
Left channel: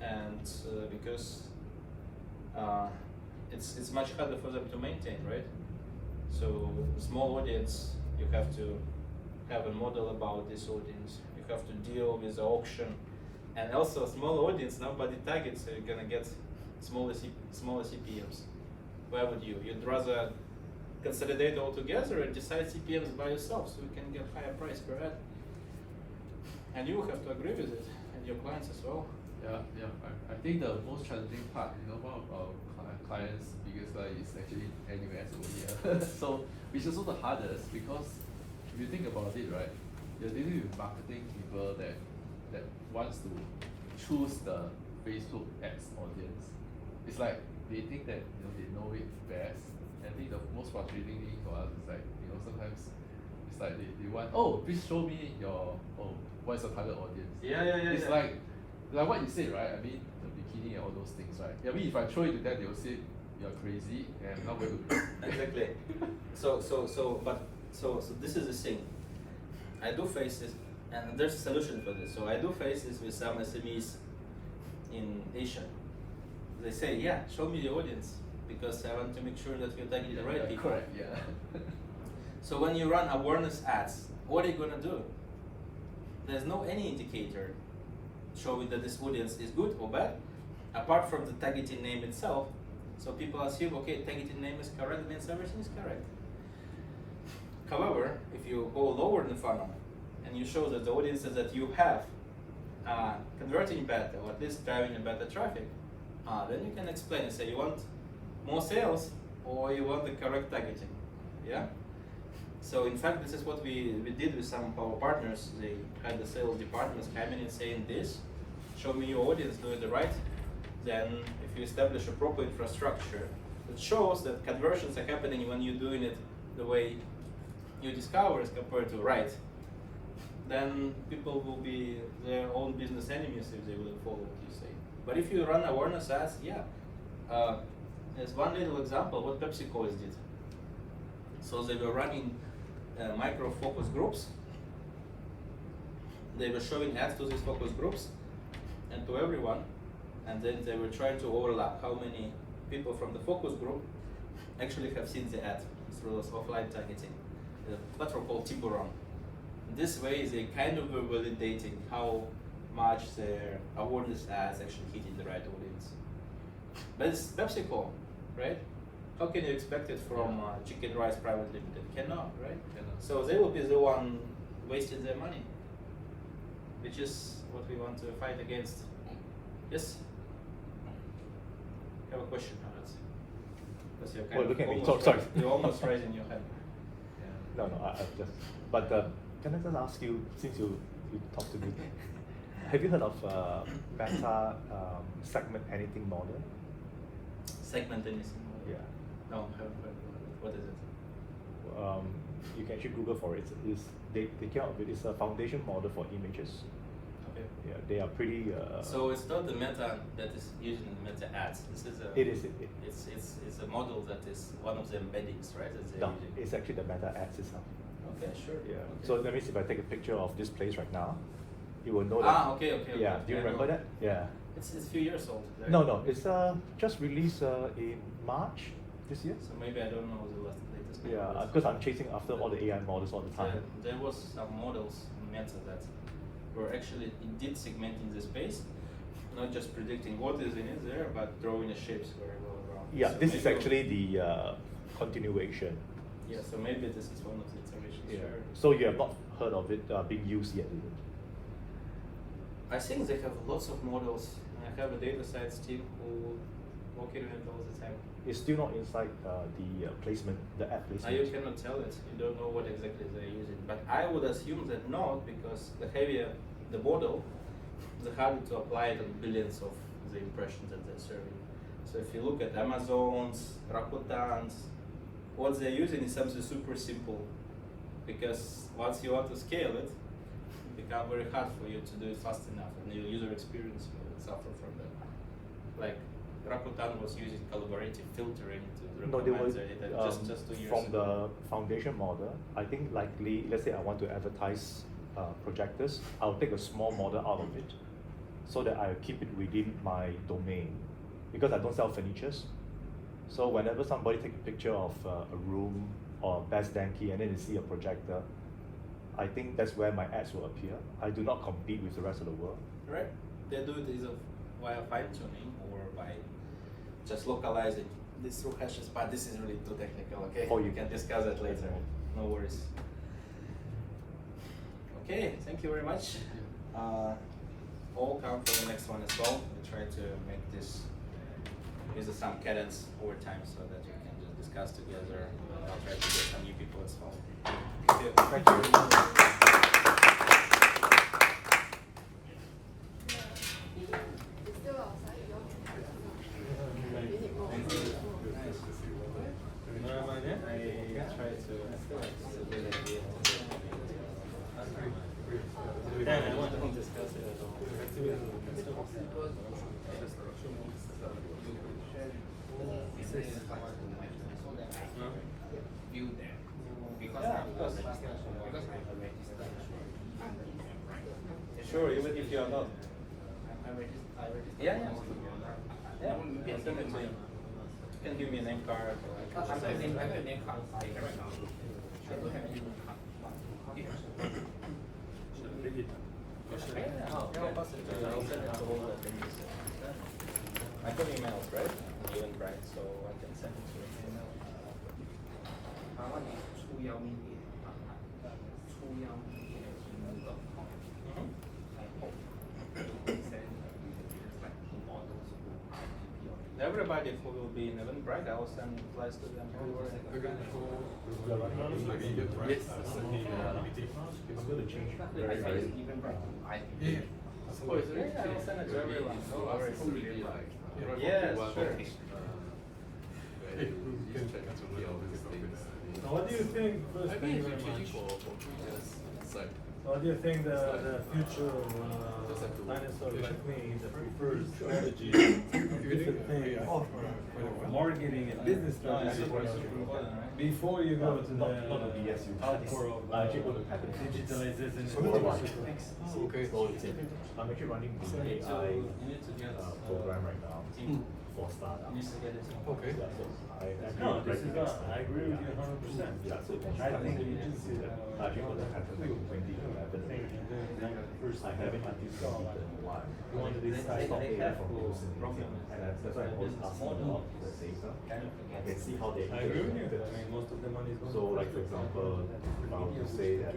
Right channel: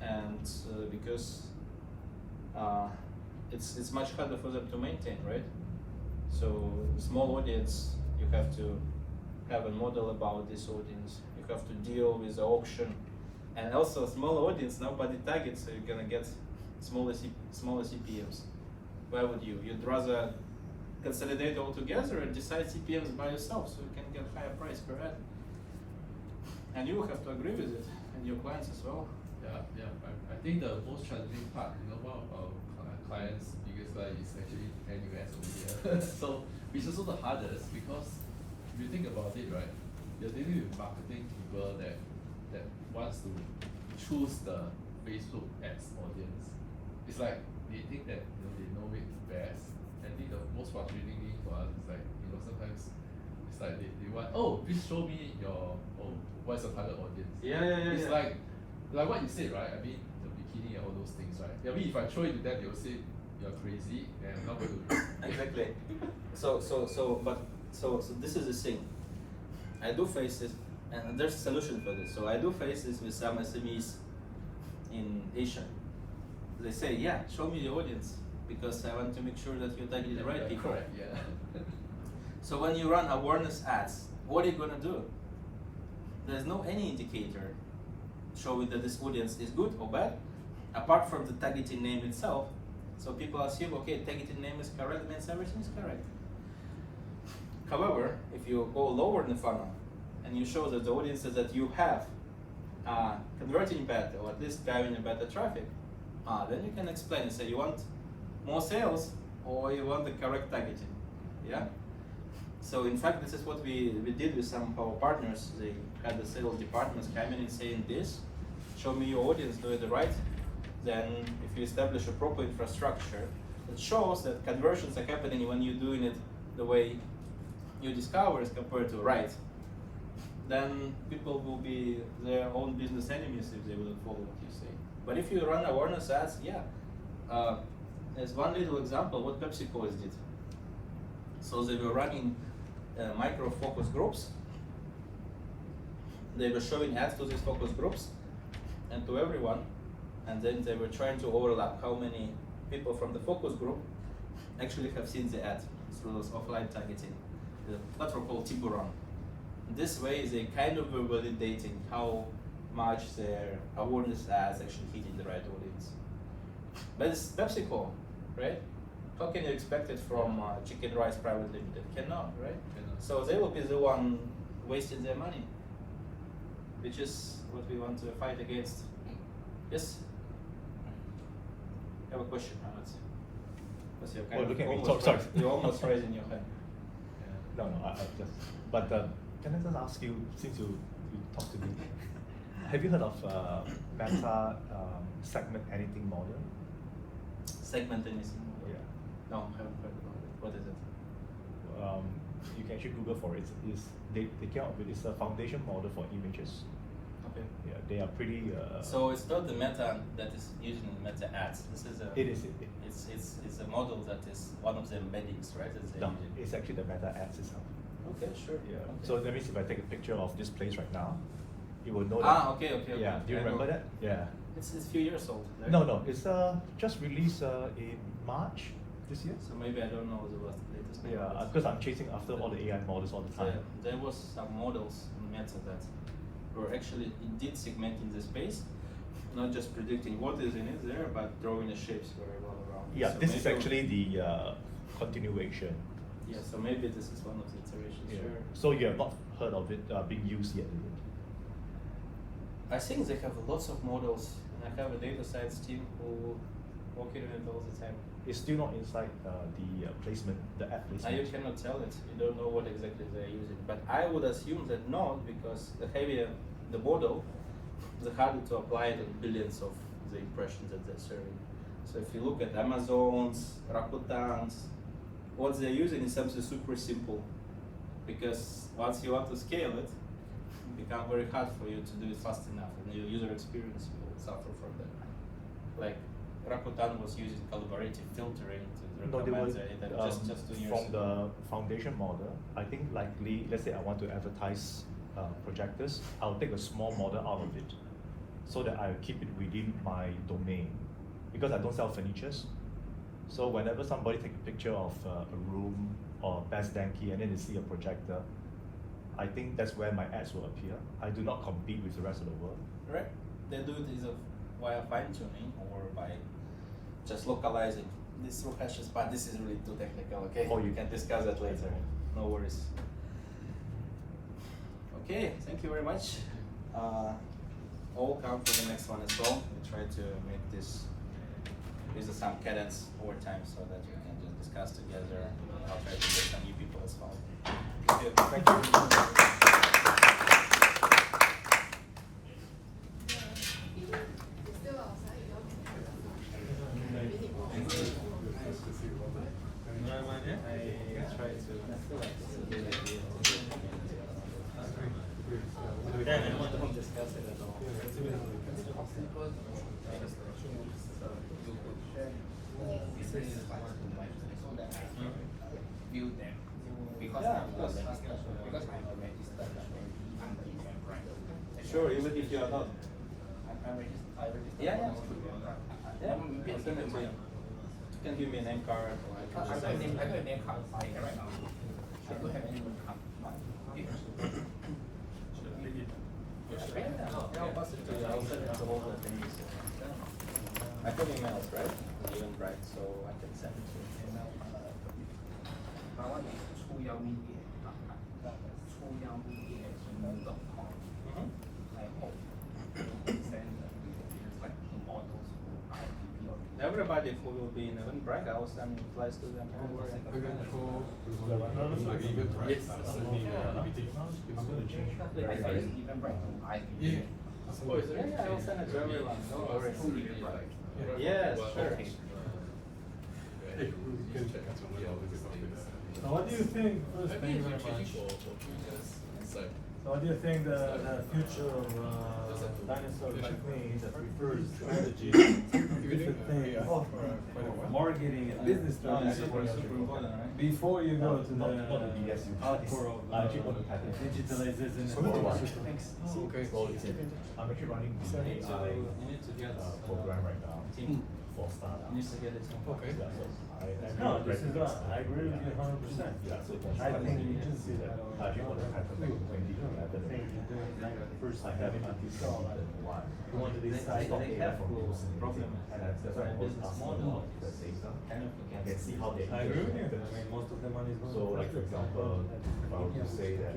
and because it's much harder for them to maintain, right? So small audience, you have to have a model about this audience. You have to deal with the auction, and also small audience, nobody targets, so you're gonna get smaller CPMs. Why would you? You'd rather consolidate all together and decide CPMs by yourself, so you can get higher price per ad. And you have to agree with it, and your clients as well. Yeah. I think the most challenging part, you know, one of our clients' biggest line is actually NUS over here. So, which is also the hardest, because if you think about it, right, you're dealing with marketing people that wants to choose the Facebook ads audience. It's like they think that, you know, they know it best. And I think the most frustrating thing for us is like, you know, sometimes it's like they want, oh, please show me your, what's the target audience? It's like what you said, right? I mean, the bikini and all those things, right? I mean, if I show it to them, they'll say you're crazy and I'm not going to. Exactly. So this is the thing. I do face this, and there's a solution for this. So I do face this with some SMEs in Asia. They say, yeah, show me the audience, because I want to make sure that you're targeting the right people. Correct, yeah. So when you run awareness ads, what are you gonna do? There's no any indicator showing that this audience is good or bad, apart from the targeting name itself. So people assume, okay, targeting name is correct, means everything is correct. However, if you go lower in the funnel and you show that the audiences that you have converting better, or at least driving a better traffic, then you can explain and say you want more sales or you want the correct targeting. Yeah. So in fact, this is what we did with some of our partners. They had the sales departments come in and saying this, show me your audience, do it right. Then if you establish a proper infrastructure that shows that conversions are happening when you're doing it the way you discover as compared to right, then people will be their own business enemies if they wouldn't follow what you say. But if you run awareness ads, yeah. There's one little example what PepsiCo did. So they were running micro focus groups. They were showing ads to these focus groups and to everyone, and then they were trying to overlap how many people from the focus group actually have seen the ad through those offline targeting. The platform called Tiburon. This way they kind of were validating how much their awareness ads actually hitting the right audience. But it's PepsiCo, right? How can you expect it from Chicken Rice Private Limited? Cannot, right? Cannot. So they will be the one wasting their money, which is what we want to fight against. Yes? I have a question, Aleks. Because you're Well, looking at me. almost, Sorry. you're almost raising your hand. No, I just. But can I just ask you, since you talked to me, have you heard of Meta segment anything model? Segment anything? Yeah. No, I haven't heard about it. What is it? You can actually Google for it. They came up with it's a foundation model for images. Okay. Yeah, they are pretty. So it's not the meta that is used in the meta ads. This is a. It is. It's a model that is one of the embeddings, right? That they're No, using. it's actually the meta ads itself. Okay, sure. Yeah. Okay. So that means if I take a picture of this place right now, you will know that. Okay. Yeah. Do you I remember know. that? Yeah. It's a few years old. Right? No. It's just released in March this year. So maybe I don't know the latest. Yeah, models. because I'm chasing after all the AI models all the time. There was some models in Meta that were actually indeed segmenting the space, not just predicting what is in it there, but drawing the shapes very well around. Yeah, So this is maybe- actually the continuation. Yeah, so maybe this is one of the iterations. Yeah. Sure. So you have not heard of it being used yet, is it? I think they have lots of models, and I have a data science team who working on it all the time. It's still not inside the placement, the app Now placement. you cannot tell it. You don't know what exactly they're using. But I would assume that not, because the heavier the model, the harder to apply it on billions of the impressions that they're serving. So if you look at Amazon's, Rakutan's, what they're using is something super simple. Because once you want to scale it, it becomes very hard for you to do it fast enough, and your user experience will suffer from that. Like Rakuten was using collaborative filtering to No, they recommend were, it just 2 years from ago. the foundation model. I think likely, let's say I want to advertise projectors, I'll take a small model out of it, so that I keep it within my domain, because I don't sell furnitures. So whenever somebody take a picture of a room or best denki and then they see a projector, I think that's where my ads will appear. I do not compete with the rest of the world. Right. They do it either via fine tuning or by just localizing this through hashes, but this is really too technical, okay? Oh, you can discuss that later. No worries. Okay, thank you very much. All come for the next one as well. We try to make this use some cadence over time so that you can just discuss together. I'll try to get some new people as well. Okay, thank you. I try to. I don't discuss it at all. View them because Yeah, I of course. because I'm a registered under them, right? Sure, even if you are not. I registered. Yeah, yeah. Yeah. You can give me a name card. Or I like got a name card right now. I do have a name card. I have emails, right? Even right, so I can send it to you. My one is Chuyao Media. Chuyao Media. I hope you can send everybody who will be in Eventbrite, I will send flights to them. Again, for like Eventbrite, that's the EBT. I'm gonna change. Yeah. Oh, is it? Yeah, I'll send it to everyone. No worries. Yeah, sure. Hey, we can check out some little bit of it. So what do you think? I Thank think you it's very much. changing for previous site. So what do you think the future of dinosaurs like me that prefers strategy, different things, marketing and business strategy before you go to the hardcore of digitalization and Okay. I'm actually running the AI program right now for startups. Okay. Yeah, so No, this is not, I agree with you 100%. Yeah, so I think the agency I think for the pattern like 2011, I haven't until 2021. You want to be I got data from people and that's why I always ask them about the data and see how they I agree with you, interact. I mean, most of the money is going So like for example, if I were to say that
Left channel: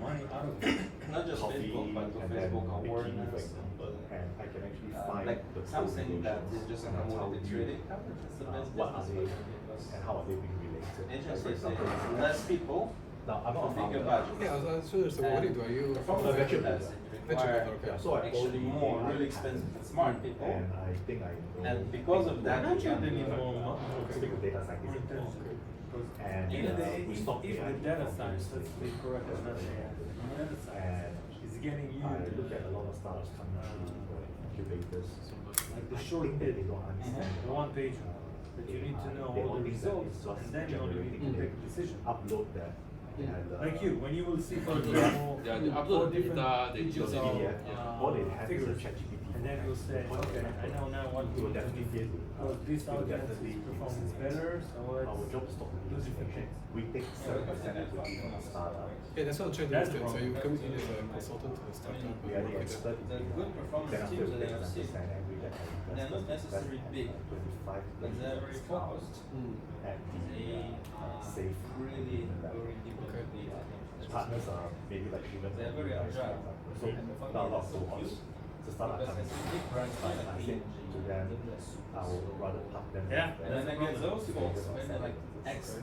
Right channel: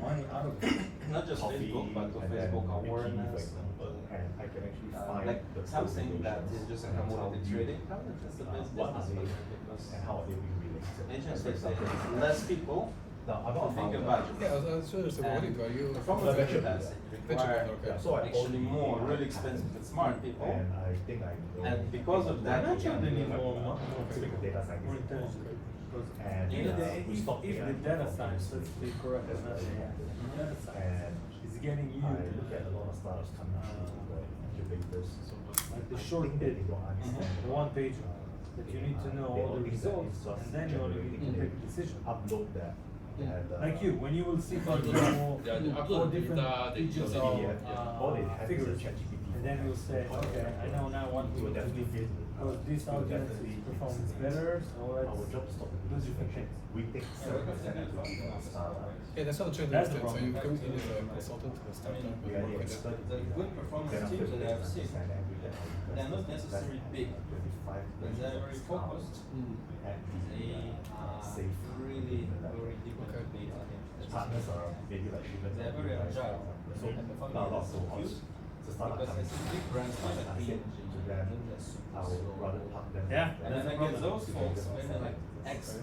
money out of it. Not just coffee Facebook, but and then Facebook maybe for awareness. example, and I can actually find Like the something that is just and I'll tell promoted you trading. That's the best what are they business and how are they being related. They Like, just for example, less people. now I'm not a to think founder. about it. Yeah, I was interested. What do you do? From the venture that's builder. Venture require builder, okay. So I actually only more really expensive and smart people. And I think I know. And because of that, Not you sure can they be need more more. Typical data scientist. More intelligent. And we stop If the data science, let's be correct, it's not AI. Data And science is getting you I look at a lot of startups coming through the incubators. like the I short think that bit, they don't understand the one page that you need to know all the results, and then you only need to take a decision. Upload that. They had, Like you, when you will see, for example, Yeah, they four upload different data, they features upload of PDF, all they have is fixes, ChatGPT. and then you'll say, okay, I know now what we need to do, because this audience is performing better, so Our let's job is not do different things. We take 7% equity in a startup. Yeah, that's what I'm trying to That's the understand. So you problem. come in as a consultant to the startup. We are the expert. The good performance teams that I've seen, they're not necessarily big, but they're very focused. They safe, really very difficult. partners are maybe like even They're very agile. So now a lot of so the startup Because I coming see big brands like I said to them, I will rather park them. Yeah, And then I get those folks spending like X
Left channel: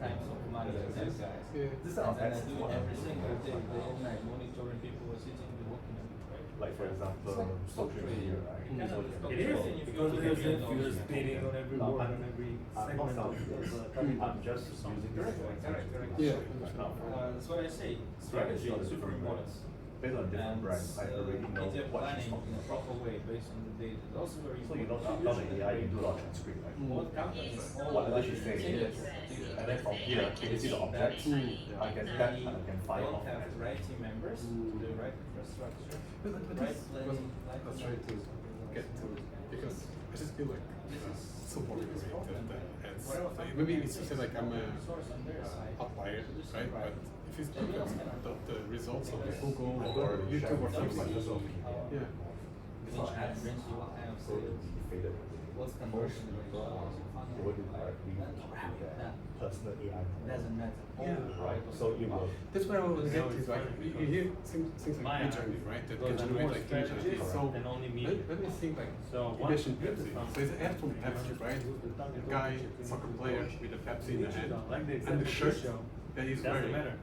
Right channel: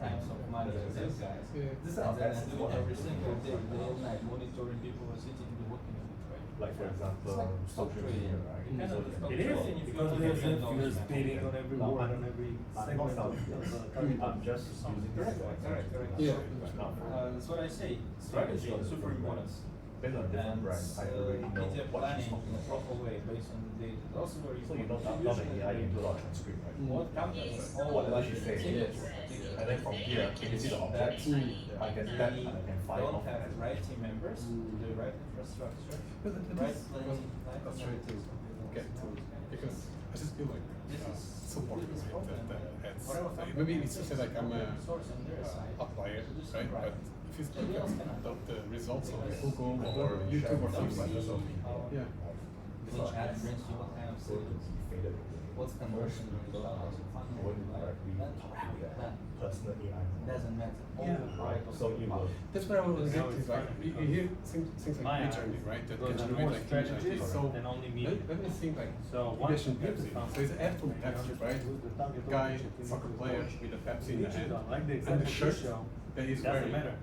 times of money with those guys. Yeah. This And are then I best do what every single day, the whole night, monitoring people who are sitting and working on it, right? like for example social media, right? It is, because you're speeding on every word, on every I'm segment not of self- I'm just using this Correct. Yeah. That's what I say, strategy is super important. Based on different And brands, I already know media what she's planning talking in a about. proper way based on the data. It's also very So you important. don't not AI, you do a lot of transcript, right? What companies, Whatever she says, and then from here, you can see the objects, I can tap and I can fire don't off. have the right team members, the right infrastructure, But right this, planning. I was trying to get to, because I just feel like so boring is that maybe it's just like I'm a outlier, right? But if you look at the results of Google or YouTube or something, yeah. Which ad brings you what kind of sales? What's conversion rate? What is directly personal AI? Doesn't matter. Right, so you will. That's what I want to get to, right? You hear things like Mine journey, right? That goes can on generate more like strategies images. So than only media. let me think like So you once mentioned you get Pepsi. the So it's an ad from Pepsi, right? Guy, soccer player with a Pepsi in the hand, Like the and example the you shirt show, that he's doesn't wearing. matter.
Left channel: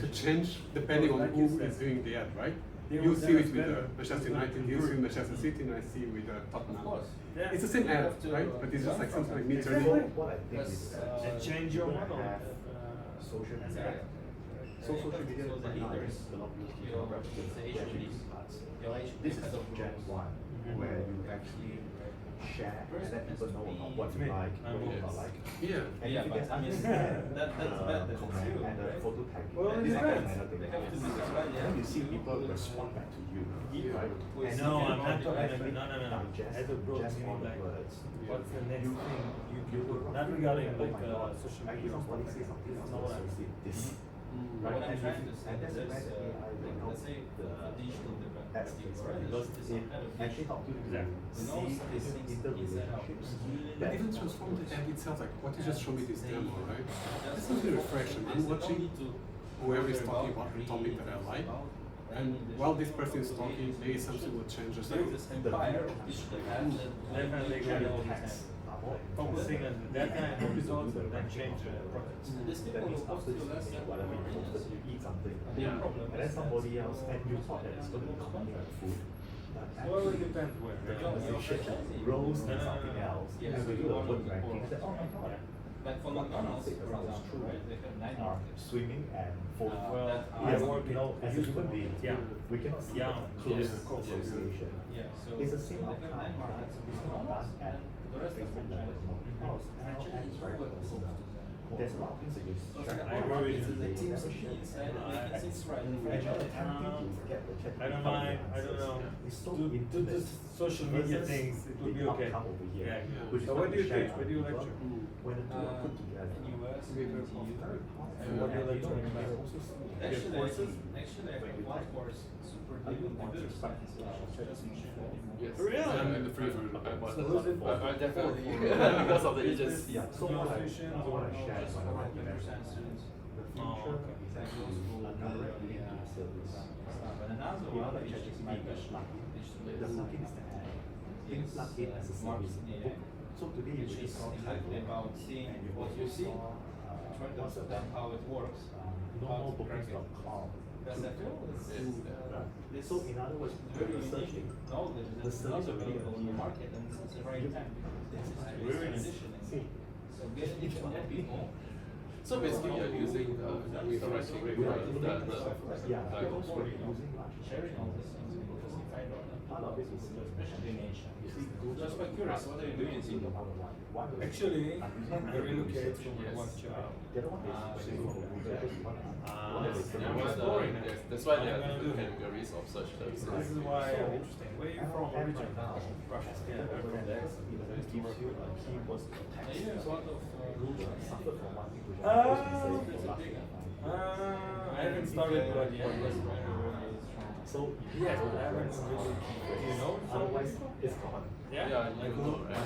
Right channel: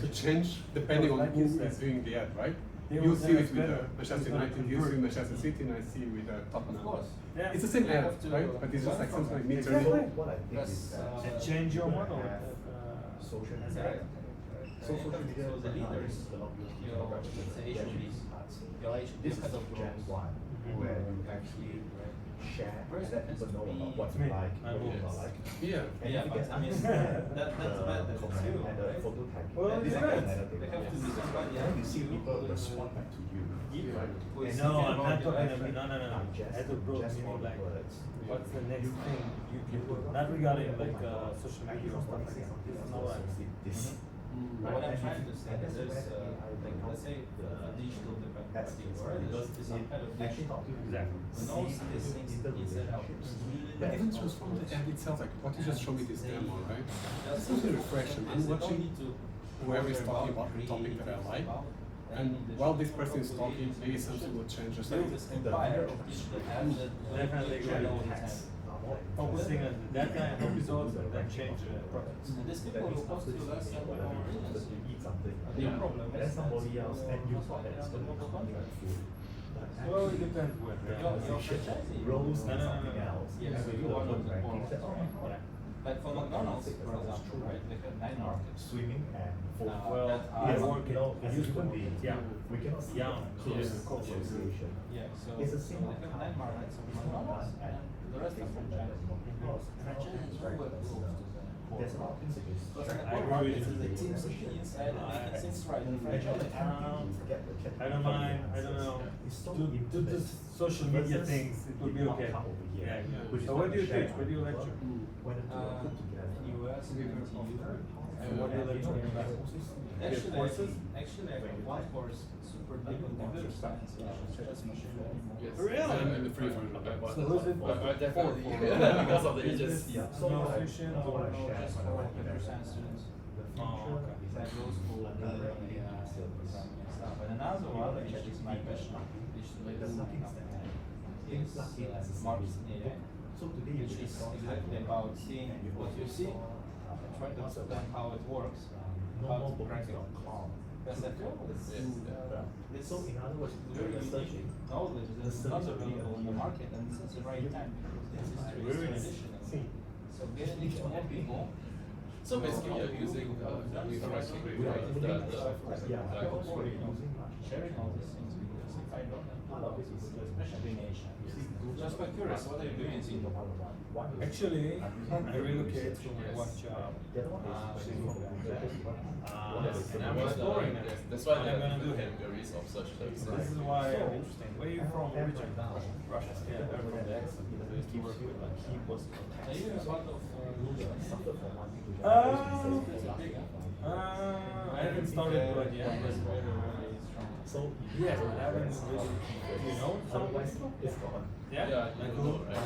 To change depending on Like who you said, is viewing the ad, right? it You was see never it with better. Manchester It's not United, you see improved. Manchester City, and I see with Tottenham. Of course. Yeah. It's the same You ad, have to- right? But it's just like something like me Exactly. turning. What I think is that And change your model. social That's media. right. So social media So the right now leaders, is a lot of your organization, your This is the Gen 1 where you actually share and let people know about what you like, what you don't like. Yeah. And Yeah, if you but get I mean, that's bad that it's comment you, and the right? photo tagging. Well, it This is depends. another thing. They have to be somebody And then you else see who people will, respond back to you. Right? with And No, you I'm can not talking actually about, no. digest- As a bro, digest all meaning the like, words. what's the next thing you do? Not regarding like social media or stuff like that. This is not what I'm saying. This. What I'm trying to say And is, that's where AI will let's say digital That's marketing, it. right? Because It's some kind of actually digital. help you Exactly. Knows see these things interrelationships. But even transform the ad itself, like what you just showed me this demo, right? This is really refreshing. I'm watching whoever is talking about the topic that I like, and while this person is talking, maybe something will change. Just There like is this empire of digital ads that Definitely agree all the time. focusing on the data and the results and then change the products. These people who post to less than and then somebody else, and you thought that it's going to be comfort food. Well, it depends where. Rolls and something else. Yes. And we do a food ranking. That, oh, Yeah. But for McDonald's, for example, right, they have 9 markets. swimming and food. Well, that I Yes, work you know, in as a human being, yeah. we cannot see Yeah. close Yes. association. Yeah, so It's the they same have 9 markets of It's not McDonald's done at and the rest of Facebook franchise. level. Because Franchise is very well there's a lot of things that is I agree with you. The teams inside making things right. The franchise. I don't mind, I don't know. It's so Do this social media things, it would be okay. Come over here. Yeah, yeah. Which So is where do you share teach? Where do you lecture? When the two are put together. In US, we very popular. And what do you lecture in? Actually, courses? actually, I have one course super deep in computer science, which is just machine learning. Yes. Really? I'm in the free for So who's it for? definitely For? because of the Is ages. this Yeah. so musicians I or wanna No, share just my for life. computer science students. Oh, okay. Like those who directly stuff. And another one, which is my passion, which is marketing AI, So today which is exactly about seeing what you see, trying to understand how it works, how to crack it. Because I feel this So in other words, very you're unique searching. knowledge that's not available in the market, and this is the right time because this is Really? transitioning. So getting it to more people. So basically, you're using Sharing all these things because if I don't know, especially just by curious, what are you doing in Singapore? Actually, I relocated from one job. And I'm exploring it. That's why What there I'm are gonna do here. categories of such services. This is why I'm interesting. Where are you from originally? Russia. Yeah, I'm from the accent because I used to work with like keyboards. Are you in sort of I haven't started but yet. But So yeah, but I haven't really. Do you know some people? it's gone. Yeah, Yeah, like you who? know, right?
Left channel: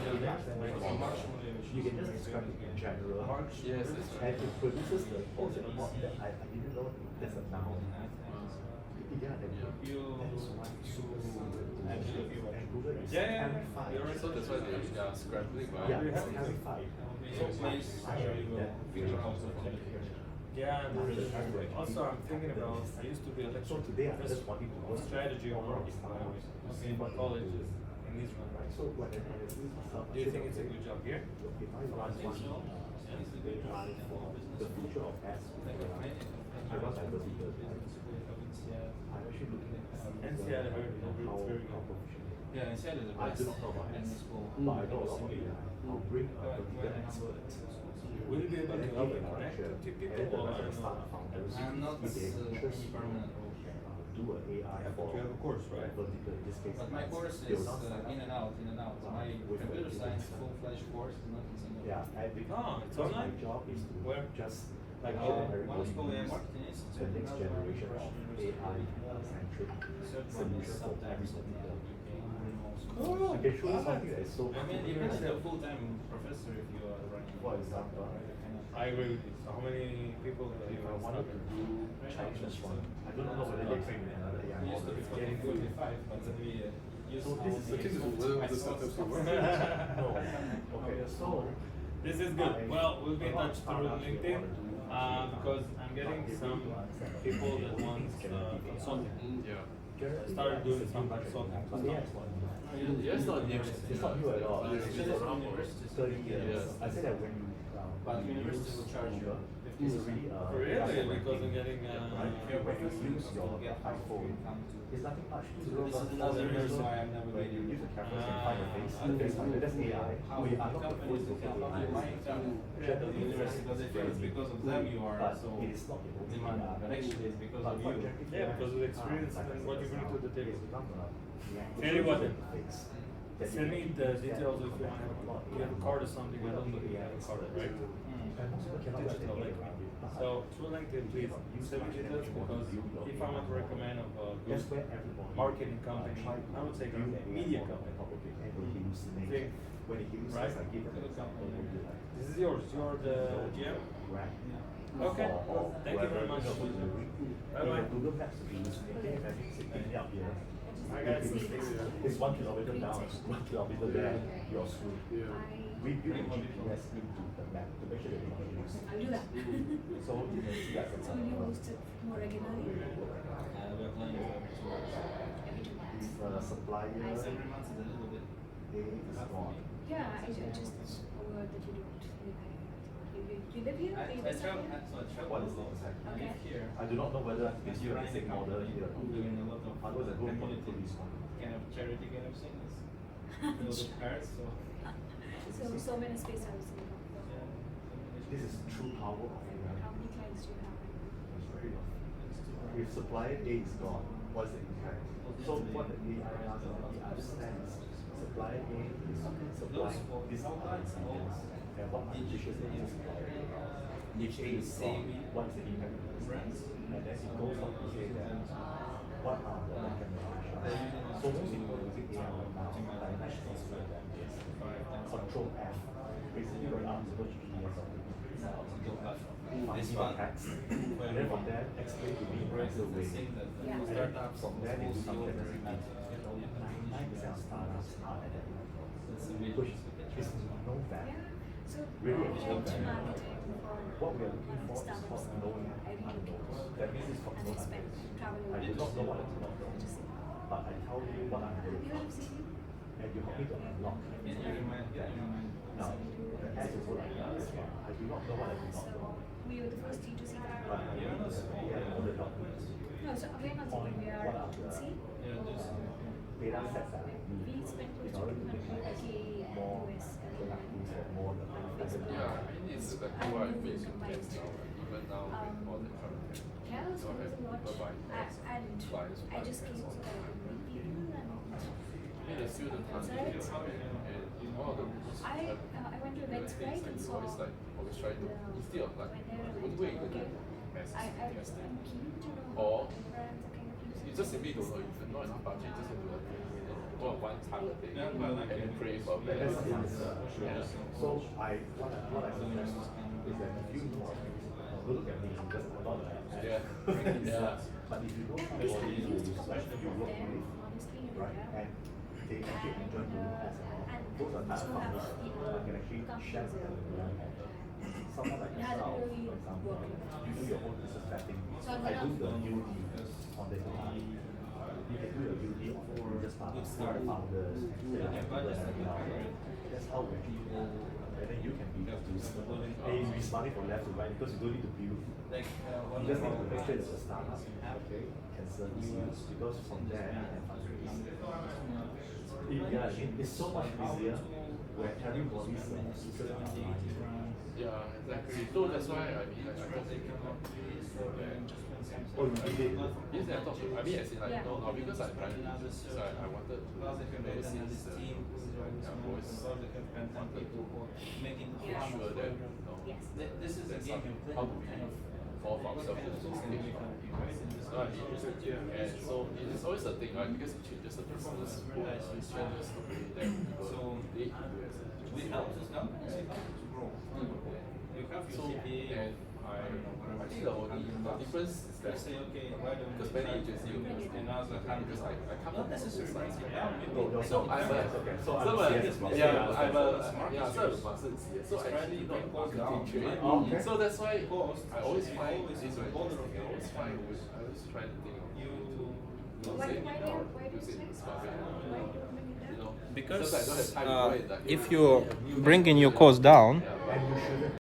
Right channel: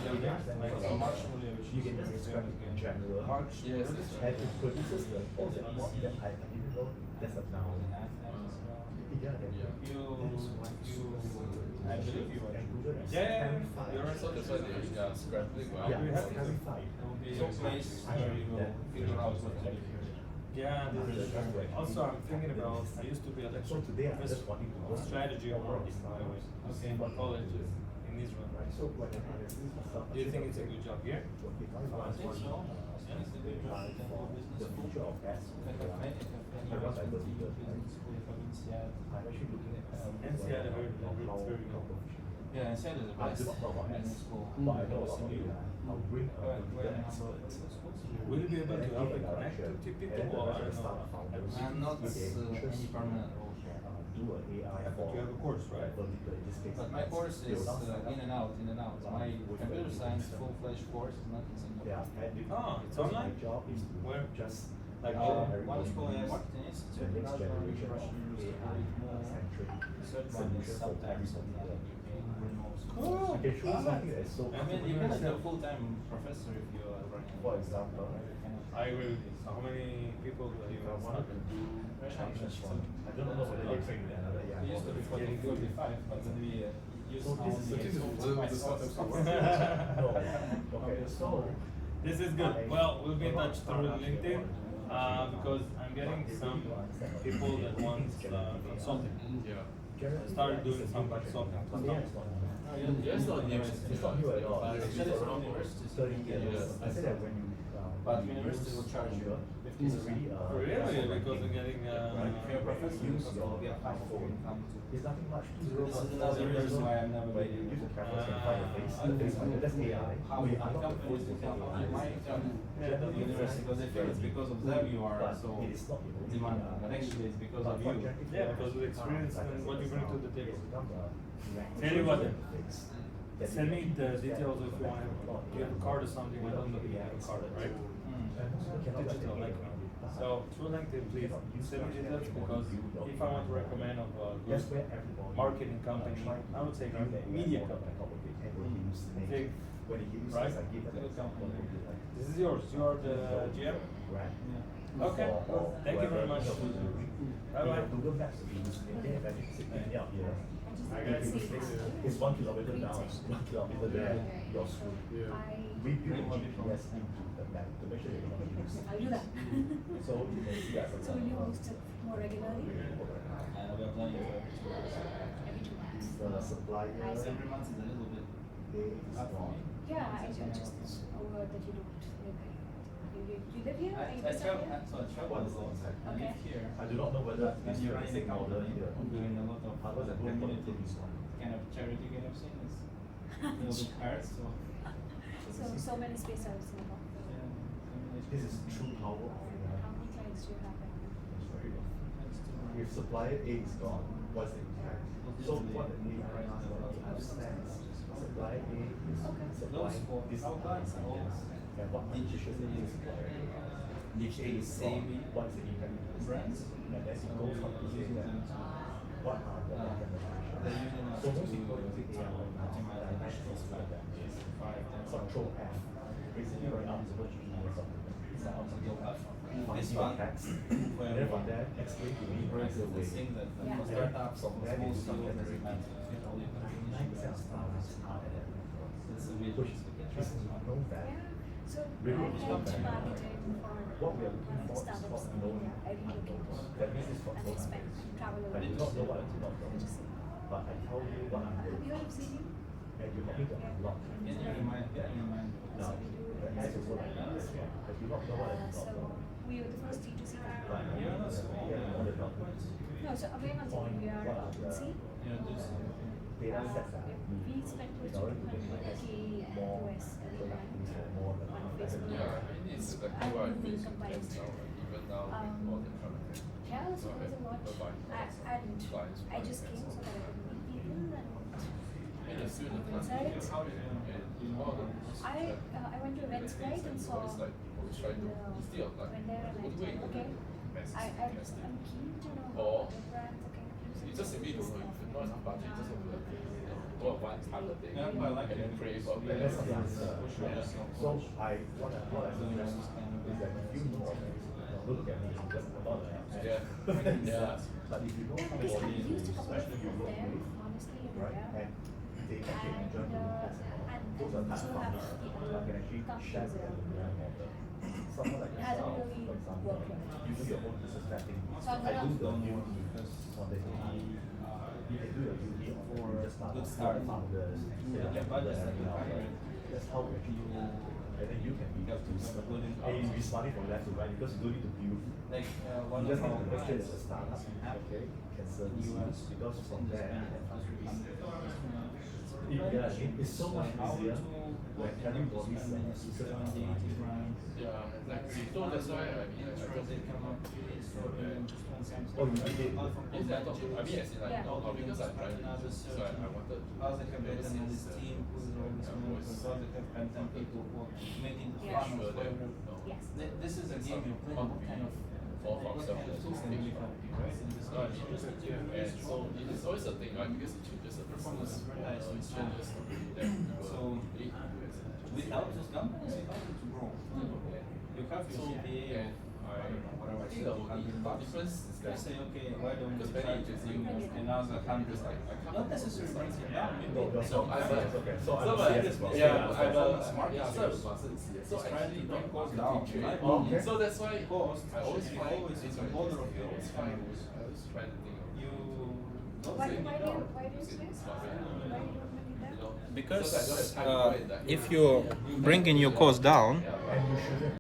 Like so much only which You is can very just good describe it in again. general. March. Yes, that's right. And it produces the what that I didn't know there's a noun. Yeah, that I believe you were. Yeah, you're right. So that's why they're scrambling. Yeah, Right? having fun. be a place where you will figure out what to do here? Yeah, also I'm thinking about, I used to be a lecturer So today I professor just wanted to of strategy of marketing, by the way, in colleges in Israel. So what Do you think it's a good job here? I think so. Yeah, it's a good job. The future of S. I want to go to the I'm actually looking at NCR, I heard it's very good. Yeah, I said it's the I best do not know about in S, school. but I know a lot about AI. I'll bring a computer expert. Will you be able to help and connect to people or I don't know? I'm not any permanent role. Do an AI for You have a course, right? vertical, in this case. But my course is in and out, in and out. My computer science full-fledged course is not in Singapore. Yeah, and Oh, it's because online? my job is to Where? just Like, One is called AI Marketing the Institute, next another one is generation of Russian AI University. centric Third one is solution for sometimes every particular. Cool. I can show you something that is so I mean, you can be a full-time professor if you are running. For example, I agree with you. So how many people do you if I wanted to do Chinese one, I don't know whether they train in another We used to be 45, but then we used So to this is only the explain the myself. startups No. Okay, so This is good. Well, we'll be in touch through LinkedIn because I'm getting some people that want consulting. Yeah. I started doing some consulting. It's not new. it's not new at all. But It's actually, around universities 30 don't years. get I said that when you But universities will charge you 50%. Really? Because I'm getting If you're a professor, you'll get half of your income too. It's nothing much. So this is another reason why I'm never When you leaving. use the cameras and find the face, that's AI. How We the are not the companies first that to can AI. my income at the university, because they feel it's because of them you are so demanding, but actually it's because of you. Yeah, because of the experience and what you bring to the table. Tell you what then. Send me the details if you want. Do you have a card or something? I don't believe you have a card, right? Digital, like me. So through LinkedIn, please send me details because if I want to recommend of a good marketing company, I would say media company. Think, right? This is yours. You are the GM. Okay. Thank you very much. Bye bye. It's 1 kilometer down, 1 kilometer there, you're screwed. We build a GPS into the map to make sure you're not going to lose. I'll do that. So you can see that for So will you example. host it more regularly? We're planning for 2 months. Every 2 months. If the supplier Every month is a little bit. is gone, Yeah, I just a word that you don't live here. You live here? Or you I just travel, live here? so I travel a lot. I live here. I do not know whether When it's you the run the same model company, here. I'm doing a lot of I was at home for community, this one. kind of charity kind of thing. It's a little bit hard, so. So many space service in the company. Yeah, This is true power of How many clients do you have right now? If supplier A is gone, what's the impact? So what the AI asks understands supplier A is supplying this client and what decision is supplier A. If A is gone, what's the impact of this? brands. And then it goes on to say that what are the recommendations? So most people think AI right now, dimensional scale that is control F. Basically right now it's a GPS of the itself. Find your text, and then from there explain to me right the way. Yeah. And then from there they do some analysis. 90% of startups are at that level. Which is no bad. Yeah. So Really, I've it's done not bad. marketing for What we are looking one of the for is startups called in known India. I relocated unknowns. That means it's called and known expand unknowns. and travel a I lot. do not know what I do not know, To see. but I tell you what I'm Have doing. you heard of CD? And you help me to unlock. Can you remind me? Now, the S is what I do. I do not know what I do not So know. we were the first D2C But company. I know the help. No, so we're not Point, CD, we are what are the agency. data sets that I need We spent in close order to to make my 200K more US and productive and more on Facebook. Yeah, I mean, it's exactly why Facebook gets now, even now, all the current. Yeah, so it was a lot. And I just came so that I could meet people and It is still the Inside? one of the I went to events right and saw always like always try to instead of like when there and what I way you thought, go okay, to I'm keen to know Or how other brands are kind of using you just simply don't know if you're not enough budget, you just have to like, go on one target day and then pray for And that's better. what I'm saying. So what I suggest is that if you know of it, don't look at me because I'm not Yeah. Yeah. But if you know Yeah, somebody because I've who used a is couple of especially you people work there, with, honestly, in right, India. and they actually enjoy doing this those are type of companies that can actually share with them the learning model. Someone like It hasn't yourself, really for example, worked. you do your own business mapping. So I I'm do the gonna- duty on the AI. You can do your duty for good startups, start. founders, Yeah, budget is everything else. 100. That's how we actually do. And then you can be able to hey, you be smarting from left to right because you don't need to build. Like one You just of need our to make sure that the clients startup, okay, can service you because from there you can fundraise. Yeah, it's so much easier when everybody's user Yeah, exactly. So that's why I mean I Oh, you did it. yes, I thought I mean as in like no, because I'm trying to so I wanted to overseas team who's always content people who are making Yeah. fun sure of that whatever. Yes. This is a game you play kind of fall from what self kind of tools can we come right in this Right. country. And so it is always a thing, right? Because it changes the business, it changes the way that people So, behave in US. Without these companies, you can't to grow. You have your So, CPA or and I don't know, whatever. I think the only difference is They that say, okay, why don't we because try many to agencies bring another hundred? because I come Not necessarily bring it down, maybe. No, so I'm a okay. So so I'm I'm serious about yeah, it. I'm a Smart yeah, so users. I'm a master CS. So It's trying actually to not bring costs marketing down, trade. right? Okay. So that's why Cost I always should be find always this the way. border of I always the find country. I always try to think of You. Why do using it now, why do you using say? this stuff, Why you don't believe that? you know. Because Because I don't have time to go and, like, if you're bringing your cost down, yeah, And you shouldn't